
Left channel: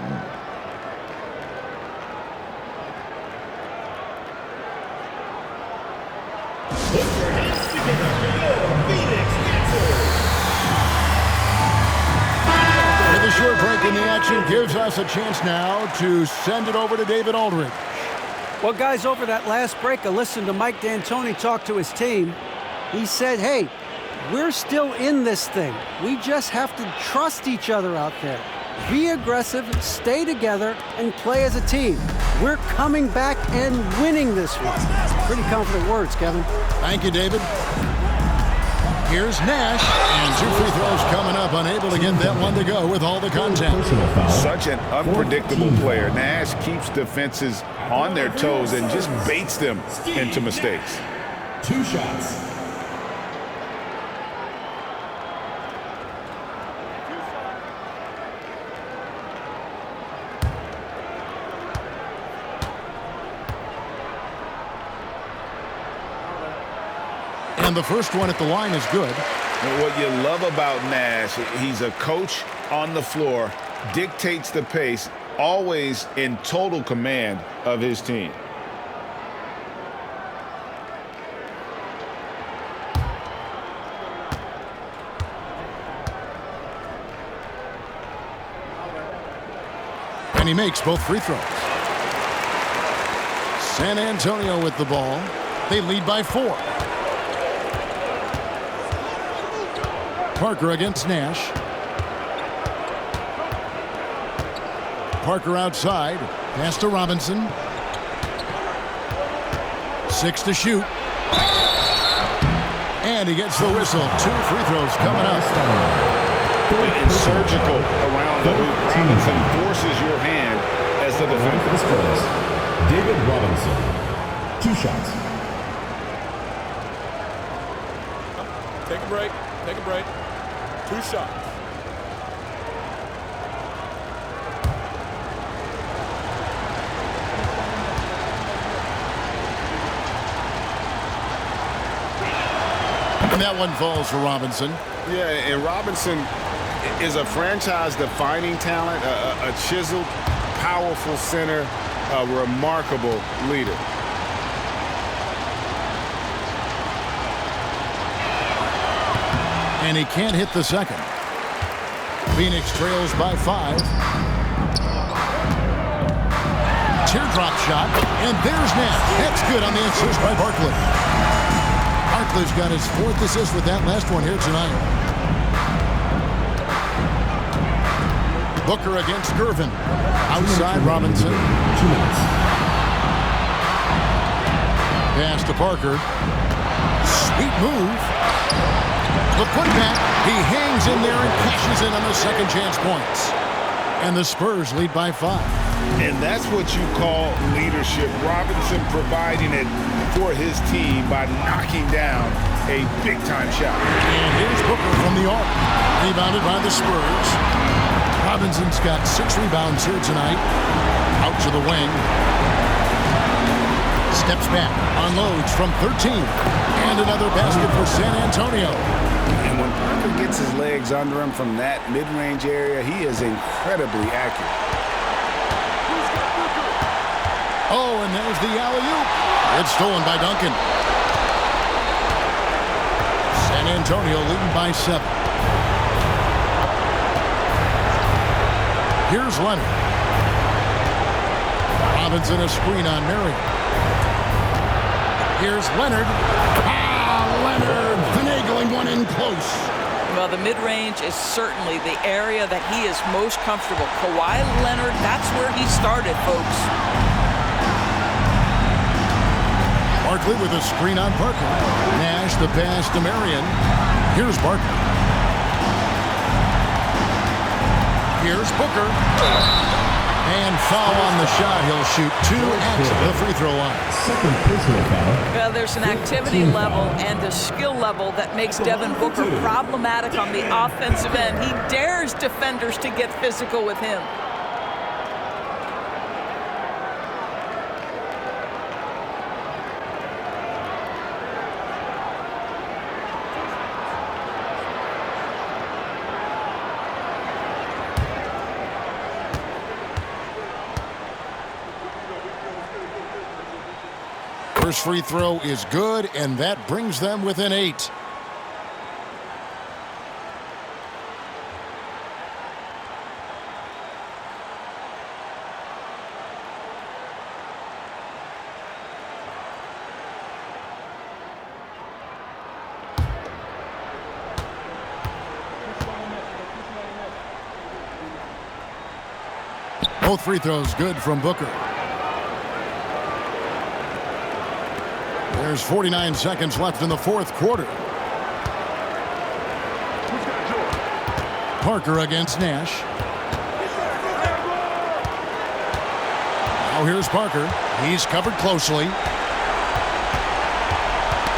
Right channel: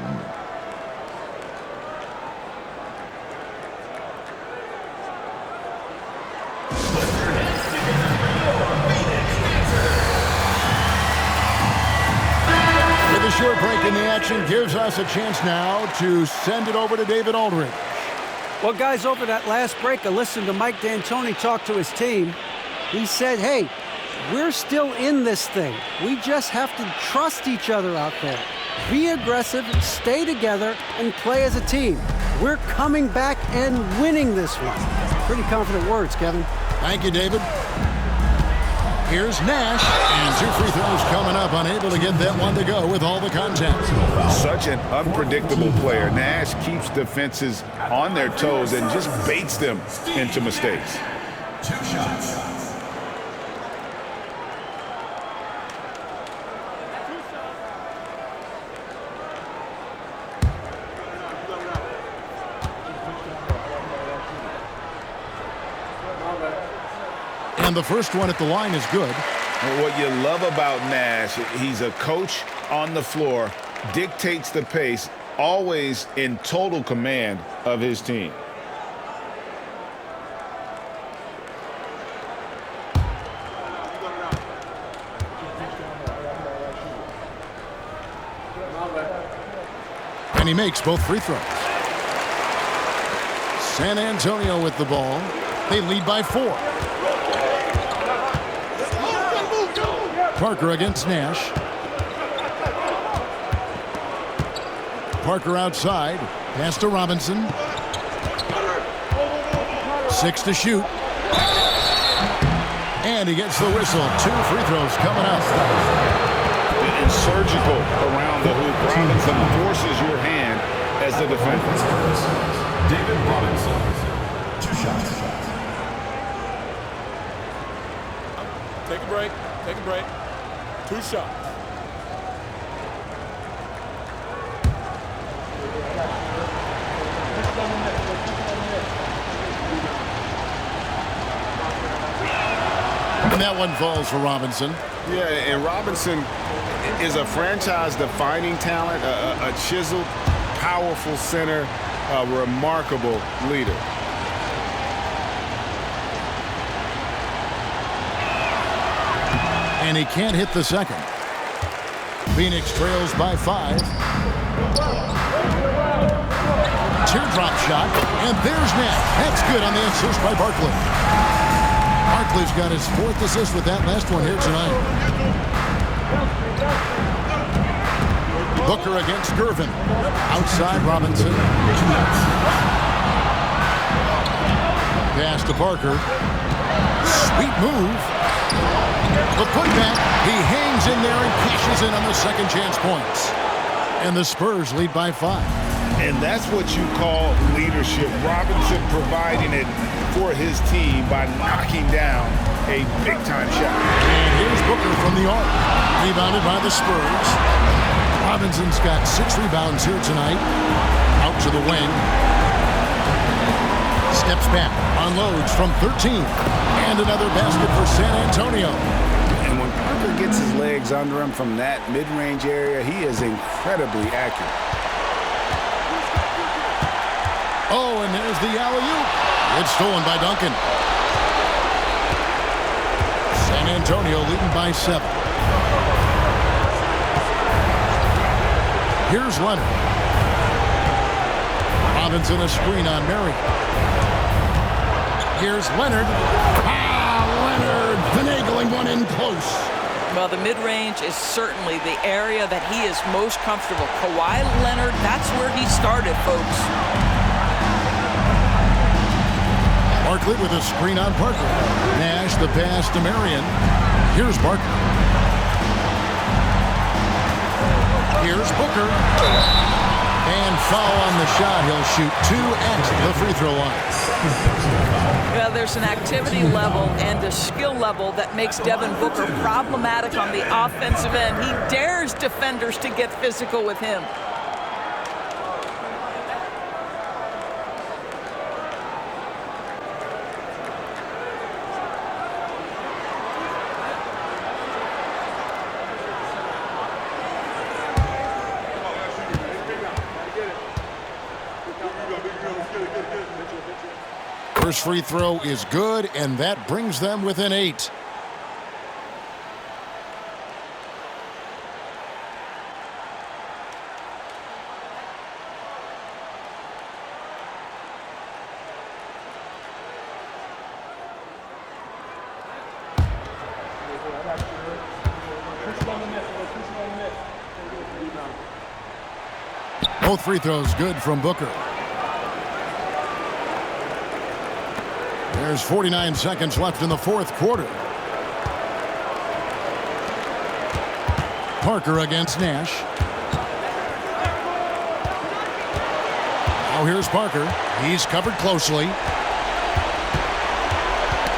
With a short break in the action gives us a chance now to send it over to David Aldridge. Well, guys, over that last break, I listened to Mike D'Antoni talk to his team. He said, hey, we're still in this thing. We just have to trust each other out there. Be aggressive, stay together, and play as a team. We're coming back and winning this one. Pretty confident words, Kevin. Thank you, David. Here's Nash, and 2 free throws coming up, unable to get that one to go with all the contact. Such an unpredictable player. Nash keeps defenses on their toes and just baits them into mistakes. 2 shots. And the first one at the line is good. What you love about Nash, he's a coach on the floor, dictates the pace, always in total command of his team. And he makes both free throws. San Antonio with the ball. They lead by 4. Parker against Nash. Parker outside. Pass to Robinson. 6 to shoot. And he gets the whistle. 2 free throws coming up. And surgical around the hoop. Robinson forces your hand as the defender. David Robinson. 2 shots. Take a break. Take a break. 2 shots. And that one falls for Robinson. Yeah, and Robinson is a franchise-defining talent, a chiseled, powerful center, a remarkable leader. And he can't hit the second. Phoenix trails by 5. Teardrop shot, and there's Nash. That's good on the assist by Barkley. Barkley's got his 4th assist with that last one here tonight. Booker against Gervin. Outside Robinson. Pass to Parker. Sweet move. The putback. He hangs in there and cashes in on the second chance points. And the Spurs lead by 5. And that's what you call leadership. Robinson providing it for his team by knocking down a big-time shot. And here's Booker from the arc. Rebounded by the Spurs. Robinson's got 6 rebounds here tonight. Out to the wing. Steps back, unloads from 13. And another basket for San Antonio. And when Parker gets his legs under him from that mid-range area, he is incredibly accurate. Oh, and there's the alley-oop. It's stolen by Duncan. San Antonio leading by 7. Here's Leonard. Robinson a screen on Marion. Here's Leonard. Leonard finagling one in close. Well, the mid-range is certainly the area that he is most comfortable. Kawhi Leonard, that's where he started, folks. Barkley with a screen on Parker. Nash the pass to Marion. Here's Barkley. Here's Booker. And foul on the shot. He'll shoot 2 at the free throw line. Well, there's an activity level and a skill level that makes Devin Booker problematic on the offensive end. He dares defenders to get physical with him. First free throw is good, and that brings them within 8. Both free throws good from Booker. There's 49 seconds left in the fourth quarter. Parker against Nash. Now here's Parker. He's covered closely.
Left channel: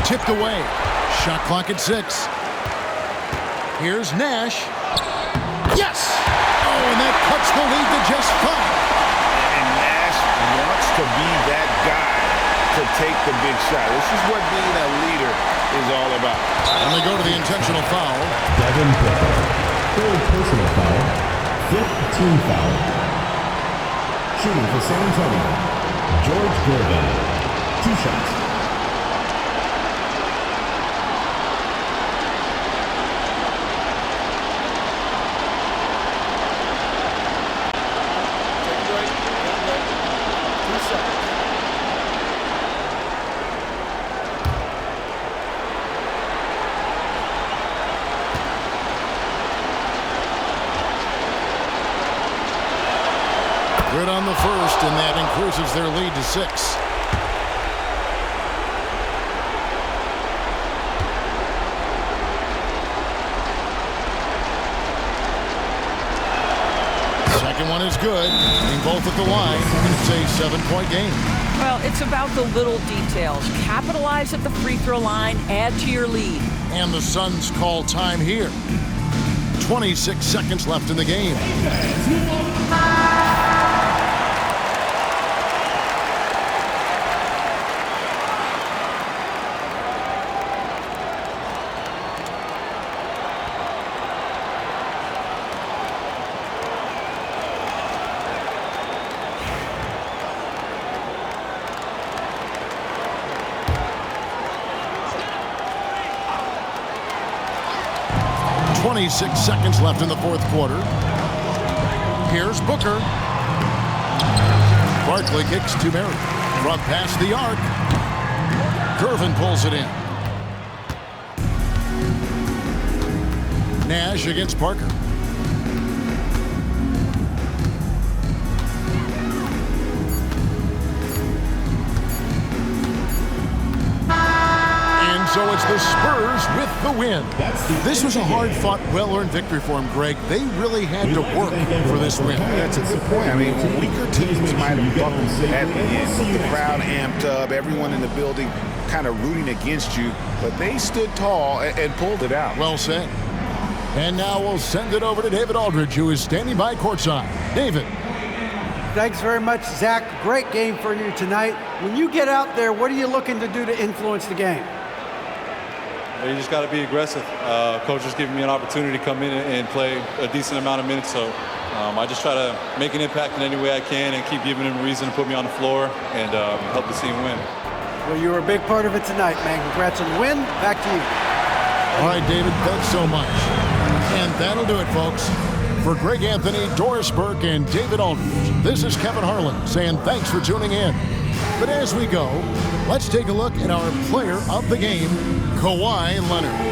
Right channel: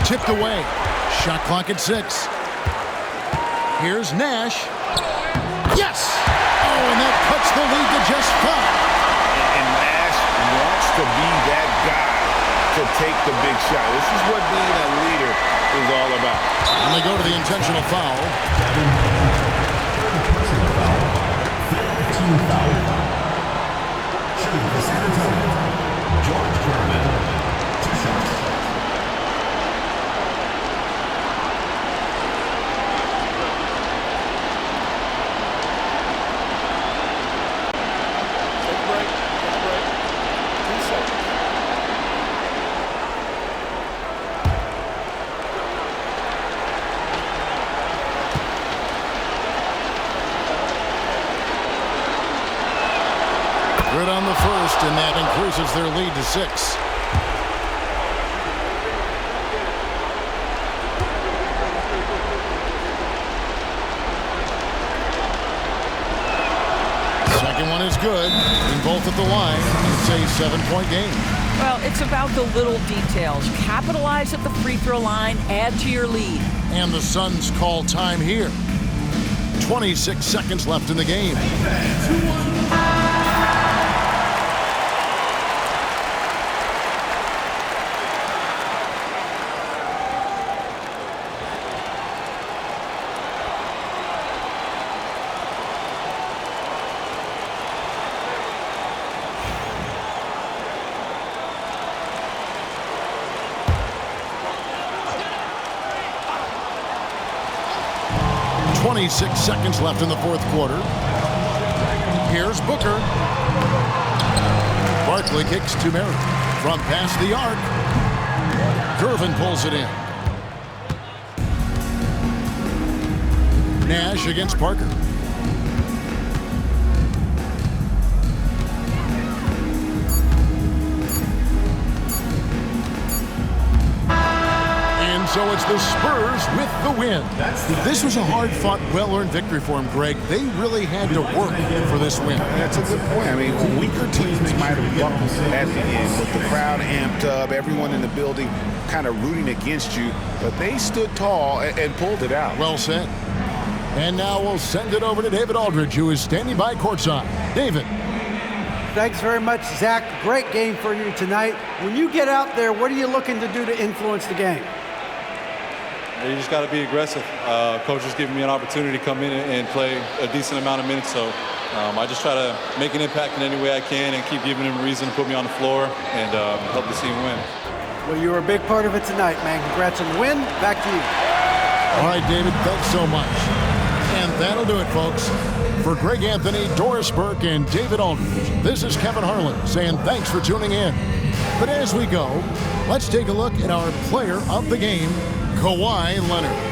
Tipped away. Shot clock at 6. Here's Nash. Yes! Oh, and that cuts the lead to just 5. And Nash wants to be that guy to take the big shot. This is what being a leader is all about. And they go to the intentional foul. Devin Booker. Third personal foul. 5th team foul. Shooting for San Antonio. George Gervin. 2 shots. Take a break. Get a break. 2 seconds. Good on the first, and that increases their lead to 6. Second one is good. Being both at the line, and it's a 7-point game. Well, it's about the little details. Capitalize at the free throw line, add to your lead. And the Suns call time here. 26 seconds left in the game. .26 seconds left in the fourth quarter. Here's Booker. Barkley kicks to Mary. From past the arc. Gervin pulls it in. Nash against Parker. so it's the Spurs with the win. This was a hard-fought, well-earned victory for them, Greg. They really had to work for this win. That's a good point. I mean, weaker teams might have buckled at the end with the crowd amped up, everyone in the building kind of rooting against you, but they stood tall and pulled it out. Well said. And now we'll send it over to David Aldridge, who is standing by courtside. David. Thanks very much, Zach. Great game for you tonight. When you get out there, what are you looking to do to influence the game? You just got to be aggressive. Coach is giving me an opportunity to come in and play a decent amount of minutes, so I just try to make an impact in any way I can and keep giving him a reason to put me on the floor and help the team win. Well, you were a big part of it tonight, man. Congrats on the win. Back to you. All right, David, thanks so much. And that'll do it, folks. For Greg Anthony, Doris Burke, and David Aldridge, this is Kevin Harlan saying thanks for tuning in. But as we go, let's take a look at our player of the game, Kawhi Leonard.